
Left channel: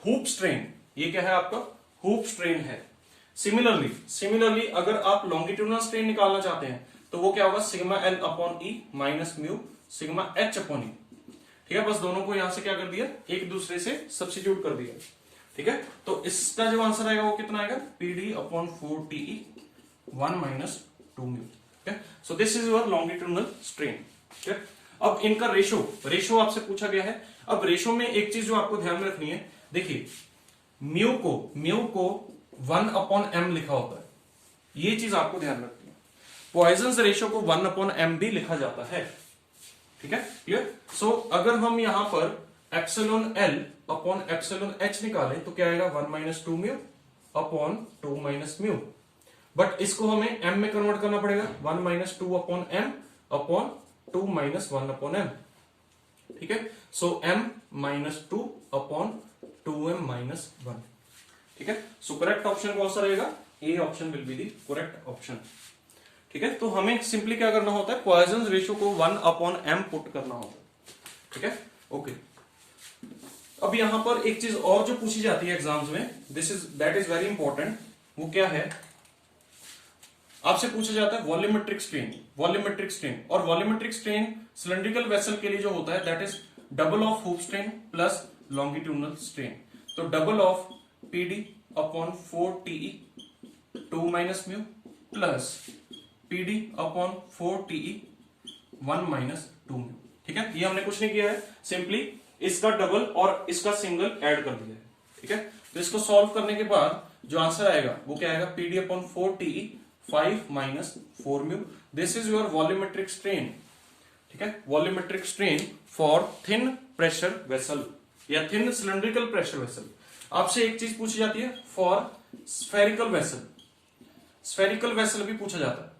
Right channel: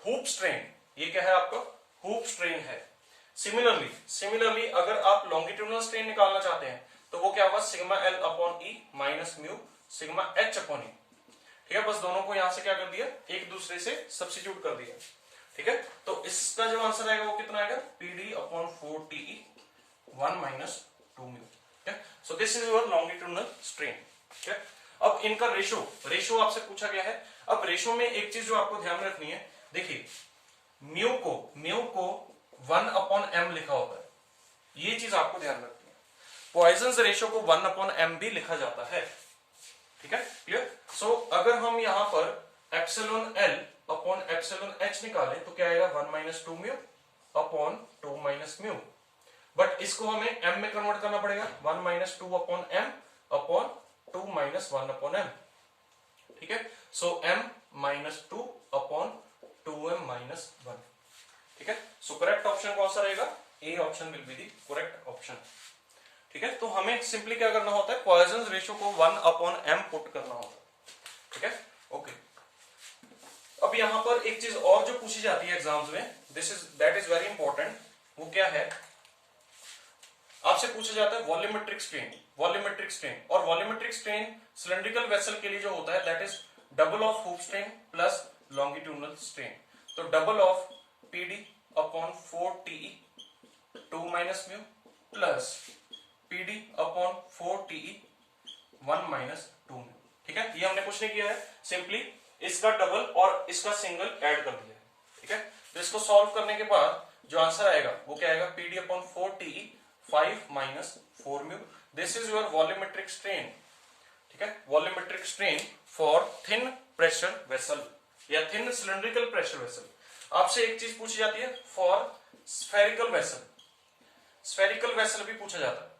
hoop strain, ये क्या है आपका हुप स्ट्रेन है। सिमिलरली अगर आप लॉन्गिट्यूडनल स्ट्रेन निकालना चाहते हैं तो वो क्या होगा, sigma L upon E minus mu sigma H upon E। ठीक है, बस दोनों को यहां से क्या कर दिया, एक दूसरे से सब्स्टिट्यूट कर दिया। ठीक है, तो इसका जो आंसर आएगा वो कितना आएगा, PD अपॉन 4TE 1 - 2 म्यू। ठीक है, so this is your longitudinal strain. ठीक है, अब इनका रेशो आपसे पूछा गया है। अब रेशो में एक चीज जो आपको ध्यान में रखनी है, देखिए म्यू को 1 अपॉन m लिखा होता है, ये चीज आपको ध्यान रखनी है। पॉइजन्स रेशियो को 1 अपॉन m भी लिखा जाता है। ठीक है, क्लियर। सो अगर हम यहां पर epsilon L upon epsilon H निकालें तो क्या आएगा, 1 - 2 म्यू अपॉन 2 - म्यू। बट इसको हमें m में कन्वर्ट करना पड़ेगा, 1 - 2 upon m upon 2 - 1 upon m। ठीक है, सो m - 2 अपॉन 2m - 1। ठीक है, सो करेक्ट ऑप्शन कौन सा रहेगा, A option will be the correct option. ठीक है, तो हमें सिंपली क्या करना होता है, पॉइजन्स रेशियो को 1 अपॉन m पुट करना होता है। ठीक है, ओके। अब यहां पर एक चीज और जो पूछी जाती है एग्जाम्स में, दैट इज वेरी इंपॉर्टेंट, वो क्या है, आपसे पूछा जाता है वॉल्यूमेट्रिक स्ट्रेन। और वॉल्यूमेट्रिक स्ट्रेन सिलिंड्रिकल वेसल के लिए जो होता है that is double of hoop strain plus longitudinal strain. तो double of PD upon 4TE 2 - mu plus PD upon 4TE 1 - 2 mu. ठीक है, ये हमने कुछ नहीं किया है, सिंपली इसका डबल और इसका सिंगल ऐड कर दिया है। ठीक है, तो इसको सॉल्व करने के बाद जो आंसर आएगा वो क्या आएगा, PD upon 4TE 5 - 4 mu. This is your volumetric strain. ठीक है, volumetric strain for thin pressure vessel या थिन सिलिंड्रिकल प्रेशर वेसल। आपसे एक चीज पूछी जाती है फॉर स्फेरिकल वेसल भी पूछा जाता है।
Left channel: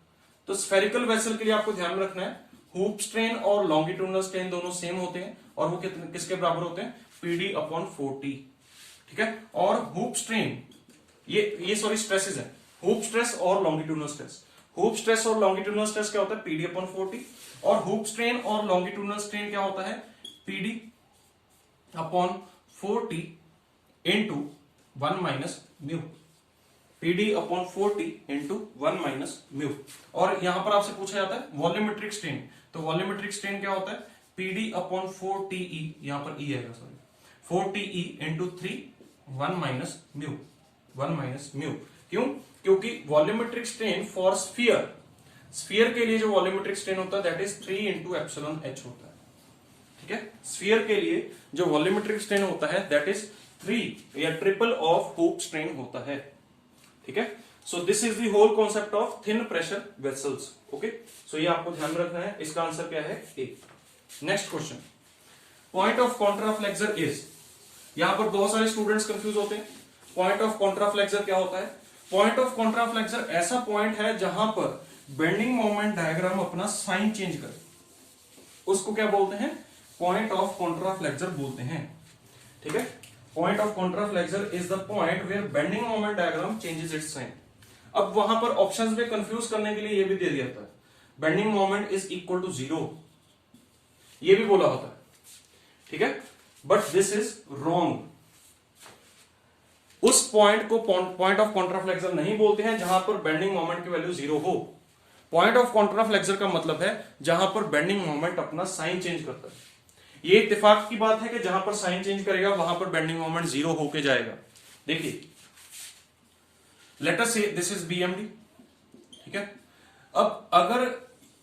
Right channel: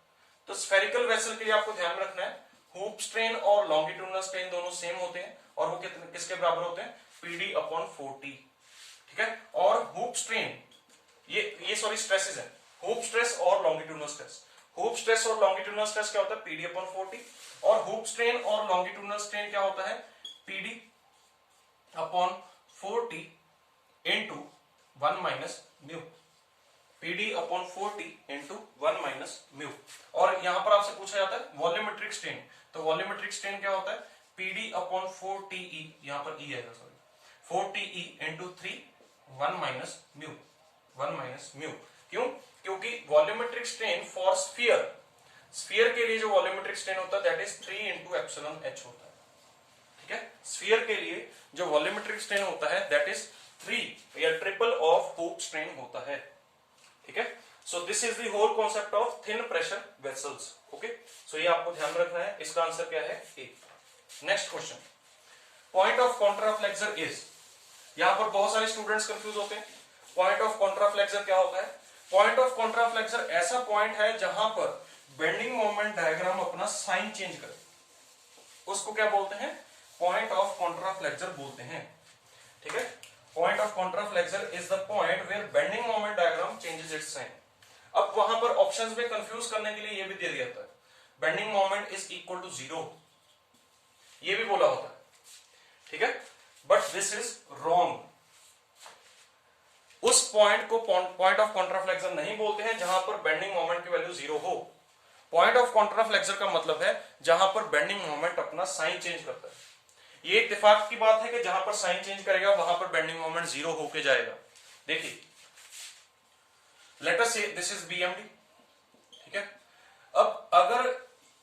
तो स्फेरिकल वेसल के लिए आपको ध्यान में रखना है, हुप स्ट्रेन और लॉन्गिट्यूडनल स्ट्रेन दोनों सेम होते हैं और वो किसके बराबर होते हैं, PD अपॉन 4T। ठीक है। और हुप स्ट्रेन, ये सॉरी स्ट्रेसेस है, हुप स्ट्रेस और लॉन्गिट्यूडनल स्ट्रेस। हुप स्ट्रेस और लॉन्गिट्यूडनल स्ट्रेस क्या होता है, पीडी अपॉन 40, और हुप स्ट्रेन और लॉन्गिट्यूडनल स्ट्रेन क्या होता है, PD upon 40 into 1 minus mu, PD upon 40 into 1 minus mu. और यहां पर आपसे पूछा जाता है वॉल्यूमेट्रिक स्ट्रेन, तो वॉल्यूमेट्रिक स्ट्रेन क्या होता है, पीडी अपॉन 4TE, यहां पर ई आएगा sorry, 4TE into 3 1 minus mu, 1 minus mu. क्यों, क्योंकि volumetric strain for sphere, sphere के लिए जो वॉल्यूमेट्रिक स्ट्रेन होता है that is 3 into epsilon H होता है, ठीक है। स्फीयर के लिए जो वॉल्यूमेट्रिक स्ट्रेन होता है दैट इज 3 या ट्रिपल ऑफ हुप स्ट्रेन होता है, ठीक है। So this is the whole concept of thin pressure vessels, okay. So ये आपको ध्यान रखना है, इसका आंसर क्या है, A. Next question, point of contraflexure is, यहां पर बहुत सारे स्टूडेंट्स कंफ्यूज होते हैं। पॉइंट ऑफ कॉन्ट्राफ्लेक्सर क्या होता है, पॉइंट ऑफ कॉन्ट्राफ्लेक्सर ऐसा पॉइंट है जहां पर बेंडिंग मोमेंट डायग्राम अपना साइन चेंज करे, उसको क्या बोलते हैं, पॉइंट ऑफ कॉन्ट्राफ्लेक्सर बोलते हैं, ठीक है। Point of contraflexure is the point where bending moment diagram changes its sign. अब वहां पर ऑप्शंस में कंफ्यूज करने के लिए ये भी दे दिया था, bending moment is equal to 0, ये भी बोला होता है, ठीक है। बट दिस इज रॉन्ग, उस पॉइंट को पॉइंट ऑफ कॉन्ट्राफ्लेक्सर नहीं बोलते हैं जहां पर बेंडिंग मोमेंट की वैल्यू 0 हो। पॉइंट ऑफ कॉन्ट्राफ्लेक्सर का मतलब है जहां पर बेंडिंग मोमेंट अपना साइन चेंज करता है। ये इत्तेफाक की बात है कि जहां पर साइन चेंज करेगा वहां पर बेंडिंग मोमेंट 0 होके जाएगा। देखिए, let us say this is BMD, ठीक है। अब अगर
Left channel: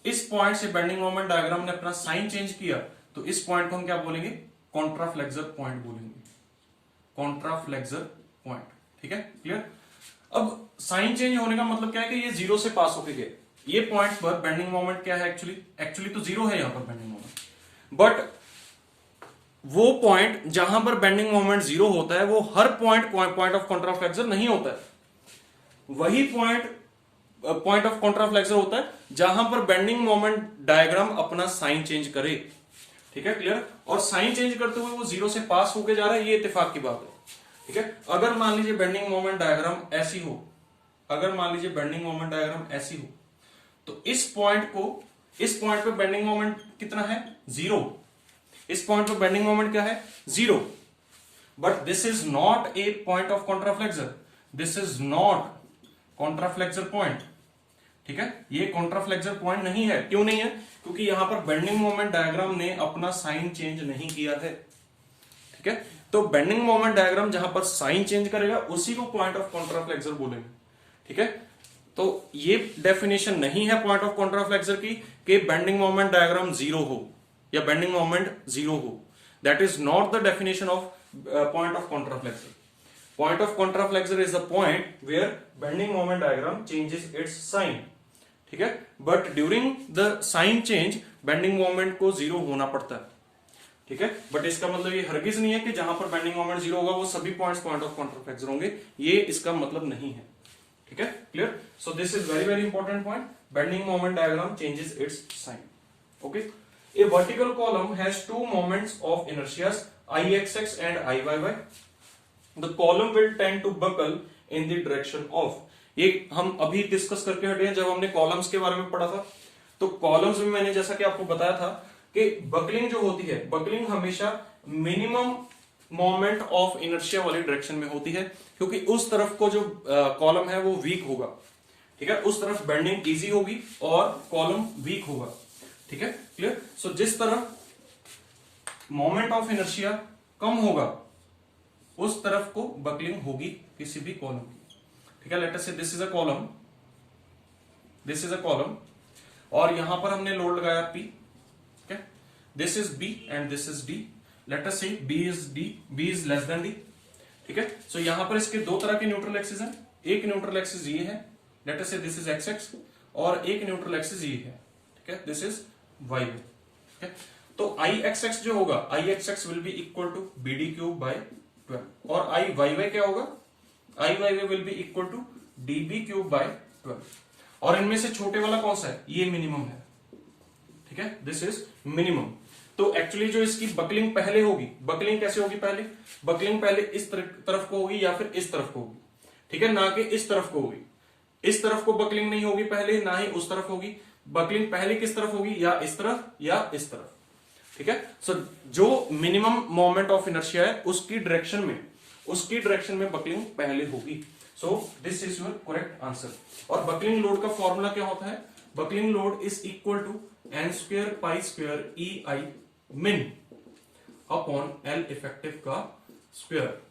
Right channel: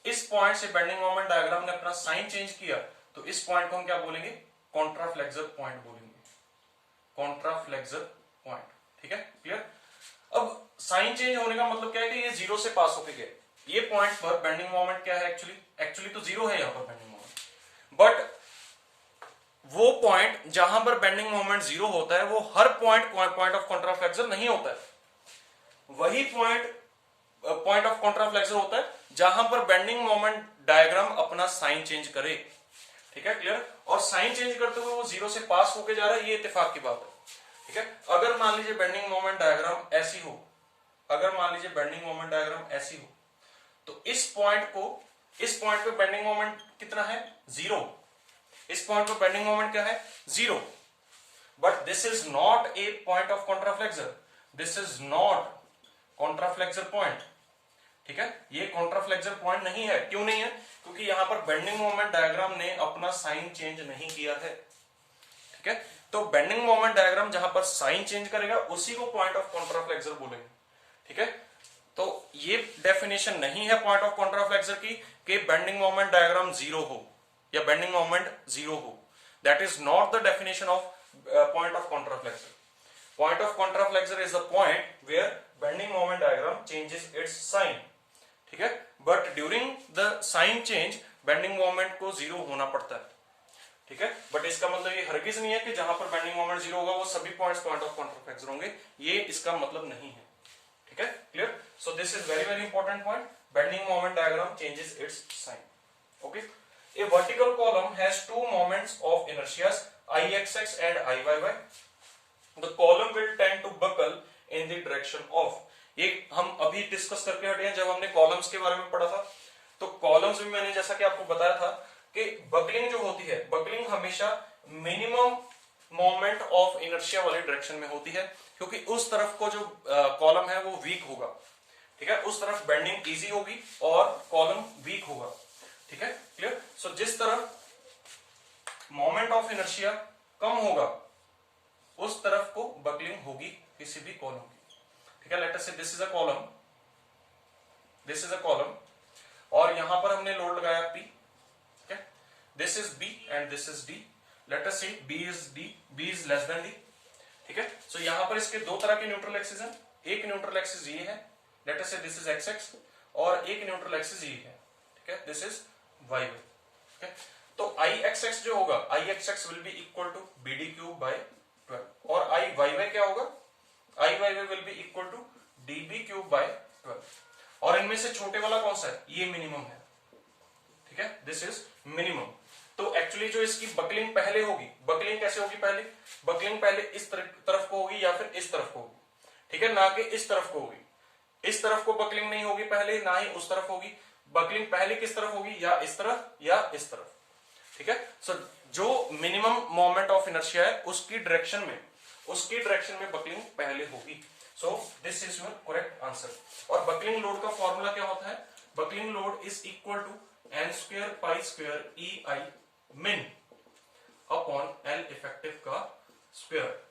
इस पॉइंट से बेंडिंग मोमेंट डायग्राम ने अपना साइन चेंज किया तो इस पॉइंट को हम क्या बोलेंगे, कॉन्ट्राफ्लेक्सर पॉइंट बोलेंगे, कॉन्ट्राफ्लेक्सर पॉइंट, ठीक है, क्लियर। अब साइन चेंज होने का मतलब क्या है कि ये 0 से पास होके गए, ये पॉइंट पर बेंडिंग मोमेंट क्या है, एक्चुअली तो 0 है यहां पर बेंडिंग मोमेंट, बट वो पॉइंट जहां पर बेंडिंग मोमेंट 0 होता है वो हर पॉइंट ऑफ कॉन्ट्राफ्लेक्सर नहीं होता है। वही पॉइंट ऑफ कॉन्ट्राफ्लेक्सर होता है जहां पर बेंडिंग मोमेंट डायग्राम अपना साइन चेंज करे, ठीक है, क्लियर। और साइन चेंज करते हुए वो 0 से पास होके जा रहा है, ये इत्तेफाक की बात है, ठीक है। अगर मान लीजिए बेंडिंग मोमेंट डायग्राम ऐसी हो, अगर मान लीजिए बेंडिंग मोमेंट डायग्राम ऐसी हो, तो इस पॉइंट पे बेंडिंग मोमेंट कितना है, 0, इस पॉइंट पे बेंडिंग मोमेंट क्या है, 0, but this is not a point of contraflexure, this is not contraflexure point, ठीक है। ये कॉन्ट्राफ्लेक्सर पॉइंट नहीं है, क्यों नहीं है, क्योंकि यहां पर बेंडिंग मोमेंट डायग्राम ने अपना साइन चेंज नहीं किया है, ठीक है। तो बेंडिंग मोमेंट डायग्राम जहां पर साइन चेंज करेगा उसी को पॉइंट ऑफ कॉन्ट्राफ्लेक्सर बोलेंगे, ठीक है। तो ये डेफिनेशन नहीं है पॉइंट ऑफ कॉन्ट्राफ्लेक्सर की कि बेंडिंग मोमेंट डायग्राम 0 हो या बेंडिंग मोमेंट 0 हो, that is not the definition of point of contraflexure. Point of contraflexure is the point where bending moment diagram changes its sign, ठीक है। But during the sign change bending moment को 0 होना पड़ता है, ठीक है। बट इसका मतलब ये हरगिज नहीं है कि जहां पर बेंडिंग मोमेंट 0 होगा वो सभी पॉइंट्स पॉइंट ऑफ कॉन्ट्राफ्लेक्सर होंगे, ये इसका मतलब नहीं है, ठीक है, clear. So this is very very important point, bending moment diagram changes its sign, okay. A vertical column has two moments of inertia, Ixx and Iyy. The column will tend to buckle in the direction of. ये हम अभी डिस्कस करके हटे हैं जब हमने कॉलम्स के बारे में पढ़ा था। तो कॉलम्स में मैंने जैसा कि आपको बताया था कि बकलिंग जो होती है, बकलिंग हमेशा मिनिमम मोमेंट ऑफ इनर्शिया वाली डायरेक्शन में होती है, क्योंकि उस तरफ को जो कॉलम है वो वीक होगा, ठीक है, उस तरफ बेंडिंग इजी होगी और कॉलम वीक होगा, ठीक है, क्लियर। सो जिस तरफ मोमेंट ऑफ इनर्शिया कम होगा उस तरफ को बकलिंग होगी किसी भी कॉलम की, ठीक है। Late us say this is a column, this is a column, और यहां पर हमने लोड लगाया P, ठीक है, this is B and this is D, late us से B is less then D, ठीक है। सो यहां पर इसके दो तरह के न्यूट्रल एक्सिस हैं, एक न्यूट्रल एक्सिस ये है, late us say this is XX, और एक न्यूट्रल एक्सिस ये है, ठीक है, दिस इज y, ठीक है। तो Ixx जो होगा, Ixx will be equal to BD cube by 12, और Iyy क्या होगा, Iyy will be equal to DB cube by 12, और इनमें से छोटे वाला कौन सा है, ये मिनिमम है, ठीक है, दिस इज मिनिमम। तो एक्चुअली जो इसकी बकलिंग पहले होगी, बकलिंग कैसे होगी, पहले बकलिंग पहले इस तरफ को होगी या फिर इस तरफ को होगी, ठीक है, ना कि इस तरफ को होगी। इस तरफ को बकलिंग नहीं होगी पहले, ना ही उस तरफ होगी। बकलिंग पहले किस तरफ होगी, या इस तरफ या इस तरफ, ठीक है। सो जो मिनिमम मोमेंट ऑफ इनर्शिया है उसकी डायरेक्शन में बकलिंग पहले होगी। So this is your correct answer. और बकलिंग लोड का फॉर्मूला क्या होता है, buckling load is equal to n square pi square E I min upon L effective का स्क्वायर।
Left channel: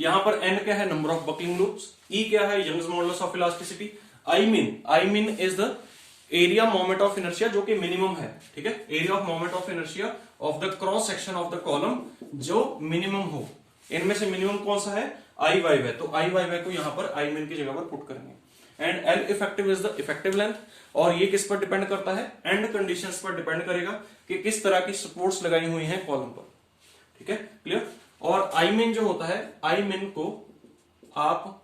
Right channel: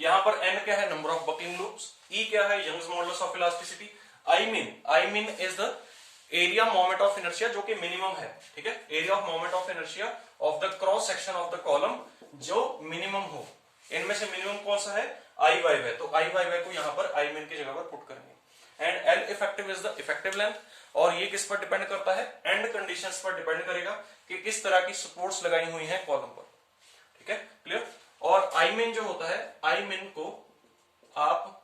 यहां पर n क्या है, number of buckling loops, E क्या है, Young's modulus of elasticity, I min is the area moment of inertia जो कि मिनिमम है, ठीक है, area of moment of inertia of the cross section of the column जो मिनिमम हो। इनमें से मिनिमम कौन सा है, आई वाई वाई, तो आई वाई वाई को यहां पर आई मीन की जगह पर पुट करेंगे। And L effective is the effective length, और ये किस पर डिपेंड करता है, एंड कंडीशंस पर डिपेंड करेगा कि किस तरह की सपोर्ट्स लगाई हुई हैं कॉलम पर, ठीक है, क्लियर। और आई मीन जो होता है, आई मीन को आप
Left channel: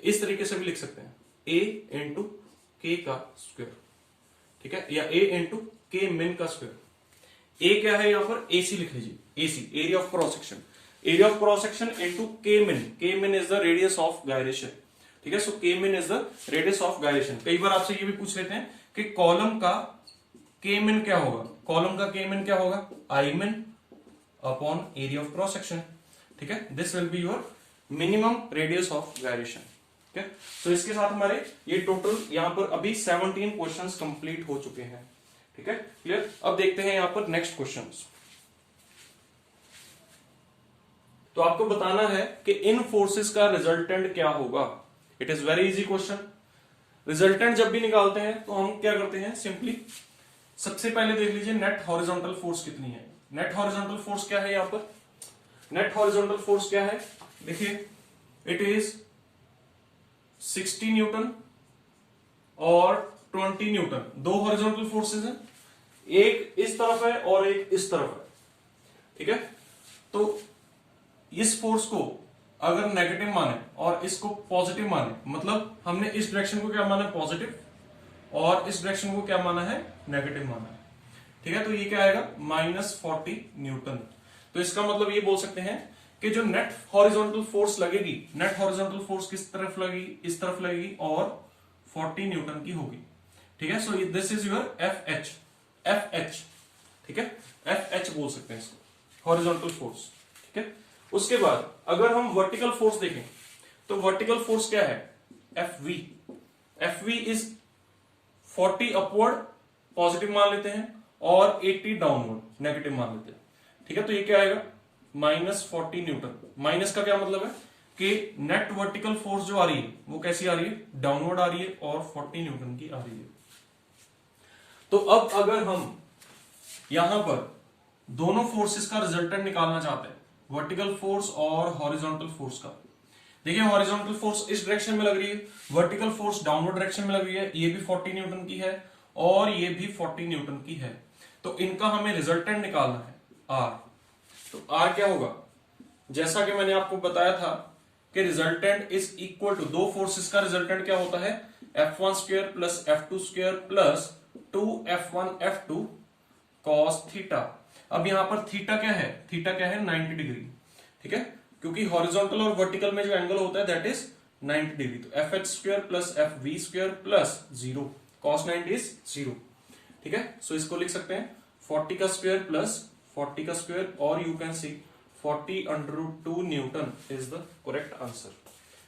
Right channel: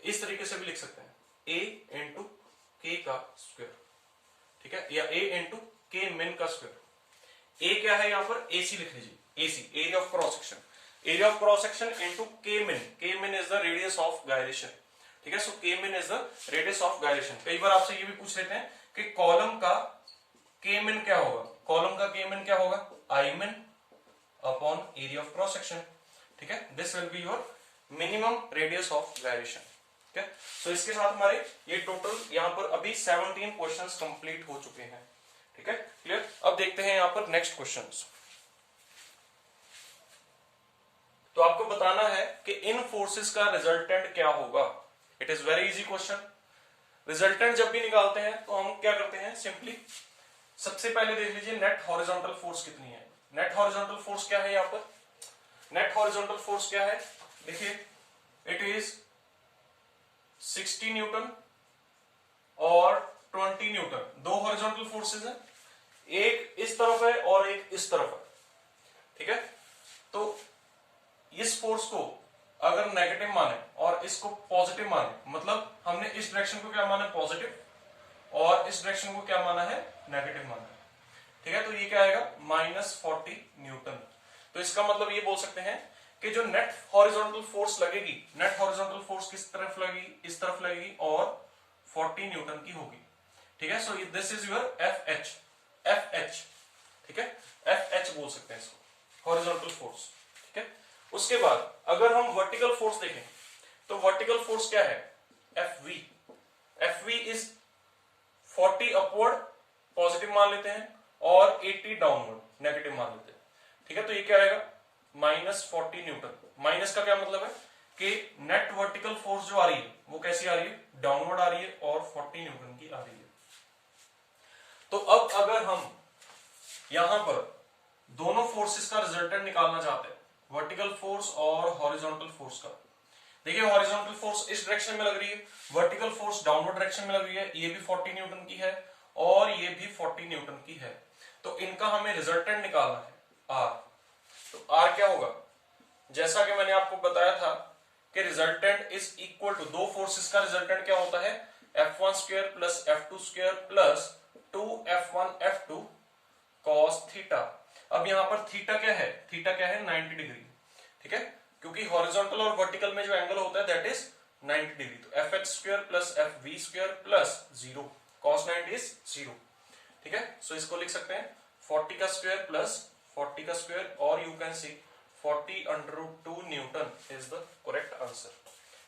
इस तरीके से भी लिख सकते हैं, ए इंटू के का स्क्वायर, ठीक है, या ए इंटू के मिन का स्क्वायर। ए क्या है यहां पर, एसी लिख लीजिए, AC area of cross section, area of cross section into के मिन is the radius of gyration, ठीक है। सो के मिन is the radius of gyration. कई बार आपसे ये भी पूछ लेते हैं कि कॉलम का के मिन क्या होगा, कॉलम का के मिन क्या होगा, आई min upon area of cross section, ठीक है। This will be your minimum radius of gyration, ठीक है। सो इसके साथ हमारे ये टोटल यहां पर अभी 17 क्वेश्चंस कंप्लीट हो चुके हैं, ठीक है, क्लियर। अब देखते हैं यहां पर नेक्स्ट क्वेश्चंस। तो आपको बताना है कि इन फोर्सेस का रिजल्टेंट क्या होगा। It is very easy question. Resultant जब भी निकालते हैं तो हम क्या करते हैं, सिंपली सबसे पहले देख लीजिए नेट हॉरिजॉन्टल फोर्स कितनी है। नेट हॉरिजॉन्टल फोर्स क्या है, यहां पर नेट हॉरिजॉन्टल फोर्स क्या है, देखिए इट इज 60 न्यूटन और 20 न्यूटन, दो हॉरिजॉन्टल फोर्सेस हैं, एक इस तरफ है और एक इस तरफ है, ठीक है। तो इस फोर्स को अगर नेगेटिव माने और इसको पॉजिटिव माने, मतलब हमने इस डायरेक्शन को क्या माना है, पॉजिटिव, और इस डायरेक्शन को क्या माना है, नेगेटिव माना है, ठीक है। तो ये क्या आएगा, -40 न्यूटन। तो इसका मतलब ये बोल सकते हैं कि जो नेट हॉरिजॉन्टल फोर्स लगेगी, नेट हॉरिजॉन्टल फोर्स किस तरफ लगेगी, इस तरफ लगेगी, और 40 न्यूटन की होगी, ठीक है। So this is your F H, ठीक है, एफ एच बोल सकते हैं इसको, हॉरिजॉन्टल फोर्स, ठीक है। उसके बाद अगर हम वर्टिकल फोर्स देखें तो वर्टिकल फोर्स क्या है, F V is 40 upward positive मान लेते हैं और 80 डाउनवर्ड नेगेटिव मान लेते हैं, ठीक है। तो ये क्या आएगा, -40 न्यूटन। माइनस का क्या मतलब है कि नेट वर्टिकल फोर्स जो आ रही है वो कैसी आ रही है, डाउनवर्ड आ रही है और 40 न्यूटन की आ रही है। तो अब अगर हम यहां पर दोनों फोर्सेस का रिजल्टेंट निकालना चाहते हैं, वर्टिकल फोर्स और हॉरिजॉन्टल फोर्स का, देखिए हॉरिजॉन्टल फोर्स इस डायरेक्शन में लग रही है, वर्टिकल फोर्स डाउनवर्ड डायरेक्शन में लग रही है, ये भी 40 न्यूटन की है और ये भी 40 न्यूटन की है। तो इनका हमें रिजल्टेंट निकालना है, आर। तो आर क्या होगा, जैसा कि मैंने आपको बताया था कि रिजल्टेंट इज इक्वल टू, दो फोर्सेस का रिजल्टेंट क्या होता है, F1 square plus F2 square plus 2F1 F2 cos theta. अब यहां पर थीटा क्या है, थीटा क्या है, 90 डिग्री, ठीक है, क्योंकि हॉरिजॉन्टल और वर्टिकल में जो एंगल होता है दैट इज 90 डिग्री। तो F X square plus F V square plus 0, cos 90 is 0, ठीक है। सो इसको लिख सकते हैं 40 का स्क्वायर प्लस 40 का स्क्वायर, और you can see 40√2 newton is the correct answer,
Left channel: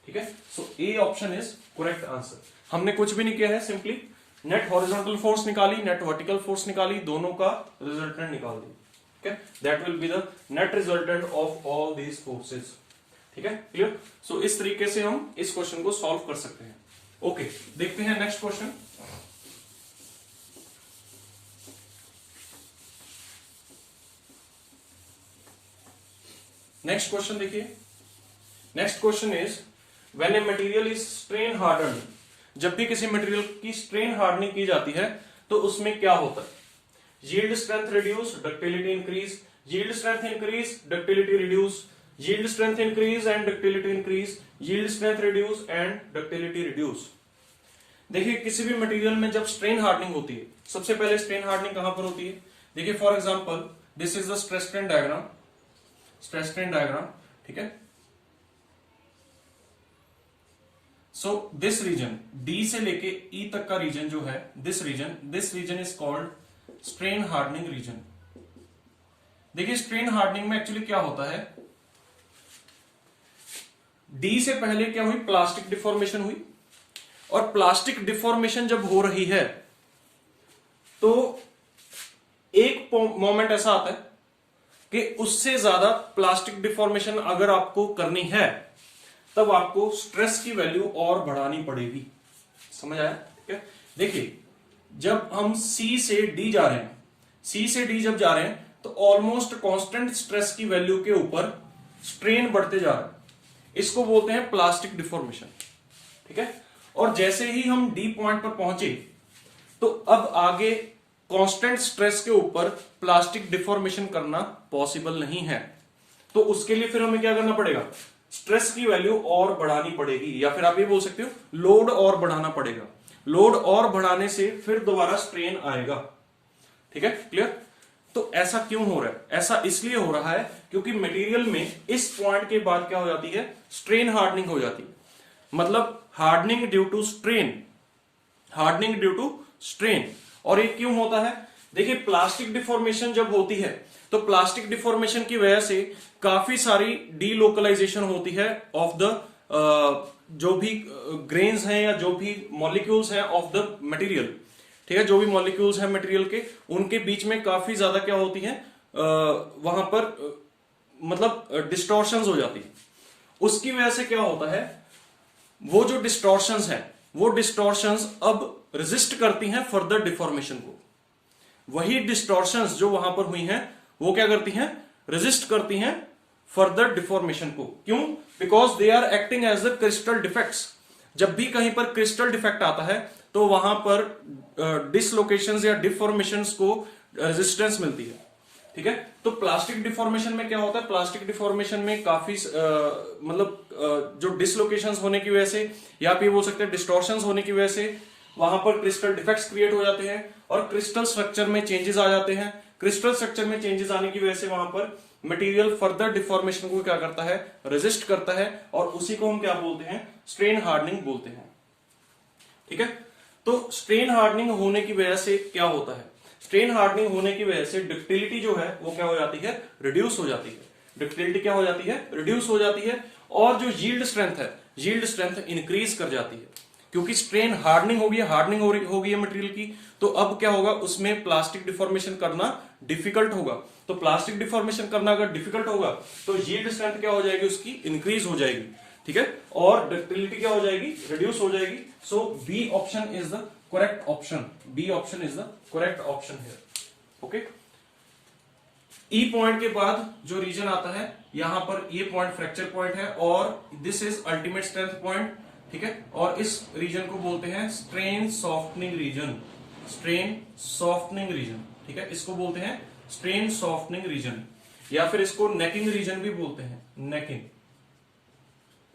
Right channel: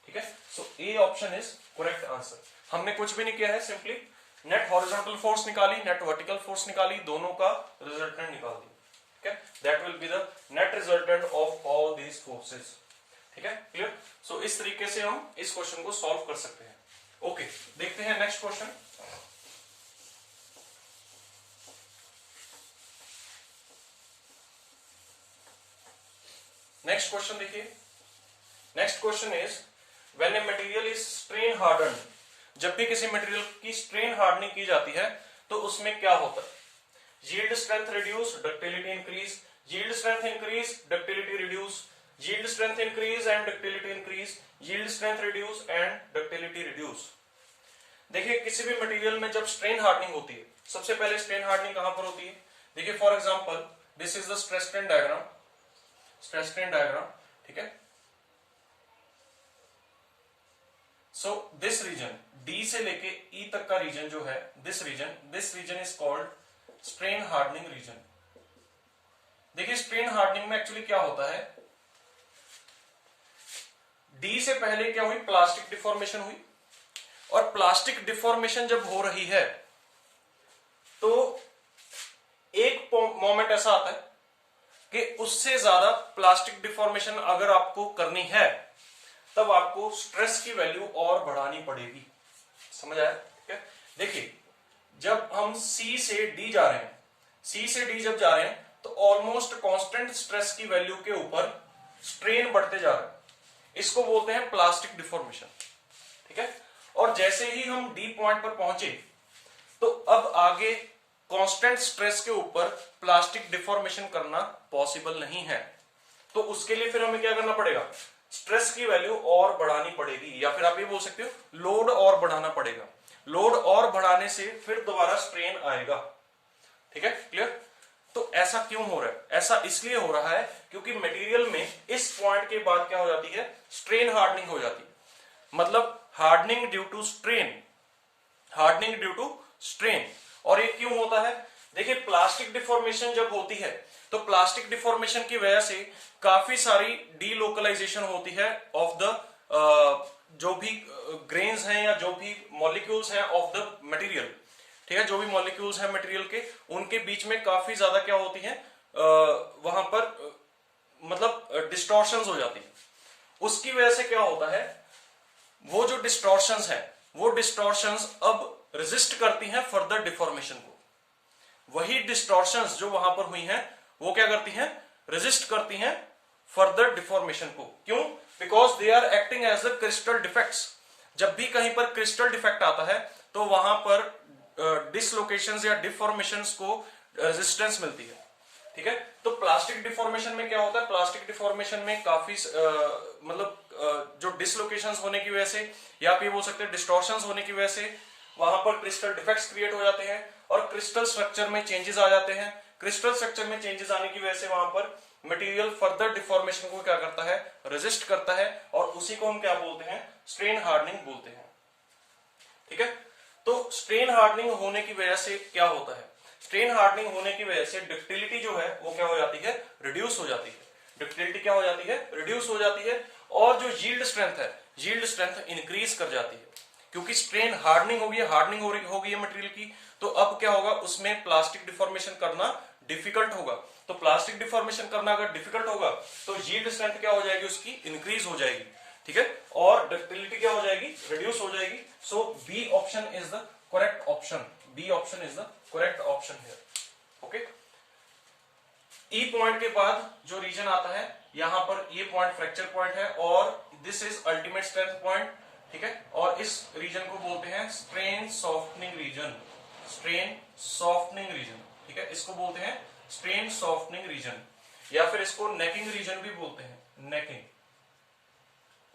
ठीक है। So A option is correct answer. हमने कुछ भी नहीं किया है, सिंपली नेट हॉरिजॉन्टल फोर्स निकाली, नेट वर्टिकल फोर्स निकाली, दोनों का रिजल्टेंट निकाल दिया, ठीक है। That will be the net resultant of all these forces, ठीक है, क्लियर। सो इस तरीके से हम इस क्वेश्चन को सॉल्व कर सकते हैं। ओके, देखते हैं नेक्स्ट क्वेश्चन। नेक्स्ट क्वेश्चन देखिए, next question is when a material is strain harden, जब भी किसी मटेरियल की स्ट्रेन हार्डनिंग की जाती है तो उसमें क्या होता है, yield strength reduce, ductility increase, yield strength increase, ductility reduce, yield strength increase and ductility increase, yield strength reduce and ductility reduce. देखिए किसी भी मटेरियल में जब स्ट्रेन हार्डनिंग होती है, सबसे पहले स्ट्रेन हार्डनिंग कहां पर होती है, देखिए for example this is the stress strain diagram, stress strain diagram, ठीक है। सो दिस रीजन डी से लेके ई तक का रीजन जो है, this region is called strain hardening region. देखिए स्ट्रेन हार्डनिंग में एक्चुअली क्या होता है, डी से पहले क्या हुई, प्लास्टिक डिफॉर्मेशन हुई, और प्लास्टिक डिफॉर्मेशन जब हो रही है तो एक मोमेंट ऐसा आता है कि उससे ज्यादा प्लास्टिक डिफॉर्मेशन अगर आपको करनी है तब आपको स्ट्रेस की वैल्यू और बढ़ानी पड़ेगी। समझ आया? ठीक है। देखिए जब हम सी से डी जा रहे हैं, सी से डी जब जा रहे हैं तो ऑलमोस्ट कांस्टेंट स्ट्रेस की वैल्यू के ऊपर स्ट्रेन बढ़ते जा रहा है, इसको बोलते हैं प्लास्टिक डिफॉर्मेशन। ठीक है। और जैसे ही हम डी पॉइंट पर पहुंचे तो अब आगे कांस्टेंट स्ट्रेस के ऊपर प्लास्टिक डिफॉर्मेशन करना पॉसिबल नहीं है, तो उसके लिए फिर हमें क्या करना पड़ेगा, स्ट्रेस की वैल्यू और बढ़ानी पड़ेगी, या फिर आप ये बोल सकते हो लोड और बढ़ाना पड़ेगा। लोड और बढ़ाने से फिर दोबारा स्ट्रेन आएगा। ठीक है, क्लियर? तो ऐसा क्यों हो रहा है? ऐसा इसलिए हो रहा है क्योंकि मटेरियल में इस पॉइंट के बाद क्या हो जाती है, स्ट्रेन हार्डनिंग हो जाती है। मतलब hardening due to strain, hardening due to strain. और ये क्यों होता है? देखिए प्लास्टिक डिफॉर्मेशन जब होती है तो प्लास्टिक डिफॉर्मेशन की वजह से काफी सारी डीलोकलाइजेशन होती है ऑफ द जो भी ग्रेन्स हैं या जो भी मॉलिक्यूल्स हैं ऑफ द मटेरियल। ठीक है, जो भी मॉलिक्यूल्स हैं मटेरियल के, उनके बीच में काफी ज्यादा क्या होती है, वहां पर मतलब डिस्टॉर्शंस हो जाती है। उसकी वजह से क्या होता है, वो जो डिस्टॉर्शंस हैं वो डिस्टॉर्शंस अब रेजिस्ट करती हैं फर्दर डिफॉर्मेशन को। वही डिस्टॉर्शंस जो वहां पर हुई हैं वो क्या करती हैं, रेजिस्ट करती हैं फर्दर डिफॉर्मेशन को। क्यों? Because they are acting as a crystal defects. जब भी कहीं पर क्रिस्टल डिफेक्ट आता है तो वहां पर डिसलोकेशंस या डिफॉर्मेशंस को रेजिस्टेंस मिलती है। ठीक है, तो प्लास्टिक डिफॉर्मेशन में क्या होता है, प्लास्टिक डिफॉर्मेशन में काफी मतलब जो डिसलोकेशंस होने की वजह से या आप ये बोल सकते हैं डिस्टॉर्शंस होने की वजह से वहां पर क्रिस्टल डिफेक्ट्स क्रिएट हो जाते हैं और क्रिस्टल स्ट्रक्चर में चेंजेस आ जाते हैं। क्रिस्टल स्ट्रक्चर में चेंजेस आने की वजह से वहां पर मटेरियल फर्दर डिफॉर्मेशन को क्या करता है, रेजिस्ट करता है, और उसी को हम क्या बोलते हैं, स्ट्रेन हार्डनिंग बोलते हैं। ठीक है, तो स्ट्रेन हार्डनिंग होने की वजह से क्या होता है, स्ट्रेन हार्डनिंग होने की वजह से डक्टिलिटी जो है वो क्या हो जाती है, रिड्यूस हो जाती है। डक्टिलिटी क्या हो जाती है, रिड्यूस हो जाती है, और जो यील्ड स्ट्रेंथ है, यील्ड स्ट्रेंथ इंक्रीज कर जाती है। क्योंकि स्ट्रेन हार्डनिंग होगी, हार्डनिंग हो गई है मटेरियल की, तो अब क्या होगा, उसमें प्लास्टिक डिफॉर्मेशन करना डिफिकल्ट होगा। तो प्लास्टिक डिफॉर्मेशन करना अगर डिफिकल्ट होगा तो यील्ड स्ट्रेंथ क्या हो जाएगी, उसकी इंक्रीज हो जाएगी। ठीक है, और डक्टिलिटी क्या हो जाएगी, रिड्यूस हो जाएगी। So B option is the correct option, B option is the correct option here. Okay, E point के बाद जो रीजन आता है, यहां पर ये पॉइंट फ्रैक्चर पॉइंट है और this is ultimate strength point. ठीक है, और इस रीजन को बोलते हैं strain softening region, strain softening region. ठीक है, इसको बोलते हैं स्ट्रेन सॉफ्टनिंग रीजन, या फिर इसको नेकिंग रीजन भी बोलते हैं, नेकिंग।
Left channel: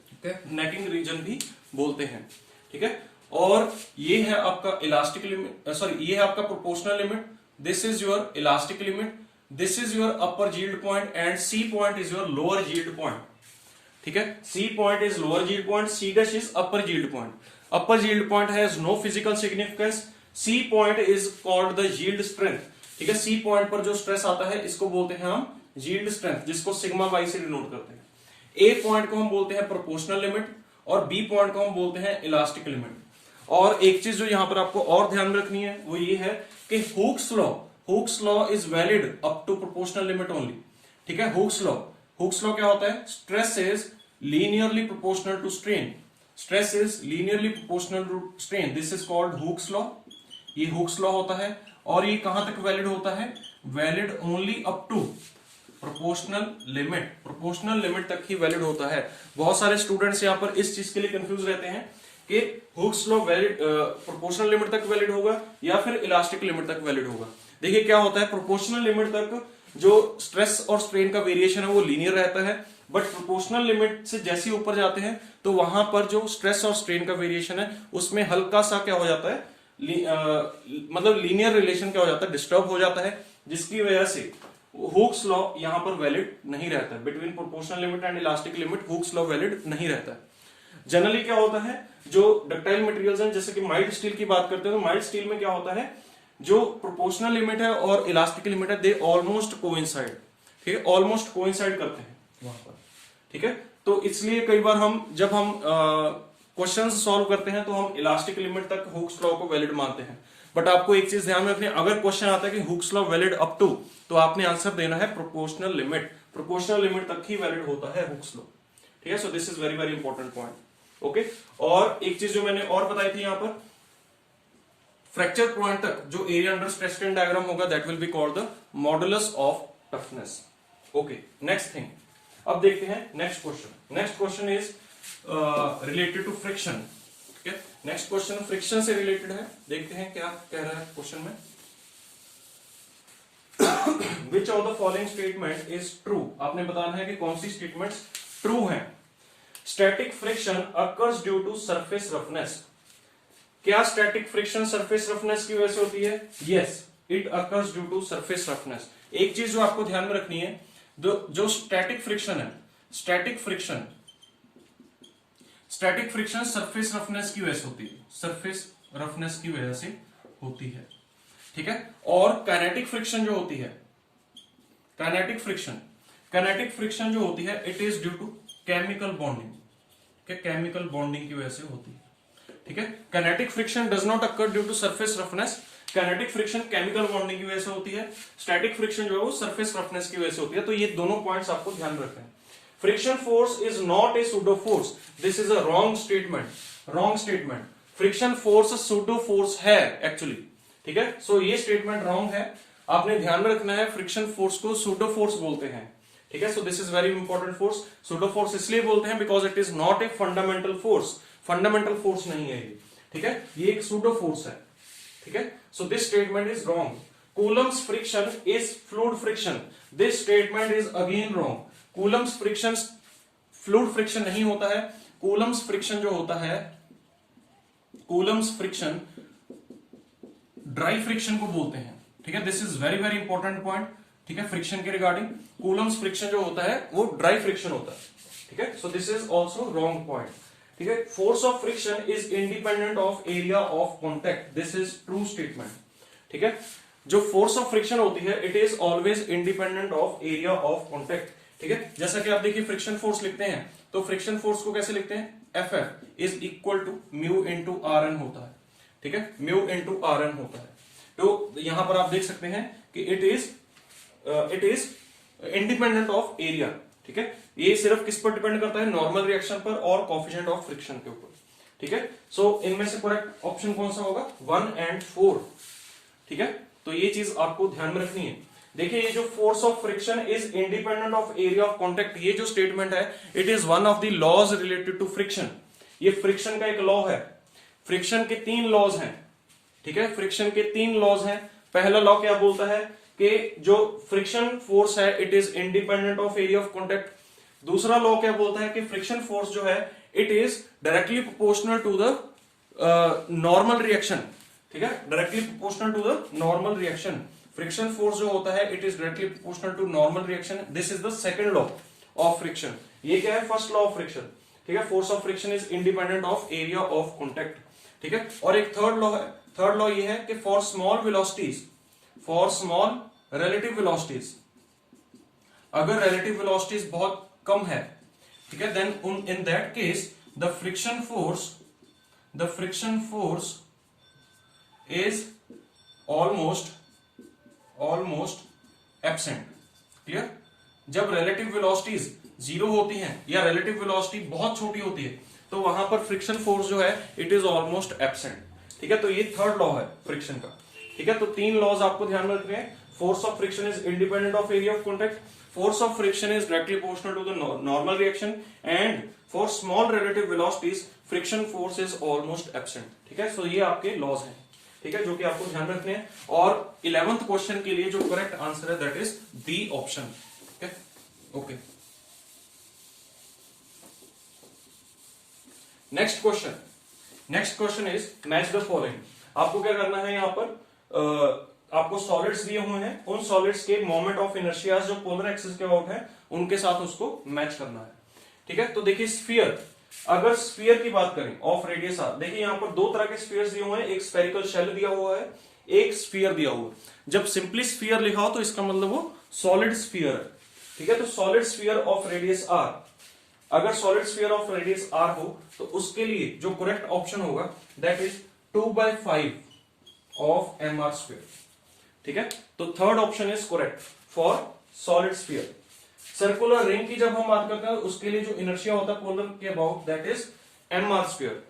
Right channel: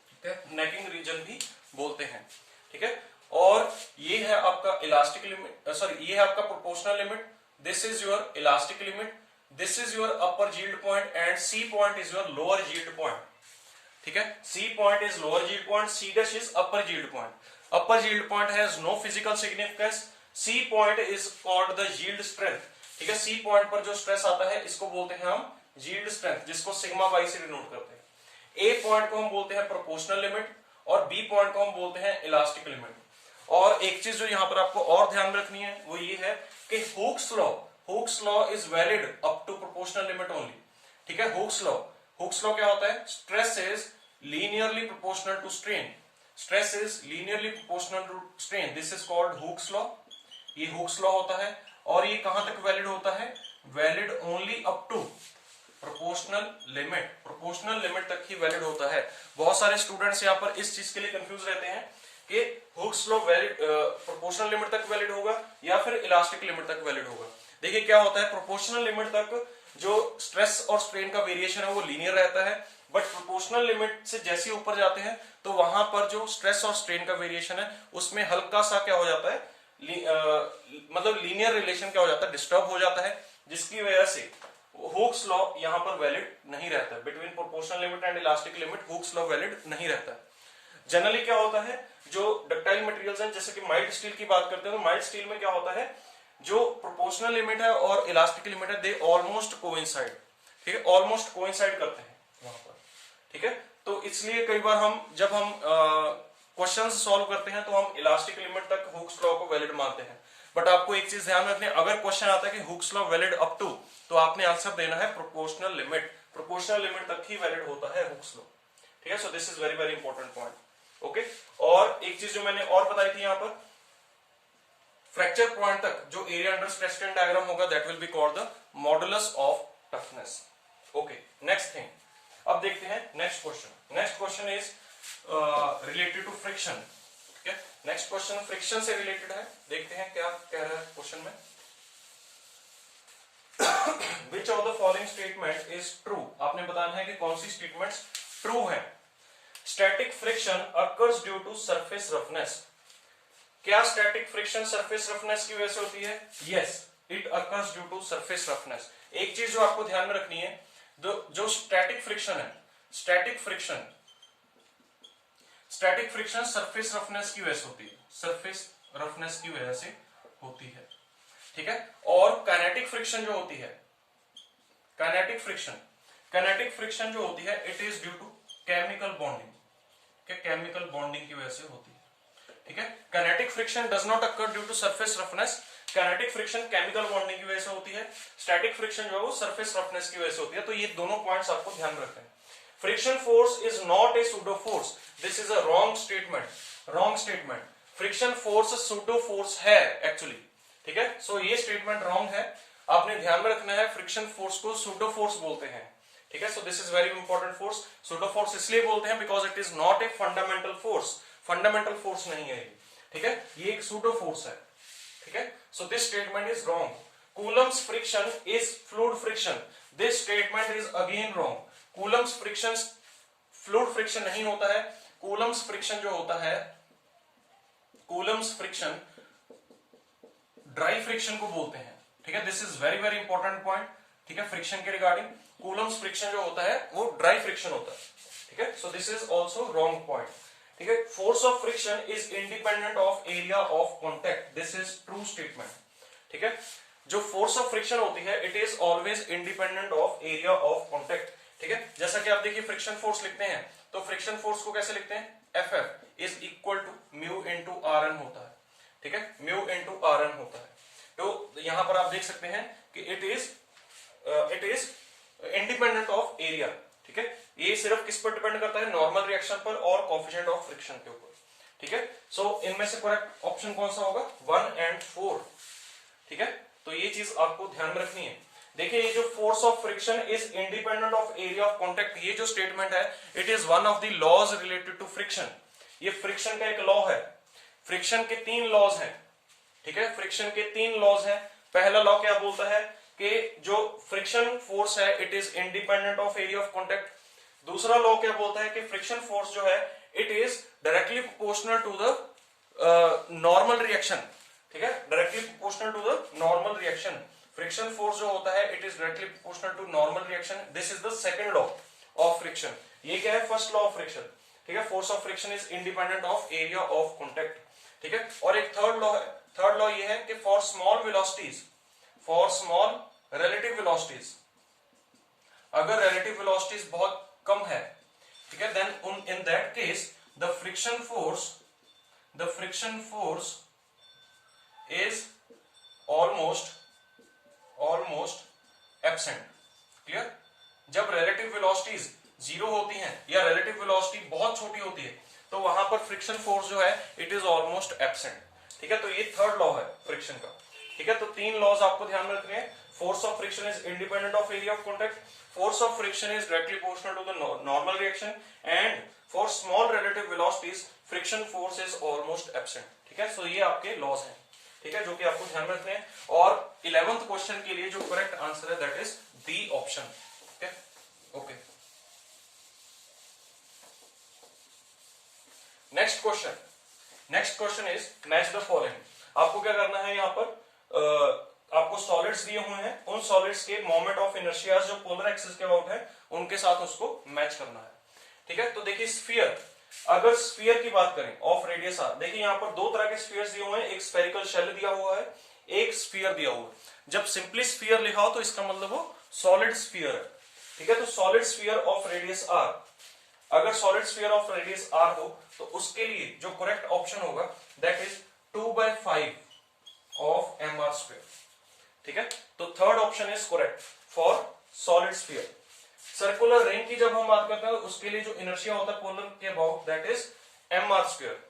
ठीक है, नेकिंग रीजन भी बोलते हैं। ठीक है, और ये है आपका इलास्टिक लिमिट, सॉरी ये है आपका proportional limit, this is your elastic limit, this is your upper yield point, and C point is your lower yield point. ठीक है, C point is lower yield point, C dash is upper yield point. Upper yield point has no physical significance, C point is called the yield strength. ठीक है, सी पॉइंट पर जो स्ट्रेस आता है इसको बोलते हैं हम यील्ड स्ट्रेंथ, जिसको सिग्मा वाई से डिनोट करते हैं। ए पॉइंट को हम बोलते हैं प्रोपोर्शनल लिमिट, और बी पॉइंट को हम बोलते हैं इलास्टिक लिमिट। और एक चीज जो यहां पर आपको और ध्यान में रखनी है वो ये है कि Hooke's law is valid up to proportional limit only. ठीक है, हुक्स लॉ क्या होता है, stress is linearly proportional to strain, stress is linearly proportional to strain, this is called Hooke's law. ये हुक्स लॉ होता है, और ये कहां तक वैलिड होता है, valid only up to proportional limit, proportional limit तक ही वैलिड होता है। बहुत सारे स्टूडेंट्स यहां पर इस चीज के लिए कंफ्यूज रहते हैं कि Hooke's law valid proportional limit तक वैलिड होगा या फिर इलास्टिक लिमिट तक वैलिड होगा। देखिए क्या होता है, प्रोपोर्शनल लिमिट तक जो स्ट्रेस और स्ट्रेन का वेरिएशन है वो लीनियर रहता है, बट प्रोपोर्शनल लिमिट से जैसे ऊपर जाते हैं तो वहां पर जो स्ट्रेस और स्ट्रेन का वेरिएशन है उसमें हल्का सा क्या हो जाता है, मतलब लीनियर रिलेशन क्या हो जाता है, डिस्टर्ब हो जाता है। जिसकी वजह से हुक्स लॉ यहां पर वैलिड नहीं रहता है। Between proportional limit and elastic limit hooks law valid नहीं रहता है। जनरली क्या होता है, जो डक्टाइल मटेरियल्स हैं, जैसे कि माइल्ड स्टील की बात करते हैं, तो माइल्ड स्टील में क्या होता है, जो प्रोपोर्शनल लिमिट है और इलास्टिक लिमिट है, दे ऑलमोस्ट कोइंसाइड, ठीक है, ऑलमोस्ट कोइंसाइड करते हैं वहां पर, ठीक है। तो इसलिए कई बार जब हम क्वेश्चंस सॉल्व करते हैं तो हम इलास्टिक लिमिट तक हुक्स लॉ को वैलिड मानते हैं। बट आपको एक चीज ध्यान में रखनी है, अगर क्वेश्चन आता है कि Hooke's law valid up to, तो आपने आंसर देना है प्रोपोर्शनल लिमिट। प्रोपोर्शनल लिमिट तक ही वैलिड होता है हुक्स लॉ, ठीक है। So this is very very important point, okay. और एक चीज जो मैंने और बताई थी यहां पर, फ्रैक्चर पॉइंट तक जो area under stress strain diagram होगा, that will be called the modulus of toughness, okay. Next thing, अब देखते हैं next question. Next question is related to friction, ठीक है। नेक्स्ट क्वेश्चन फ्रिक्शन से रिलेटेड है, देखते हैं क्या कह रहा है क्वेश्चन में। Which of the following statement is true, आपने बताना है कि कौन सी स्टेटमेंट्स ट्रू है। Static friction occurs due to surface roughness, क्या स्टैटिक फ्रिक्शन सरफेस रफनेस की वजह से होती है? Yes, it occurs due to surface roughness. एक चीज जो आपको ध्यान में रखनी है, जो स्टैटिक फ्रिक्शन है, स्टैटिक फ्रिक्शन सरफेस रफनेस की वजह से होती है, सरफेस रफनेस की वजह से होती है, ठीक है। और काइनेटिक फ्रिक्शन जो होती है, काइनेटिक फ्रिक्शन जो होती है, it is due to chemical bonding, chemical bonding की वजह से होती है, ठीक है। Kinetic friction does not occur due to surface roughness, kinetic friction chemical bonding की वजह से होती है, स्टैटिक फ्रिक्शन जो है वो सरफेस रफनेस की वजह से होती है। तो ये दोनों पॉइंट्स आपको ध्यान में रखने हैं। Friction force is not A pseudo force, this is a wrong statement, wrong statement. Friction force pseudo force है एक्चुअली, ठीक है। सो ये स्टेटमेंट रॉन्ग है, आपने ध्यान में रखना है। फ्रिक्शन फोर्स को सूडो फोर्स बोलते हैं, ठीक है। So this is very important force. Pseudo force इसलिए बोलते हैं because it is not a fundamental force, fundamental force नहीं है ये, ठीक है, ये एक सूडो फोर्स है, ठीक है। So this statement is wrong. Coulomb's friction is fluid friction, this statement is again wrong. Coulomb's friction fluid friction नहीं होता है, कूलम्स फ्रिक्शन जो होता है, कूलम्स फ्रिक्शन ड्राई फ्रिक्शन को बोलते हैं, ठीक है। This is very very important point, ठीक है। फ्रिक्शन के रिगार्डिंग कूलम्स फ्रिक्शन जो होता है वो ड्राई फ्रिक्शन होता है, ठीक है। So this is also wrong point, ठीक है। Force of friction is independent of area of contact, this is true statement, ठीक है। जो फोर्स ऑफ फ्रिक्शन होती है, it is always independent of area of contact, ठीक है। जैसा कि आप देखिए फ्रिक्शन फोर्स लिखते हैं, तो फ्रिक्शन फोर्स को कैसे लिखते हैं? Ff is equal to mu into R N होता है, ठीक है, म्यू इंटू आर एन होता है। तो यहां पर आप देख सकते हैं कि it is independent of area, ठीक है। ये सिर्फ किस पर डिपेंड करता है? नॉर्मल रिएक्शन पर और कोएफिशिएंट ऑफ फ्रिक्शन के ऊपर, ठीक है। सो इनमें से करेक्ट ऑप्शन कौन सा होगा? 1 और 4, ठीक है। तो ये चीज आपको ध्यान में रखनी है। देखिए, ये जो force of friction is independent of area of contact, ये जो स्टेटमेंट है, it is one of the laws related to friction. ये फ्रिक्शन का एक लॉ है। फ्रिक्शन के 3 लॉज हैं, ठीक है, फ्रिक्शन के 3 लॉज हैं। पहला लॉ क्या बोलता है कि जो फ्रिक्शन फोर्स है, it is independent of area of contact. दूसरा लॉ क्या बोलता है कि फ्रिक्शन फोर्स जो है, it is directly proportional to the normal reaction, ठीक है, directly proportional to the normal reaction. Friction force जो होता है, it is directly proportional to normal reaction. This is the second law of friction. ये क्या है? फर्स्ट लॉ ऑफ फ्रिक्शन, ठीक है। Force of friction is independent of area of contact, ठीक है। और एक थर्ड लॉ है, थर्ड लॉ ये है कि for small velocities, for small relative velocities, अगर रिलेटिव वेलोसिटीज बहुत कम है, ठीक है, then in that case the friction force is almost absent. Clear? जब रिलेटिव वेलोसिटीज 0 होती हैं या रिलेटिव वेलोसिटी बहुत छोटी होती है, तो वहां पर फ्रिक्शन फोर्स जो है, इट इज ऑलमोस्ट एब्सेंट, ठीक है। तो ये थर्ड लॉ है फ्रिक्शन का, ठीक है। तो 3 लॉज आपको ध्यान में रखने हैं। Force of friction is independent of area of contact, force of friction is directly proportional to the normal reaction, and for small relative velocities friction force is almost absent, ठीक है। सो ये आपके लॉज हैं, ठीक है, जो कि आपको ध्यान में रखने हैं। और 11th क्वेश्चन के लिए जो करेक्ट आंसर है, दैट इज बी ऑप्शन, ठीक है। Okay, next question is match the following. आपको क्या करना है यहां पर? आपको सॉलिड्स दिए हुए हैं, उन सॉलिड्स के मोमेंट ऑफ इनर्शिया जो पोलर एक्सिस के अबाउट है उनके साथ उसको मैच करना है। ठीक है, तो देखिए स्फीयर, अगर स्फीयर की बात करें ऑफ रेडियस आर, देखिए यहां पर दो तरह के स्फीयर्स दिए हुए हैं, एक स्फेरिकल शेल दिया हुआ है, एक स्फीयर दिया हुआ है। जब सिंपली स्फीयर लिखा हो तो इसका मतलब वो सॉलिड स्फीयर है। ठीक है, तो solid sphere of radius R, अगर solid sphere of radius R हो तो उसके लिए जो करेक्ट ऑप्शन होगा that is 2/5 of M R square. ठीक है, तो third option is correct for solid sphere. Circular ring की जब हम बात करते हैं उसके लिए जो इनर्शिया होता है पोलर के about that is M R square.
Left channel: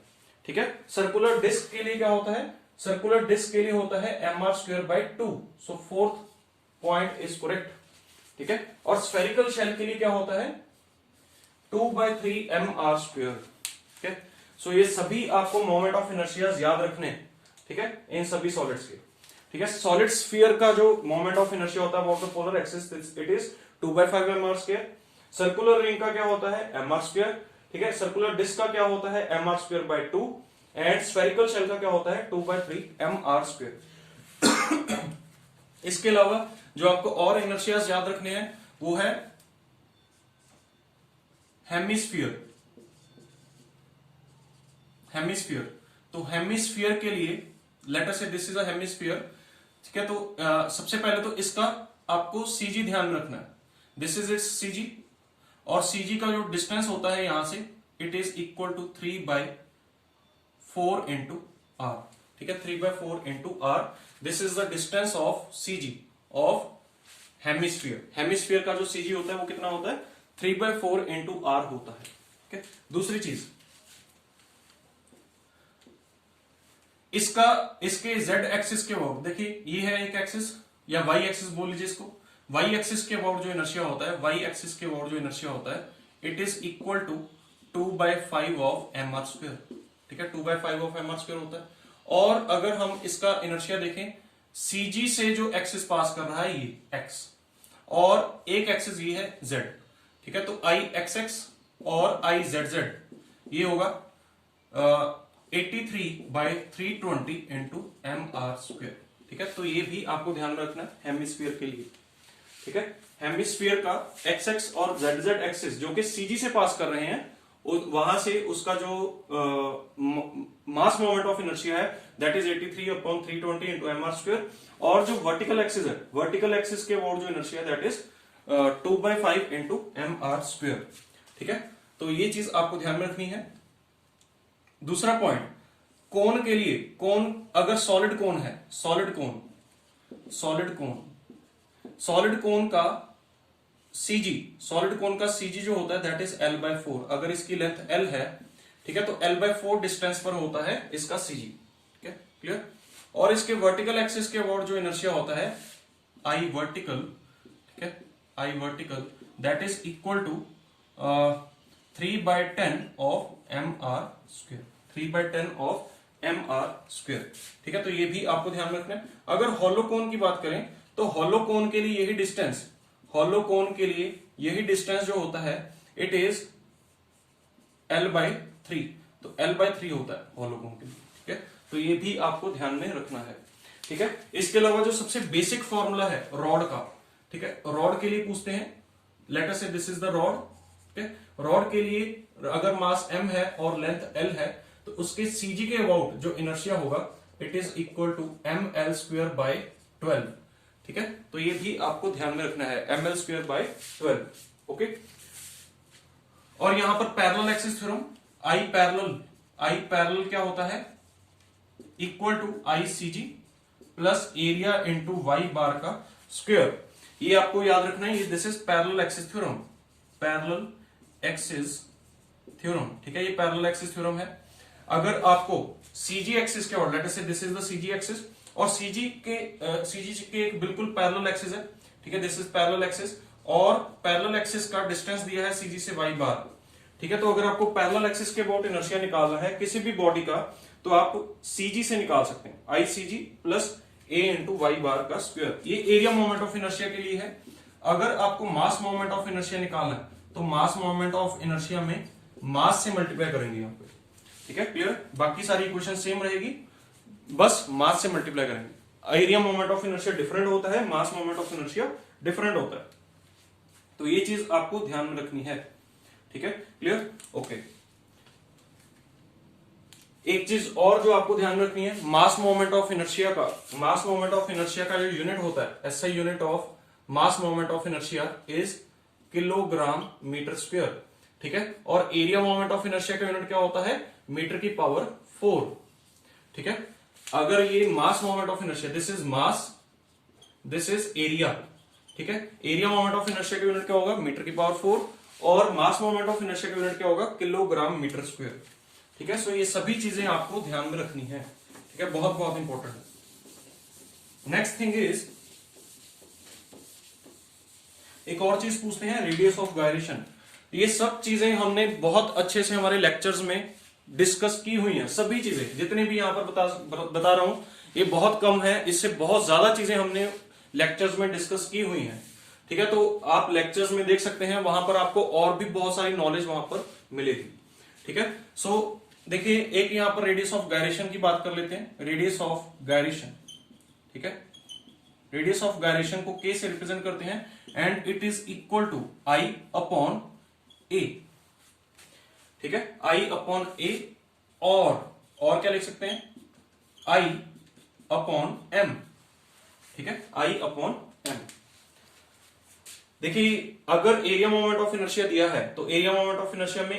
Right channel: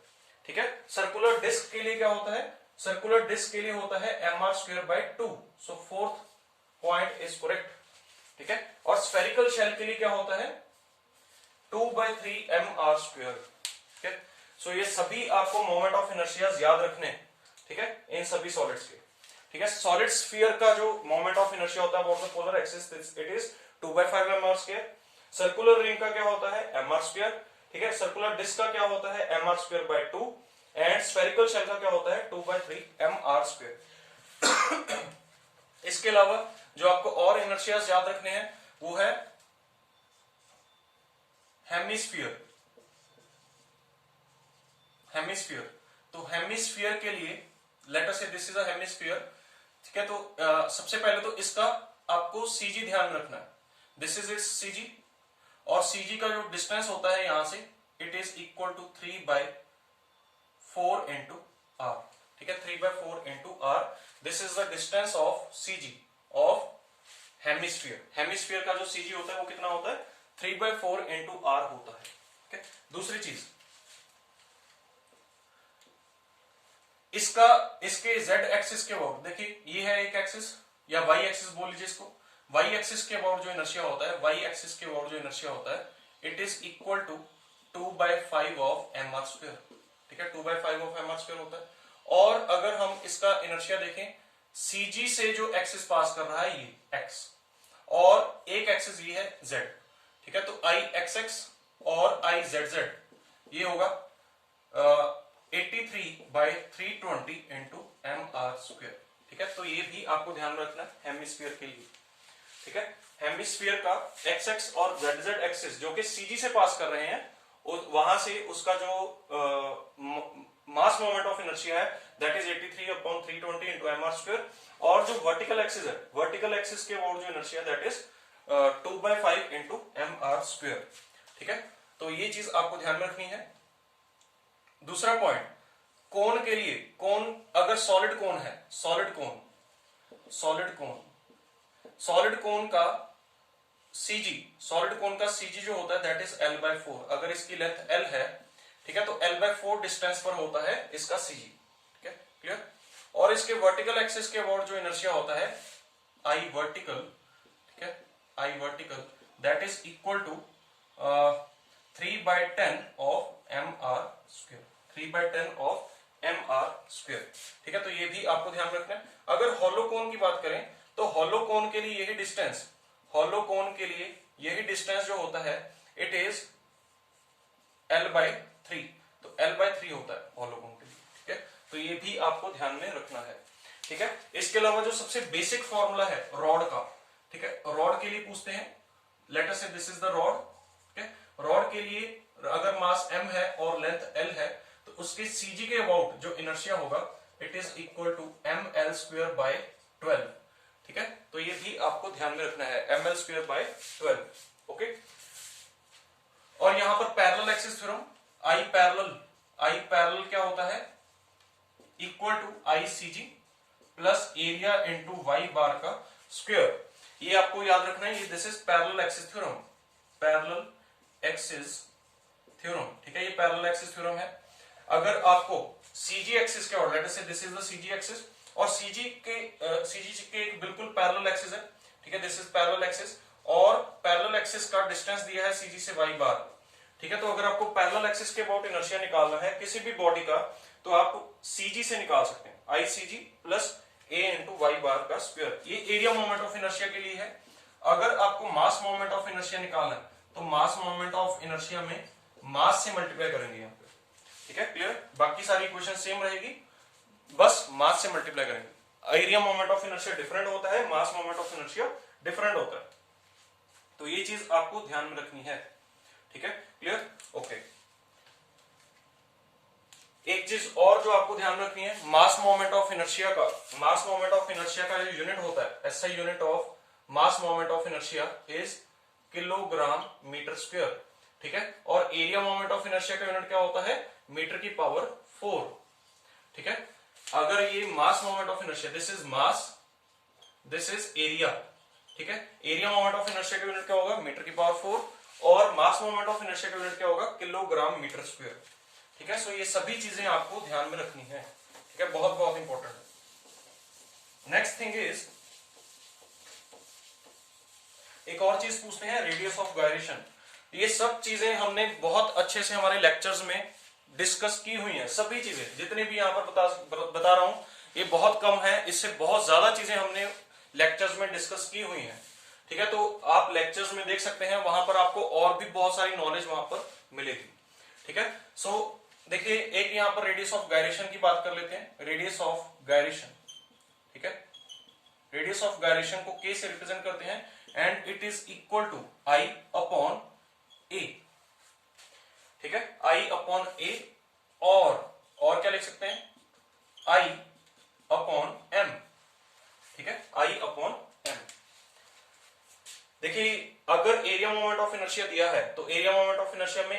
ठीक है, सर्कुलर डिस्क के लिए क्या होता है, सर्कुलर डिस्क के लिए होता है M R square by 2, so fourth point is correct. ठीक है, और स्फेरिकल शेल के लिए क्या होता है 2/3 एम आर स्क्वायर। ठीक है, सो ये सभी आपको मोमेंट ऑफ इनर्शिया याद रखने। ठीक है, इन सभी सॉलिड्स के। ठीक है, सॉलिड स्फीयर का जो मोमेंट ऑफ इनर्शिया होता है about the polar axis it is 2/5 M R square. Circular ring का क्या होता है एम आर स्क्वायर। ठीक है, सर्कुलर डिस्क का क्या होता है M R square by 2 and spherical shell का क्या होता है 2/3 एम आर स्क्वायर। इसके अलावा जो आपको और इनर्शियाज याद रखने हैं वो है हेमिस्फीयर। हेमिस्फीयर, तो हेमिस्फीयर के लिए late us say this is a hemisphere. ठीक है, तो सबसे पहले तो इसका आपको सीजी ध्यान में रखना है, दिस इज इट्स सीजी, और सीजी का जो डिस्टेंस होता है यहां से it is equal to 3/4 into R. ठीक है, 3/4 into R, this is the distance of CG of hemisphere. Hemisphere का जो सीजी होता है वो कितना होता है 3/4 इंटू आर होता है। ठीक है, दूसरी चीज इसके z एक्सिस के अबाउट, देखिए ये है एक एक्सिस या y एक्सिस बोल लीजिए इसको, y एक्सिस के अबाउट जो इनर्शिया होता है, y एक्सिस के अबाउट जो इनर्शिया होता है it is equal to 2/5 of M R square. ठीक है, 2/5 ऑफ एम आर स्क्वायर होता है। और अगर हम इसका इनर्शिया देखें, सीजी से जो एक्सिस पास कर रहा है ये x, और एक एक्सिस ये है z। ठीक है, तो आई एक्स एक्स और आई जेड जेड ये होगा 83/320 इंटू एम आर स्क्वायर। ठीक है, तो ये भी आपको ध्यान रखना है हेमिस्फीयर के लिए। ठीक है, हेमिस्फीयर का एक्स एक्स और जेड जेड एक्सिस जो कि सीजी से पास कर रहे हैं, वहां से उसका जो मास मोमेंट ऑफ इनर्शिया है that is 83/320 into M R square, और जो वर्टिकल एक्सिस है, वर्टिकल एक्सिस के अबाउट जो inertia that is 2/5 into M R square. ठीक है, तो ये चीज आपको ध्यान में रखनी है। दूसरा पॉइंट, कोन के लिए, कोन अगर सॉलिड कोन है, सॉलिड कोन, सॉलिड कोन, सॉलिड कोन का सीजी, सॉलिड कोन का सीजी जो होता है दैट इज l/4। अगर इसकी लेंथ l है, ठीक है, तो l/4 डिस्टेंस पर होता है इसका सीजी। ठीक है, क्लियर। और इसके वर्टिकल एक्सिस के अबाउट जो इनर्शिया होता है आई वर्टिकल, ठीक है, I vertical that is equal to 3/10 of M R square, 3/10 of M R square. ठीक है, तो ये भी आपको ध्यान रखना है। अगर हॉलो कोन की बात करें तो हॉलो कोन के लिए यही डिस्टेंस, हॉलो कोन के लिए यही डिस्टेंस जो होता है इट इज l/3, तो l/3 होता है हॉलो कोन के लिए। ठीक है, तो ये भी आपको ध्यान में रखना है। ठीक है, इसके अलावा जो सबसे बेसिक फॉर्मूला है रॉड का, ठीक है, रॉड के लिए पूछते हैं, late us say this is the rod. ठीक है, रॉड के लिए अगर मास m है और लेंथ l है तो उसके सीजी के अबाउट जो इनर्शिया होगा it is equal to ml²/12। ठीक है, तो ये भी आपको ध्यान में रखना है ml²/12। ओके, और यहां पर parallel axis theorem, I parallel क्या होता है equal to I CG plus area into Y bar का स्क्वायर। ये आपको याद रखना है, ये this is parallel axis theorem, parallel axis theorem. ठीक है, ये पैरेलल एक्सिस थ्योरम है। अगर आपको सीजी एक्सिस के और late us say this is the CG axis, और सीजी के एक बिल्कुल पैरेलल एक्सिस है। ठीक है, दिस इज पैरेलल एक्सिस, और पैरेलल एक्सिस का डिस्टेंस दिया है सीजी से वाई बार। ठीक है, तो अगर आपको पैरेलल एक्सिस के अबाउट इनर्शिया निकालना है किसी भी बॉडी का तो आप सीजी से निकाल सकते हैं, आई सीजी प्लस ए इंटू वाई बार का स्क्वायर। ये एरिया मोमेंट ऑफ इनर्शिया के लिए है। अगर आपको मास मोमेंट ऑफ इनर्शिया निकालना है तो मास मोमेंट ऑफ इनर्शिया में मास से मल्टीप्लाई करेंगे यहाँ पे। ठीक है, क्लियर। बाकी सारी इक्वेशन सेम रहेगी, बस मास से मल्टीप्लाई करेंगे। Area moment of inertia different होता है, मास मोमेंट ऑफ इनर्शिया डिफरेंट होता है। तो ये चीज आपको ध्यान में रखनी है, ठीक है, क्लियर, ओके। एक चीज और जो आपको ध्यान रखनी है, मास मोमेंट ऑफ इनर्शिया का, मास मोमेंट ऑफ इनर्शिया का जो यूनिट होता है, SI unit of mass moment of inertia is kilogram metre square, ठीक है। और एरिया मोमेंट ऑफ इनर्शिया का यूनिट क्या होता है, मीटर की पावर 4, ठीक है। अगर ये मास moment of inertia, this is mass, this is area, ठीक है। एरिया मोमेंट ऑफ इनर्शिया का यूनिट क्या होगा, मीटर की पावर 4, और मास मोमेंट ऑफ इनर्शिया का यूनिट क्या होगा, किलोग्राम मीटर स्क्वायर, ठीक है। सो ये सभी चीजें आपको ध्यान में रखनी है, ठीक है, बहुत बहुत इंपॉर्टेंट है। नेक्स्ट थिंग इज, एक और चीज पूछते हैं, रेडियस ऑफ गायरेशन। ये सब चीजें हमने बहुत अच्छे से हमारे लेक्चर्स में डिस्कस की हुई हैं, सभी चीजें जितने भी यहां पर बता रहा हूं, ये बहुत कम है, इससे बहुत ज्यादा चीजें हमने लेक्चर्स में डिस्कस की हुई हैं, ठीक है। तो आप लेक्चर्स में देख सकते हैं, वहां पर आपको और भी बहुत सारी नॉलेज वहां पर मिलेगी, ठीक है। सो देखिए, एक यहां पर रेडियस ऑफ गायरेशन की बात कर लेते हैं, रेडियस ऑफ गायरेशन, ठीक है। रेडियस ऑफ गायरेशन को के से रिप्रेजेंट करते हैं, and it is equal to I upon A, ठीक है, आई अपॉन ए, और क्या लिख सकते हैं, आई अपॉन एम, ठीक है, आई अपॉन एम। देखिए, अगर एरिया मोमेंट ऑफ इनर्शिया दिया है, तो एरिया मोमेंट ऑफ इनर्शिया में,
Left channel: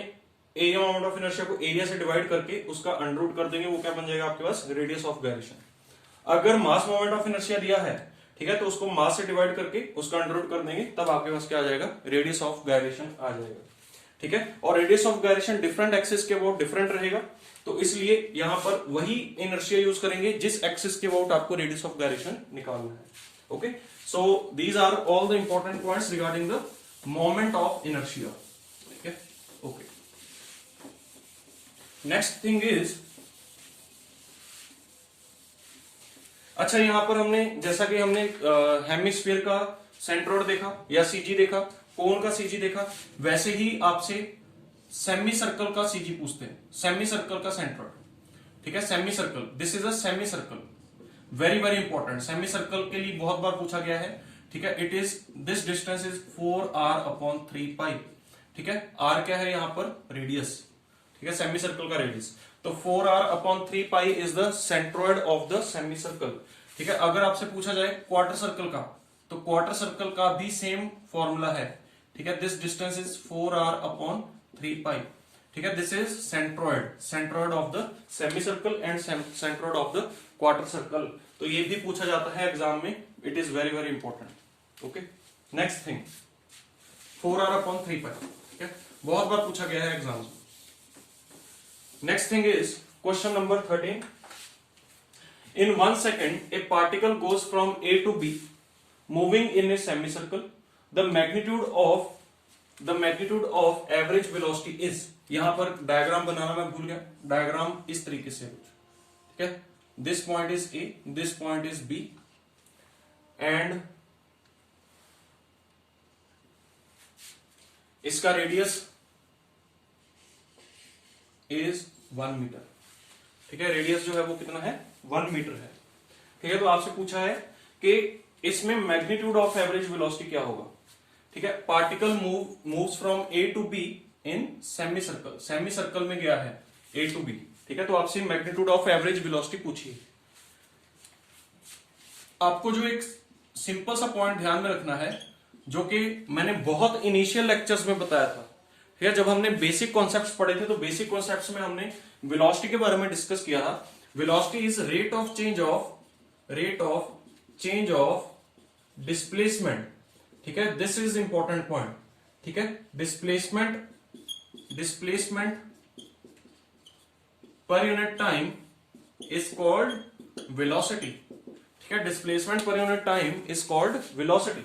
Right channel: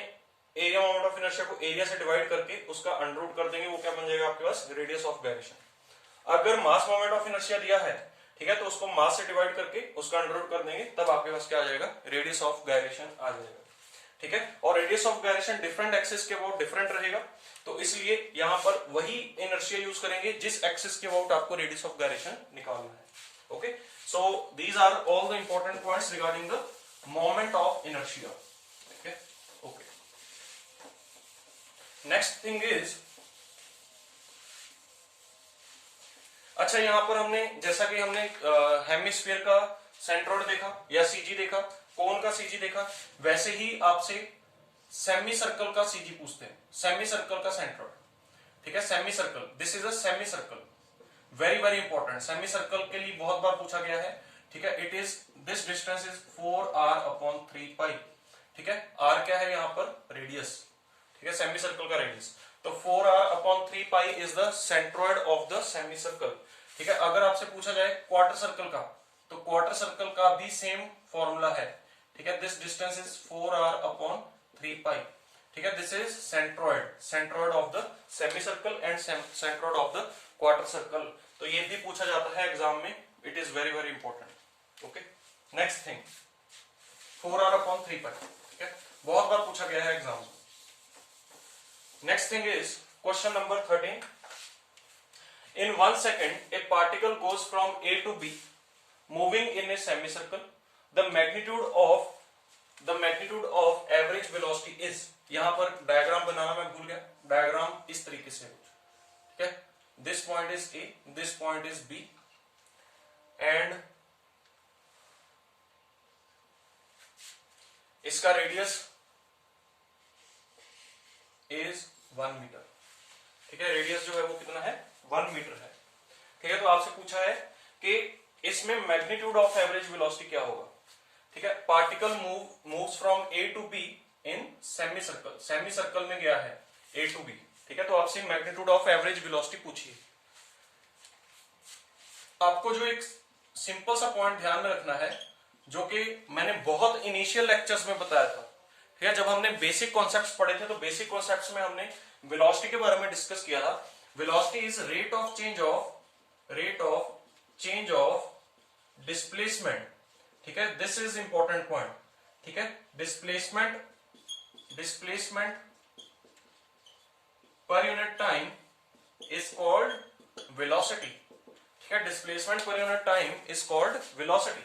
एरिया मोमेंट ऑफ इनर्शिया को एरिया से डिवाइड करके उसका अंडर रूट कर देंगे, वो क्या बन जाएगा आपके पास, रेडियस ऑफ गायरेशन। अगर मास मोमेंट ऑफ इनर्शिया दिया है, ठीक है, तो उसको मास से डिवाइड करके उसका अंडर रूट कर देंगे, तब आपके पास क्या आ जाएगा, रेडियस ऑफ गायरेशन आ जाएगा, ठीक है। और radius of gyration different axis के अबाउट डिफरेंट रहेगा, तो इसलिए यहां पर वही इनर्शिया यूज करेंगे जिस एक्सिस के अबाउट आपको रेडियस ऑफ गायरेशन निकालना है, okay. So these are all the important points regarding the moment of inertia, ठीक है, ओके। नेक्स्ट थिंग इज, अच्छा, यहां पर हमने, जैसा कि हमने हेमिस्फीयर का सेंट्रोइड देखा या सीजी देखा, कोन का सीजी देखा, वैसे ही आपसे सेमी सर्कल का सीजी पूछते हैं, सेमी सर्कल का सेंट्रोइड, ठीक है, semi circle, this is a semi circle, very very important, semi circle के लिए बहुत बार पूछा गया है, ठीक है। It is, this distance is 4r upon 3 पाई, ठीक है। r क्या है यहां पर, रेडियस, ठीक है, सेमी सर्कल का रेडियस, तो 4r upon 3 pi is the centroid of the semi circle, ठीक है। अगर आपसे पूछा जाए क्वार्टर सर्कल का, तो क्वार्टर सर्कल का भी सेम फॉर्मूला है, ठीक है, this distance is 4r upon 3 पाई, ठीक है, this is centroid, centroid of the semi circle and centroid of the quarter circle. तो ये भी पूछा जाता है एग्जाम में, it is very very important, okay. Next thing, 4r upon 3 पाई, ठीक है, बहुत बार पूछा गया है एग्जाम में। Next thing is question number 13, in 1 second a particle goes from A to B moving in a semicircle, the magnitude of average velocity is, यहां पर डायग्राम बनाना मैं भूल गया, डायग्राम इस तरीके से कुछ, ठीक है, this point is A, this point is B, and इसका रेडियस इज 1 मीटर, ठीक है, रेडियस जो है वो कितना है, 1 मीटर है, ठीक है। तो आपसे पूछा है कि इसमें मैग्नीट्यूड ऑफ एवरेज वेलोसिटी क्या होगा, ठीक है। Particle moves from A to B in semicircle, semicircle में गया है ए टू बी, ठीक है। तो आपसे मैग्नीट्यूड ऑफ एवरेज वेलोसिटी पूछिए। आपको जो एक सिंपल सा पॉइंट ध्यान में रखना है, जो कि मैंने बहुत इनिशियल लेक्चर्स में बताया था, ठीक है, जब हमने बेसिक कॉन्सेप्ट्स पढ़े थे, तो बेसिक कॉन्सेप्ट्स में हमने वेलोसिटी के बारे में डिस्कस किया था। Velocity is rate of change of displacement, ठीक है, दिस इज इंपॉर्टेंट पॉइंट, ठीक है। Displacement per unit time is called velocity, ठीक है, displacement per unit time is called velocity,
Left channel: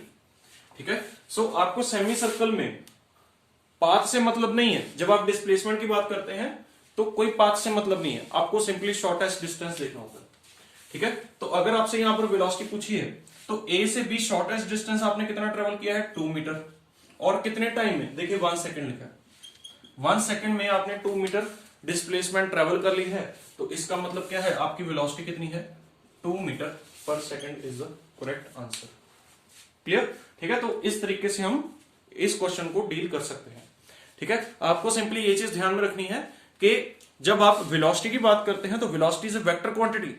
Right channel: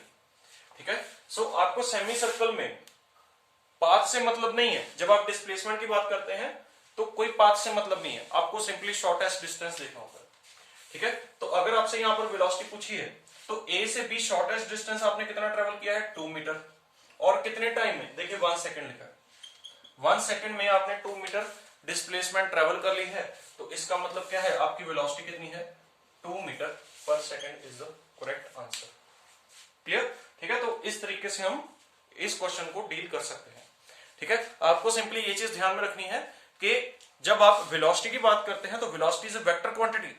ठीक है। सो आपको सेमी सर्कल में पाथ से मतलब नहीं है, जब आप डिस्प्लेसमेंट की बात करते हैं तो कोई पाथ से मतलब नहीं है, आपको सिंपली शॉर्टेस्ट डिस्टेंस देखना होगा, ठीक है। तो अगर आपसे यहां पर वेलोसिटी पूछी है, तो ए से बी शॉर्टेस्ट डिस्टेंस आपने कितना ट्रेवल किया है, 2 मीटर, और कितने टाइम में, देखिए 1 सेकेंड लिखा है, 1 सेकेंड में आपने 2 मीटर डिस्प्लेसमेंट ट्रेवल कर ली है, तो इसका मतलब क्या है, आपकी वेलोसिटी कितनी है, 2 मीटर पर second is the correct answer. Clear? ठीक है, तो इस तरीके से हम इस क्वेश्चन को डील कर सकते हैं। ठीक है, आपको सिंपली ये चीज ध्यान में रखनी है कि जब आप वेलोसिटी की बात करते हैं तो वेलोसिटी इज वेक्टर क्वांटिटी,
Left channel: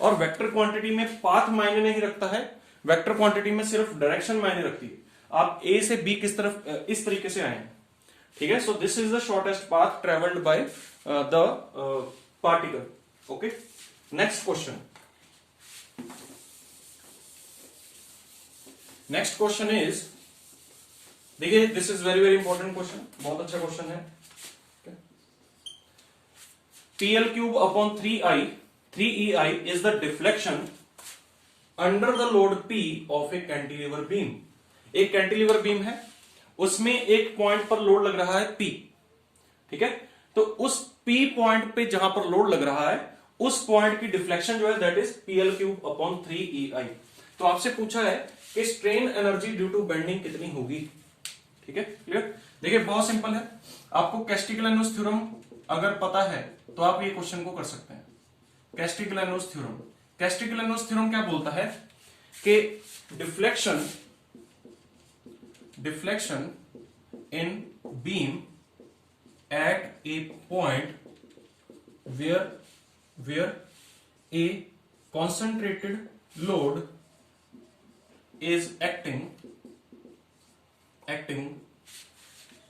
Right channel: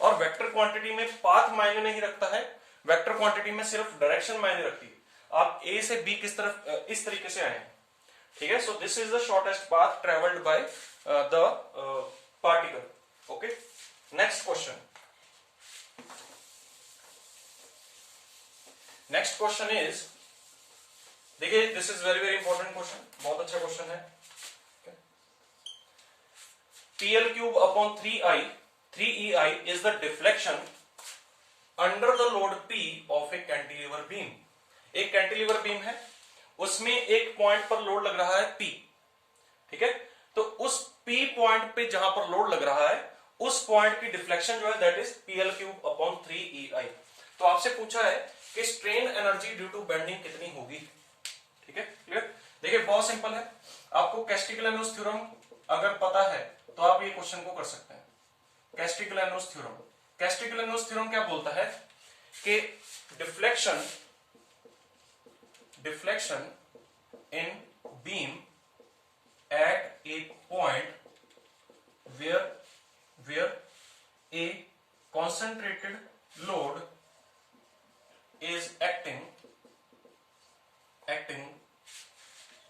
और वेक्टर क्वांटिटी में पाथ मायने नहीं रखता है, वेक्टर क्वांटिटी में सिर्फ डायरेक्शन मायने रखती है। आप ए से बी किस तरफ इस तरीके से आए हैं। ठीक है, so this is the shortest path travelled by the particle. Okay, next question. Next question is, देखिए this is very very important question, बहुत अच्छा क्वेश्चन है। PL cube upon 3EI is the deflection under the load P of a cantilever beam। एक कैंटिलीवर बीम है, उसमें एक पॉइंट पर लोड लग रहा है P। ठीक है, तो उस P पॉइंट पे जहां पर लोड लग रहा है उस पॉइंट की डिफ्लेक्शन जो है that is PL cube upon 3EI। तो आपसे पूछा है कि strain energy due to bending कितनी होगी। ठीक है, क्लियर? देखिए बहुत सिंपल है, आपको कैस्टिग्लियानोस थ्योरम अगर पता है तो आप ये क्वेश्चन को कर सकते हैं। कैस्टिग्लियानोस थ्योरम, कैस्टिग्लियानोस थ्योरम क्या बोलता है कि deflection in beam at a point where a concentrated load is acting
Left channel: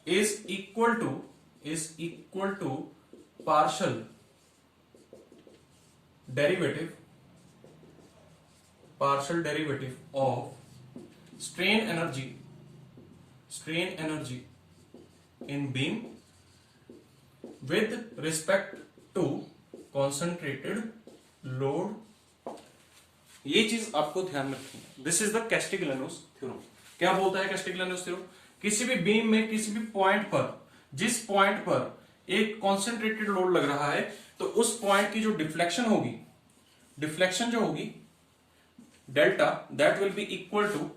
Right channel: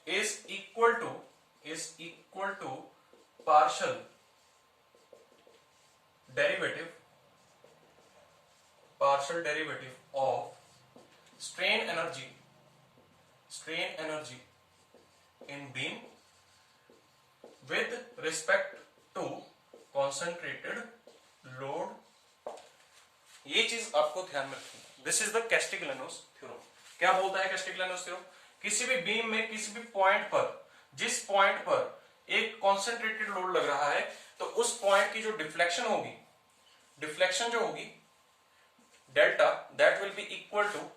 is equal to partial derivative of strain energy in beam with respect to concentrated load। ये चीज आपको ध्यान में रखनी है। This is the Castigliano's theorem. क्या बोलता है कैस्टिग्लियानोस थ्योरम? किसी भी बीम में किसी भी पॉइंट पर, जिस पॉइंट पर एक कॉन्सेंट्रेटेड लोड लग रहा है तो उस पॉइंट की जो डिफ्लेक्शन होगी, डिफ्लेक्शन जो होगी delta, that will be equal to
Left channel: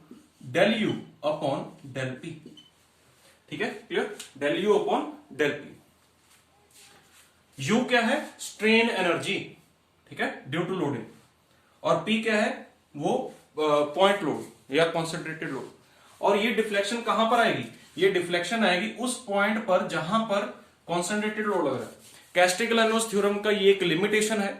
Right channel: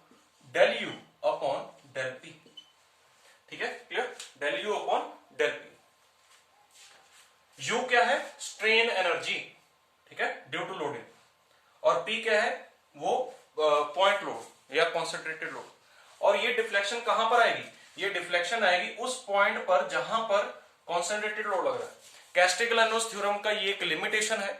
del U upon del P. ठीक है, clear? Del U upon del P. U क्या है? स्ट्रेन एनर्जी, ठीक है, ड्यू टू लोडिंग, और P क्या है? वो पॉइंट लोड या कॉन्सेंट्रेटेड लोड। और ये डिफ्लेक्शन कहां पर आएगी? ये डिफ्लेक्शन आएगी उस पॉइंट पर जहां पर कॉन्सेंट्रेटेड लोड लग रहा है। कैस्टिग्लियानोस थ्योरम का ये एक लिमिटेशन है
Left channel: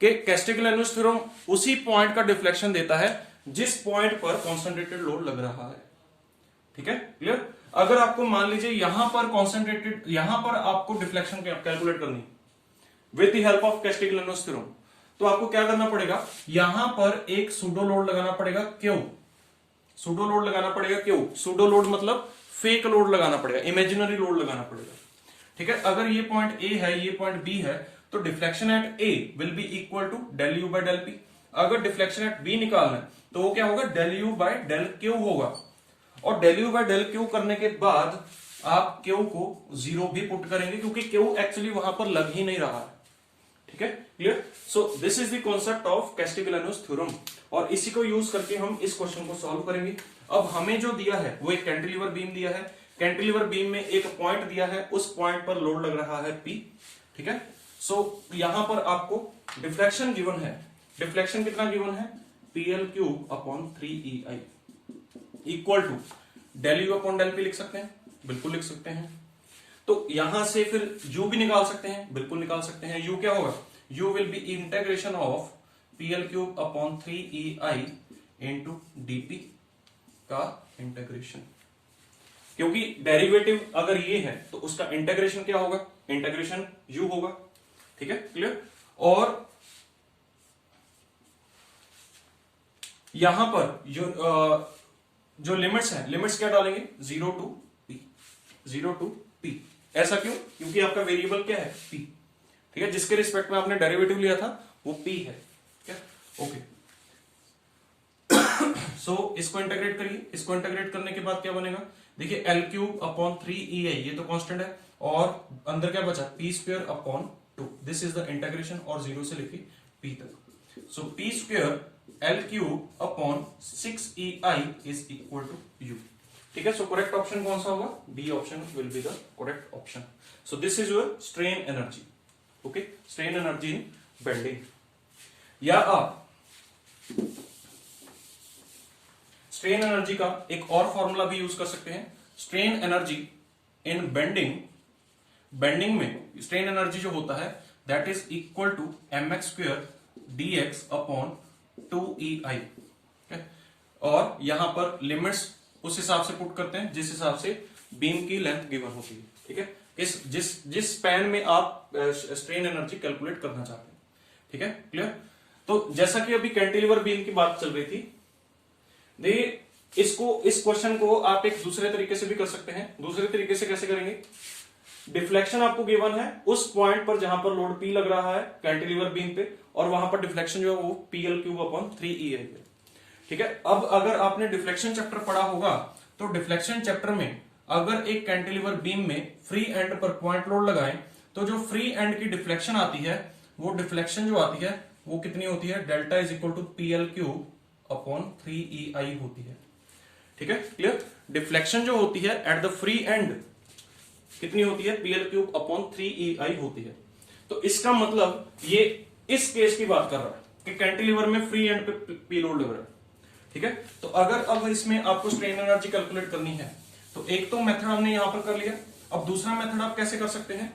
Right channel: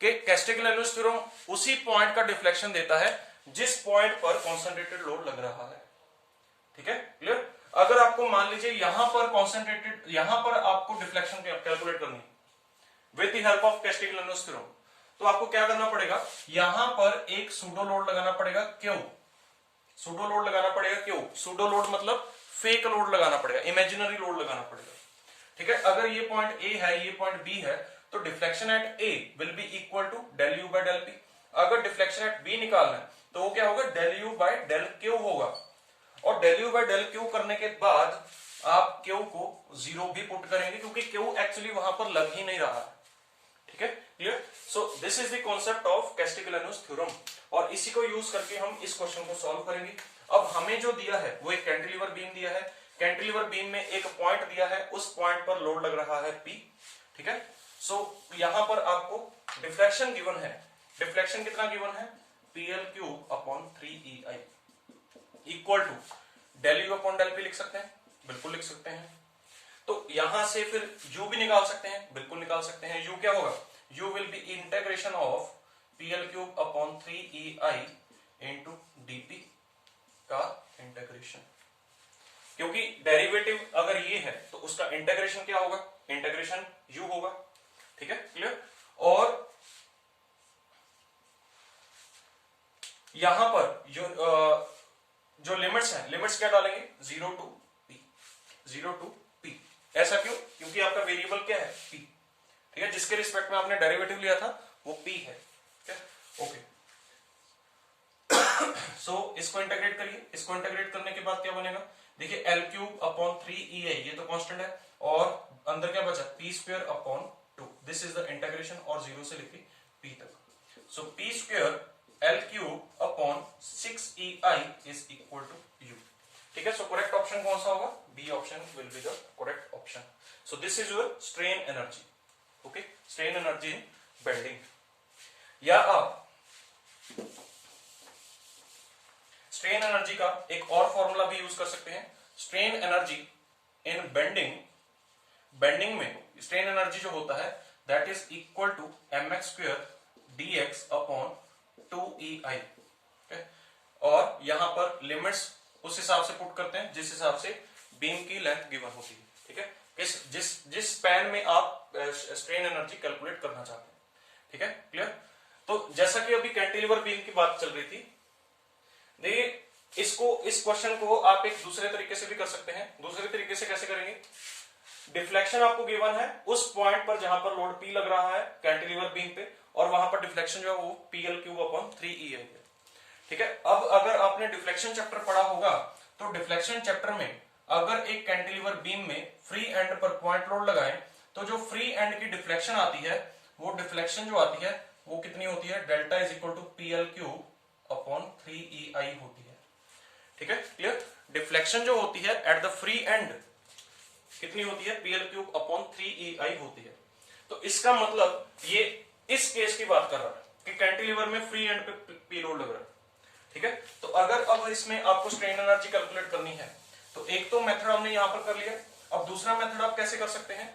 कि कैस्टिग्लियानोस थ्योरम उसी पॉइंट का डिफ्लेक्शन देता है जिस पॉइंट पर कॉन्सेंट्रेटेड लोड लग रहा है। ठीक है, क्लियर? अगर आपको मान लीजिए यहां पर कॉन्सेंट्रेटेड, यहां पर आपको डिफ्लेक्शन कैलकुलेट करनी with the help of Castigliano's theorem, तो आपको क्या करना पड़ेगा? यहां पर एक सूडो लोड लगाना पड़ेगा। क्यों सूडो लोड लगाना पड़ेगा? क्यों सूडो लोड मतलब फेक लोड लगाना पड़ेगा, इमेजिनरी लोड लगाना पड़ेगा। ठीक है, अगर ये पॉइंट ए है, ये पॉइंट बी है, तो deflection at A will be equal to del U by del P. अगर डिफ्लेक्शन एट बी निकालना है तो वो क्या होगा? Del U by del Q होगा। और del U by del Q करने के बाद आप क्यू को जीरो भी पुट करेंगे क्योंकि क्यू एक्चुअली वहां पर लग ही नहीं रहा है। ठीक है, clear? So this is the concept of Castigliano's theorem, और इसी को यूज करके हम इस क्वेश्चन को सॉल्व करेंगे। अब हमें जो दिया है वो एक कैंटिलीवर बीम दिया है, कैंटिलीवर बीम में एक पॉइंट दिया है, उस पॉइंट पर लोड लग रहा है P। ठीक है, सो यहां पर आपको डिफ्लेक्शन गिवन है। डिफ्लेक्शन कितना गिवन है? PL cube upon 3EI equal to del U upon del P. लिख सकते हैं? बिल्कुल लिख सकते हैं। तो यहां से फिर u भी निकाल सकते हैं? बिल्कुल निकाल सकते हैं। u क्या होगा? u will be integration of PL cube upon 3EI into dp का इंटीग्रेशन, क्योंकि डेरिवेटिव अगर ये है तो उसका इंटीग्रेशन क्या होगा? इंटीग्रेशन u होगा। ठीक है, क्लियर? और यहां पर जो लिमिट्स हैं, लिमिट्स क्या डालेंगे? 0 टू p, 0 टू p। ऐसा क्यों? क्योंकि आपका वेरिएबल क्या है? p। ठीक है, जिसके रिस्पेक्ट में आपने डेरिवेटिव लिया था वो p है। ओके, सो इसको इंटीग्रेट करिए। इसको इंटीग्रेट करने के बाद क्या बनेगा? देखिए L क्यूब अपॉन 3EI, ये तो कांस्टेंट है, और अंदर क्या बचा? p square upon 2। This is the integration, और 0 से लेके p तक। सो p square L cube upon 6EI is equal to u। ठीक है, सो करेक्ट ऑप्शन कौन सा होगा? B option will be the correct option. So this is your strain energy. Okay, strain energy in bending. या आप स्ट्रेन एनर्जी का एक और फॉर्मूला भी यूज कर सकते हैं। स्ट्रेन एनर्जी इन बेंडिंग में स्ट्रेन एनर्जी जो होता है that is equal to mx² dx upon 2EI। और यहां पर लिमिट्स उस हिसाब से पुट करते हैं जिस हिसाब से बीम की लेंथ गिवन होती है। ठीक है, जिस स्पैन में आप स्ट्रेन एनर्जी कैलकुलेट करना चाहते हैं। ठीक है, क्लियर। तो जैसा कि अभी कैंटिलीवर बीम की बात चल रही थी, देखिए इस क्वेश्चन को आप एक दूसरे तरीके से भी कर सकते हैं। दूसरे तरीके से कैसे करेंगे? डिफ्लेक्शन आपको गिवन है उस पॉइंट पर जहां पर लोड P लग रहा है कैंटिलीवर बीम पे, और वहां पर डिफ्लेक्शन जो है वो PL³ अपॉन 3EI है। ठीक है, अब अगर आपने डिफ्लेक्शन चैप्टर पढ़ा होगा तो डिफ्लेक्शन चैप्टर में अगर एक कैंटिलीवर बीम में फ्री एंड पर पॉइंट लोड लगाएं तो जो फ्री एंड की डिफ्लेक्शन आती है वो डिफ्लेक्शन जो आती है वो कितनी होती है? Delta is equal to PL³ upon 3EI होती है। ठीक है, क्लियर। डिफ्लेक्शन जो होती है एट द फ्री एंड कितनी होती है? PL³ अपॉन 3EI होती है। तो इसका मतलब ये इस केस की बात कर रहा है कि कैंटिलीवर में फ्री एंड पे P लोड लग रहा है। ठीक है, तो अगर अब इसमें आपको स्ट्रेन एनर्जी कैलकुलेट करनी है तो एक तो मेथड हमने यहां पर कर लिया। अब दूसरा मेथड आप कैसे कर सकते हैं?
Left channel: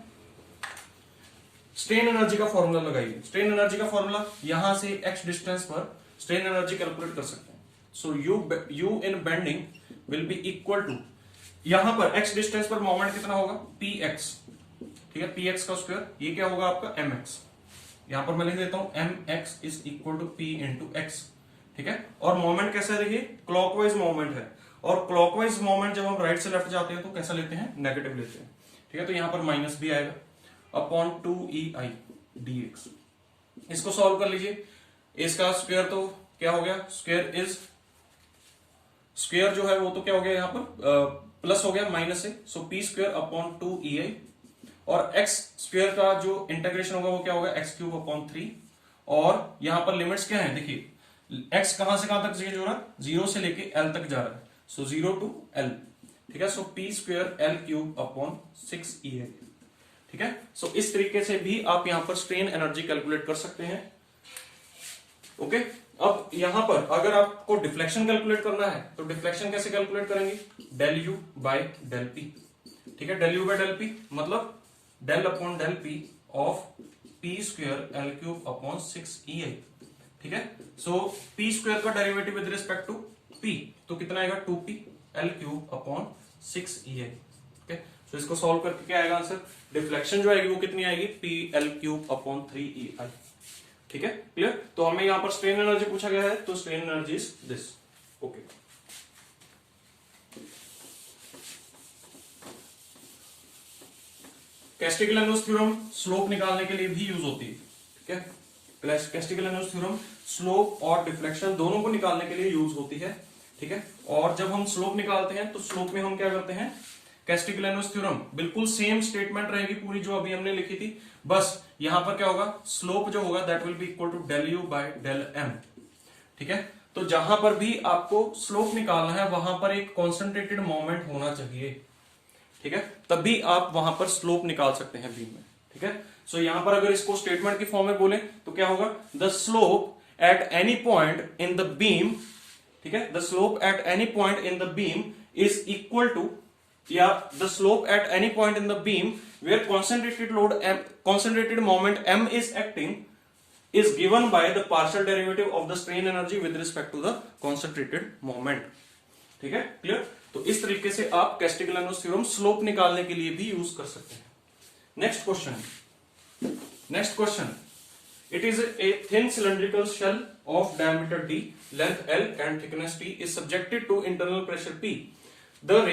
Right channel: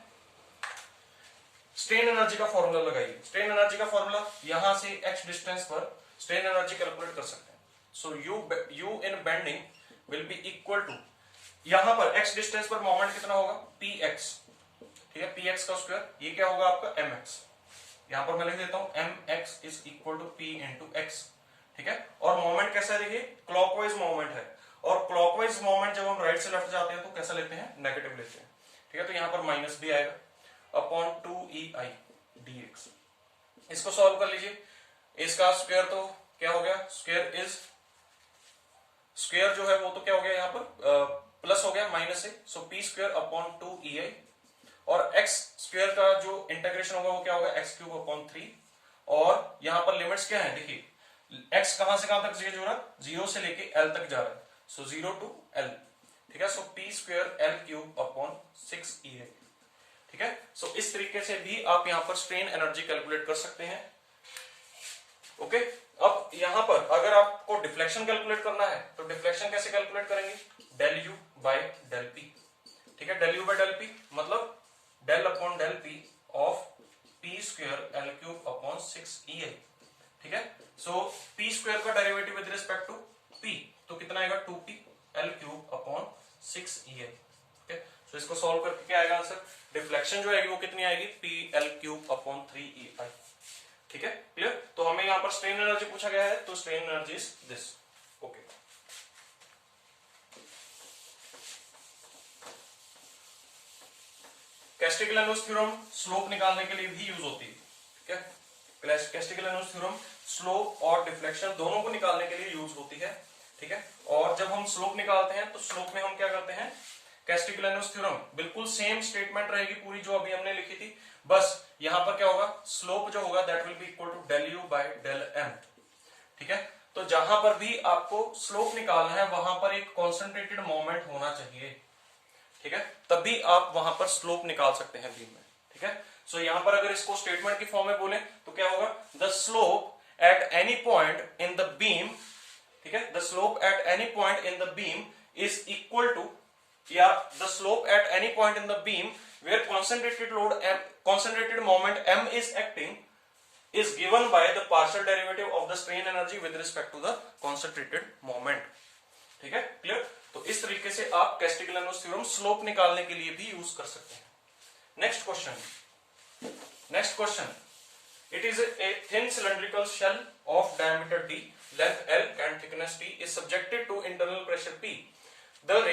स्ट्रेन एनर्जी का फॉर्मूला लगाइए। स्ट्रेन एनर्जी का फॉर्मूला यहां से x डिस्टेंस पर स्ट्रेन एनर्जी कैलकुलेट कर सकते हैं। So u in bending will be equal to, यहां पर x डिस्टेंस पर मोमेंट कितना होगा? px। ठीक है, px का स्क्वायर, ये क्या होगा आपका? mx। यहां पर मैं लिख देता हूं mx is equal to p into x। ठीक है, और मोमेंट कैसा है? देखिए क्लॉकवाइज मोमेंट है, और क्लॉकवाइज मोमेंट जब हम राइट से लेफ्ट जाते हैं तो कैसा लेते हैं? नेगेटिव लेते हैं। ठीक है, तो यहां पर माइनस भी आएगा अपॉन 2EI dx। इसको सॉल्व कर लीजिए। इसका स्क्वायर तो क्या हो गया? स्क्वायर जो है वो तो क्या हो गया? यहां पर प्लस हो गया माइनस से, सो p² अपॉन 2EI, और x स्क्वायर का जो इंटीग्रेशन होगा वो क्या होगा? x³ upon 3। और यहां पर लिमिट्स क्या है? देखिए x कहां से कहां तक चेंज हो रहा है? 0 से लेके l तक जा रहा है, सो 0 टू l। ठीक है, so p² L³ upon 6EI। ठीक है, सो इस तरीके से भी आप यहां पर स्ट्रेन एनर्जी कैलकुलेट कर सकते हैं। ओके, अब यहां पर अगर आपको डिफ्लेक्शन कैलकुलेट करना है तो डिफ्लेक्शन कैसे कैलकुलेट करेंगे? Del u by del p। ठीक है, del u by del p मतलब del upon del p of p² L³ upon 6EI। ठीक है, सो p² का derivative with respect to p तो कितना आएगा? 2p L³ upon 6EI। ठीक है, सो इसको सॉल्व करके क्या आएगा आंसर? डिफ्लेक्शन जो आएगी वो कितनी आएगी? PL³ upon 3EI। ठीक है, क्लियर। तो हमें यहां पर स्ट्रेन एनर्जी पूछा गया है, तो strain energy is this. Okay, Castigliano's theorem slope निकालने के लिए भी यूज होती है। ठीक है, कैस्टिग्लियानोस थ्योरम स्लोप और डिफ्लेक्शन दोनों को निकालने के लिए यूज होती है। ठीक है, और जब हम स्लोप निकालते हैं तो स्लोप में हम क्या करते हैं? कैस्टिग्लियानोस थ्योरम बिल्कुल सेम स्टेटमेंट रहेगी पूरी जो अभी हमने लिखी थी, बस यहां पर क्या होगा? स्लोप जो होगा that will be equal to del u by del m। ठीक है, तो जहां पर भी आपको स्लोप निकालना है वहां पर एक कॉन्सेंट्रेटेड मोमेंट होना चाहिए। ठीक है, तभी आप वहां पर स्लोप निकाल सकते हैं बीम में। ठीक है, सो यहां पर अगर इसको स्टेटमेंट की फॉर्म में बोले तो क्या होगा? The slope at any point in the beam, ठीक है, the slope at any point in the beam is equal to, या the slope at any point in the beam where concentrated moment m is acting is given by the partial derivative of the strain energy with respect to the concentrated moment। ठीक है, क्लियर। तो इस तरीके से आप कैस्टिग्लियानोस थ्योरम स्लोप निकालने के लिए भी यूज कर सकते हैं। Next question, it is a thin cylindrical shell of diameter d, length L and thickness P is subjected to internal pressure P. The